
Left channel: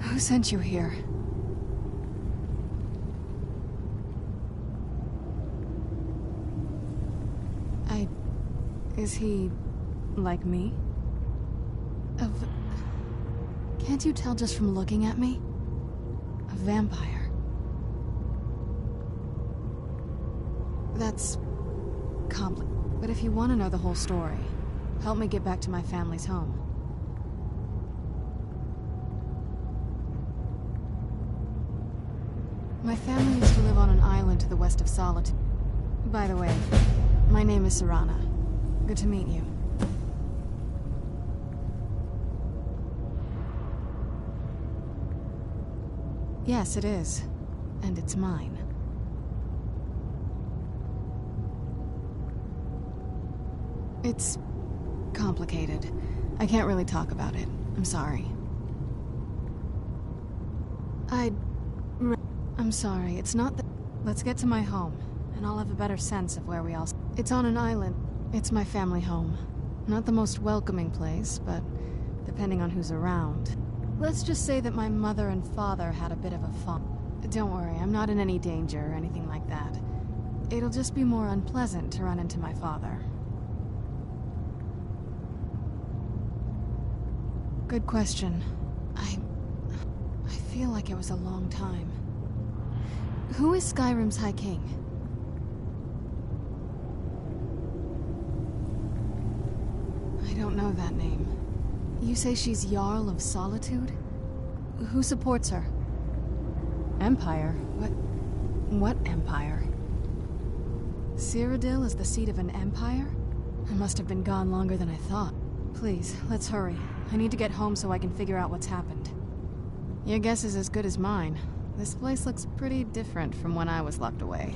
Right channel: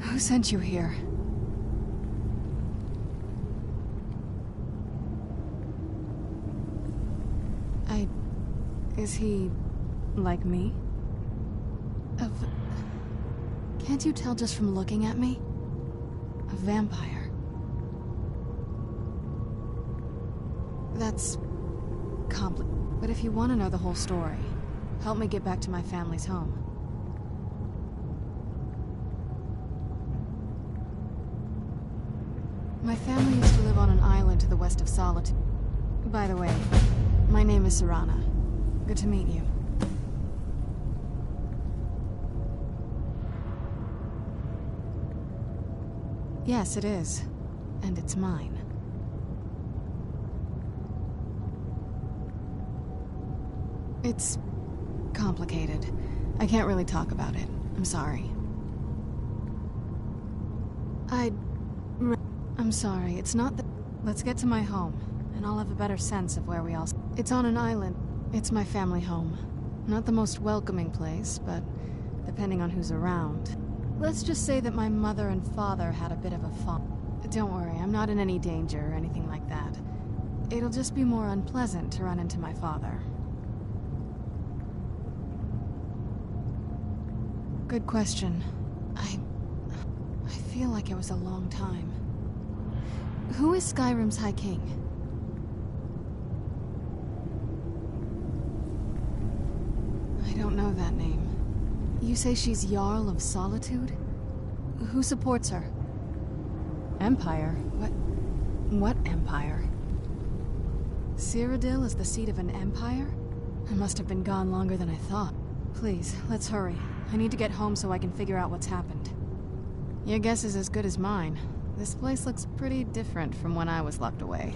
Who sent you here? Is he... like me? Can't you tell just from looking at me? A vampire. That's... But if you want to know the whole story, help me get back to my family's home. My family used to live on an island to the west of Solitude. By the way, my name is Serana. Good to meet you. Yes, it is. And it's mine. It's complicated. I can't really talk about it. I'm sorry. I'm sorry, it's not that... Let's get to my home, and I'll have a better sense of where we all... It's on an island. It's my family home. Not the most welcoming place, but depending on who's around. Let's just say that my mother and father had a bit of a fun. Don't worry, I'm not in any danger or anything like that. It'll just be more unpleasant to run into my father. Good question. I feel like it was a long time. Who is Skyrim's High King? I don't know that name. You say she's Jarl of Solitude? Who supports her? Empire? What empire? Cyrodiil is the seat of an empire? I must have been gone longer than I thought. Please, let's hurry. I need to get home so I can figure out what's happened. Your guess is as good as mine. This place looks pretty different from when I was locked away.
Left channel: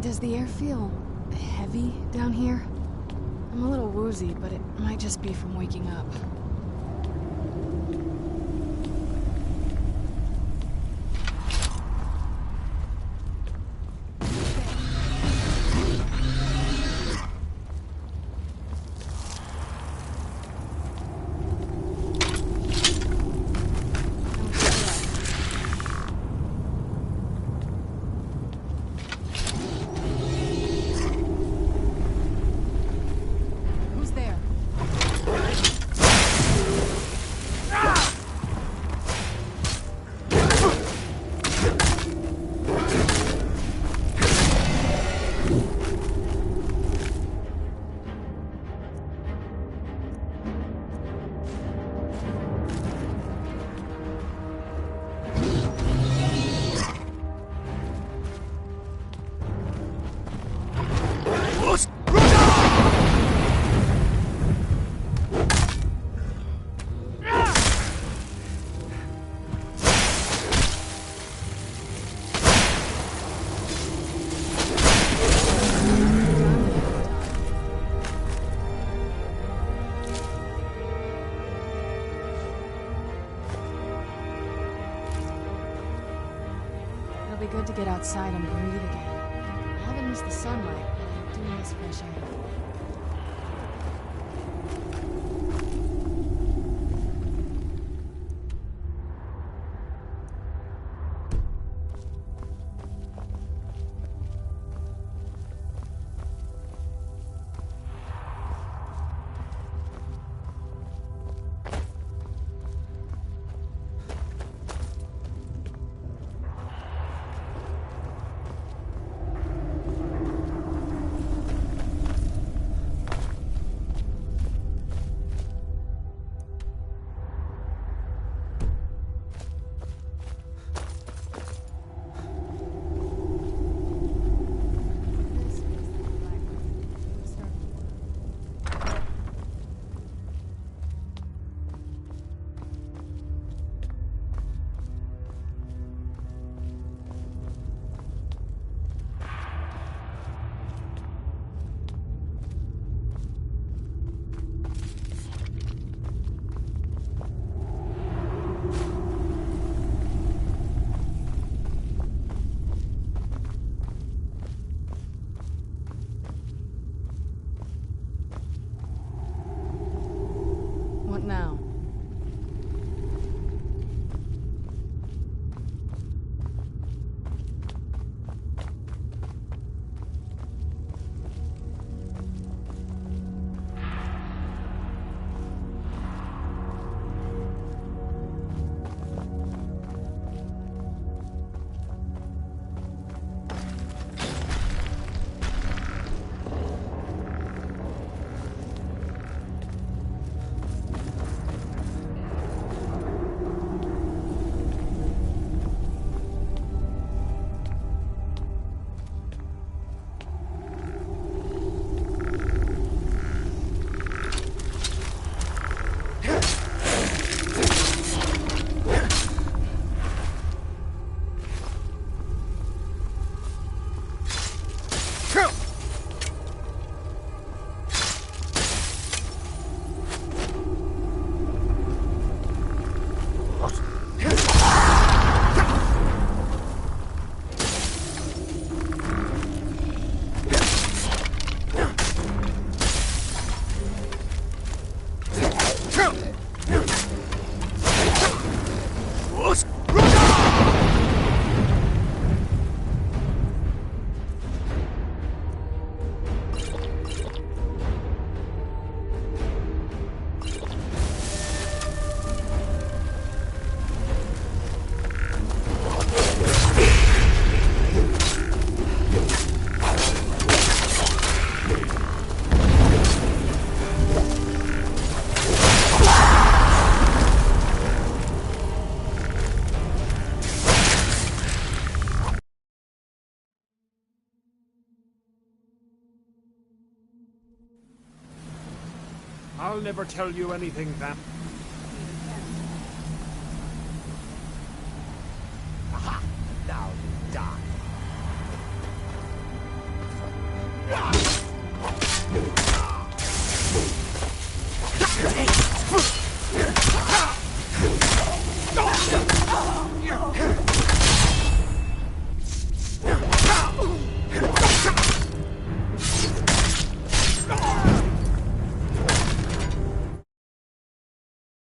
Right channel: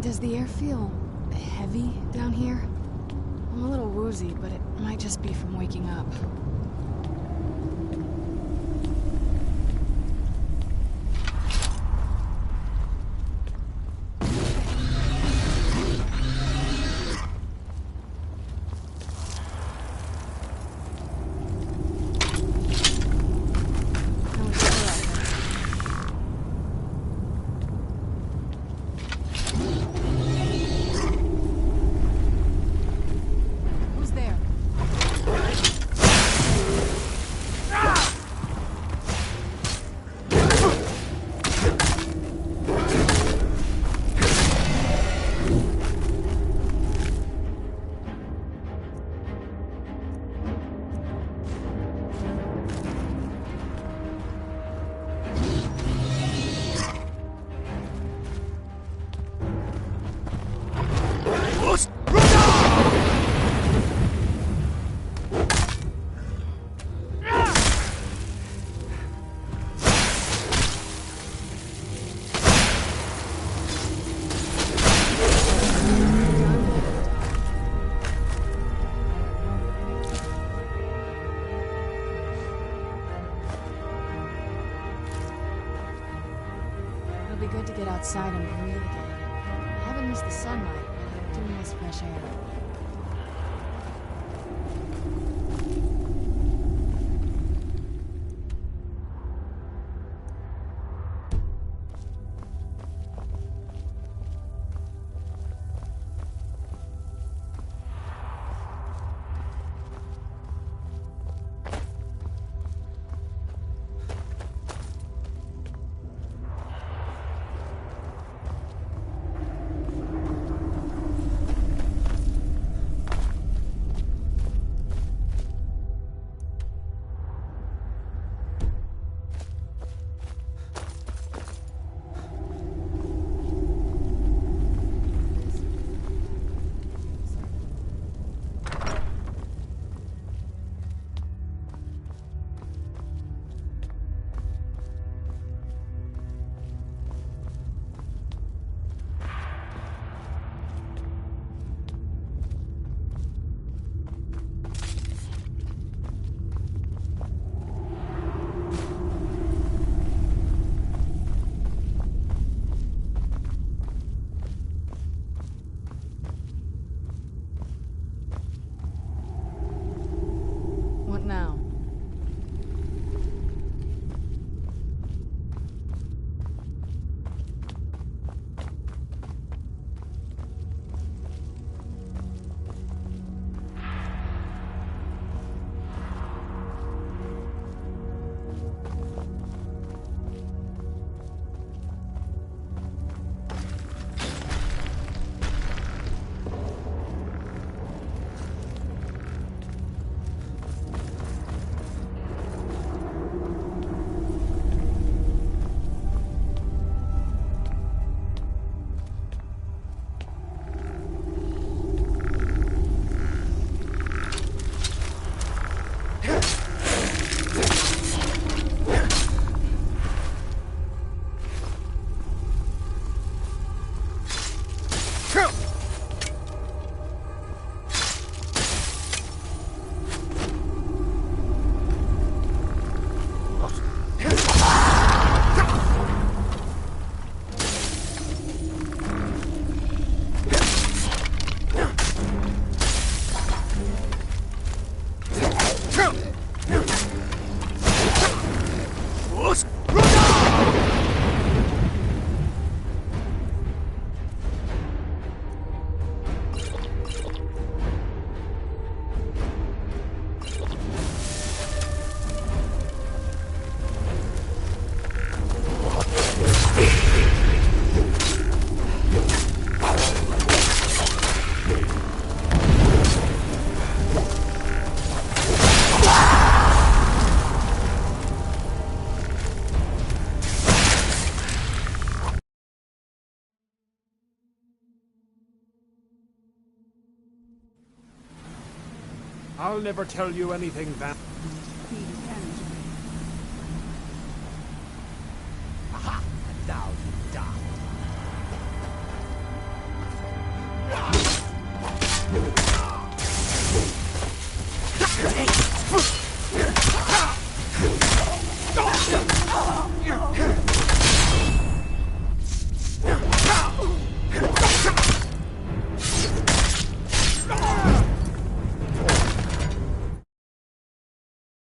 Does the air feel heavy down here? I'm a little woozy, but it might just be from waking up. It'll be good to get outside and breathe again. I haven't missed the sunlight, but I do miss fresh air. now? I'll never tell you anything, Vamp.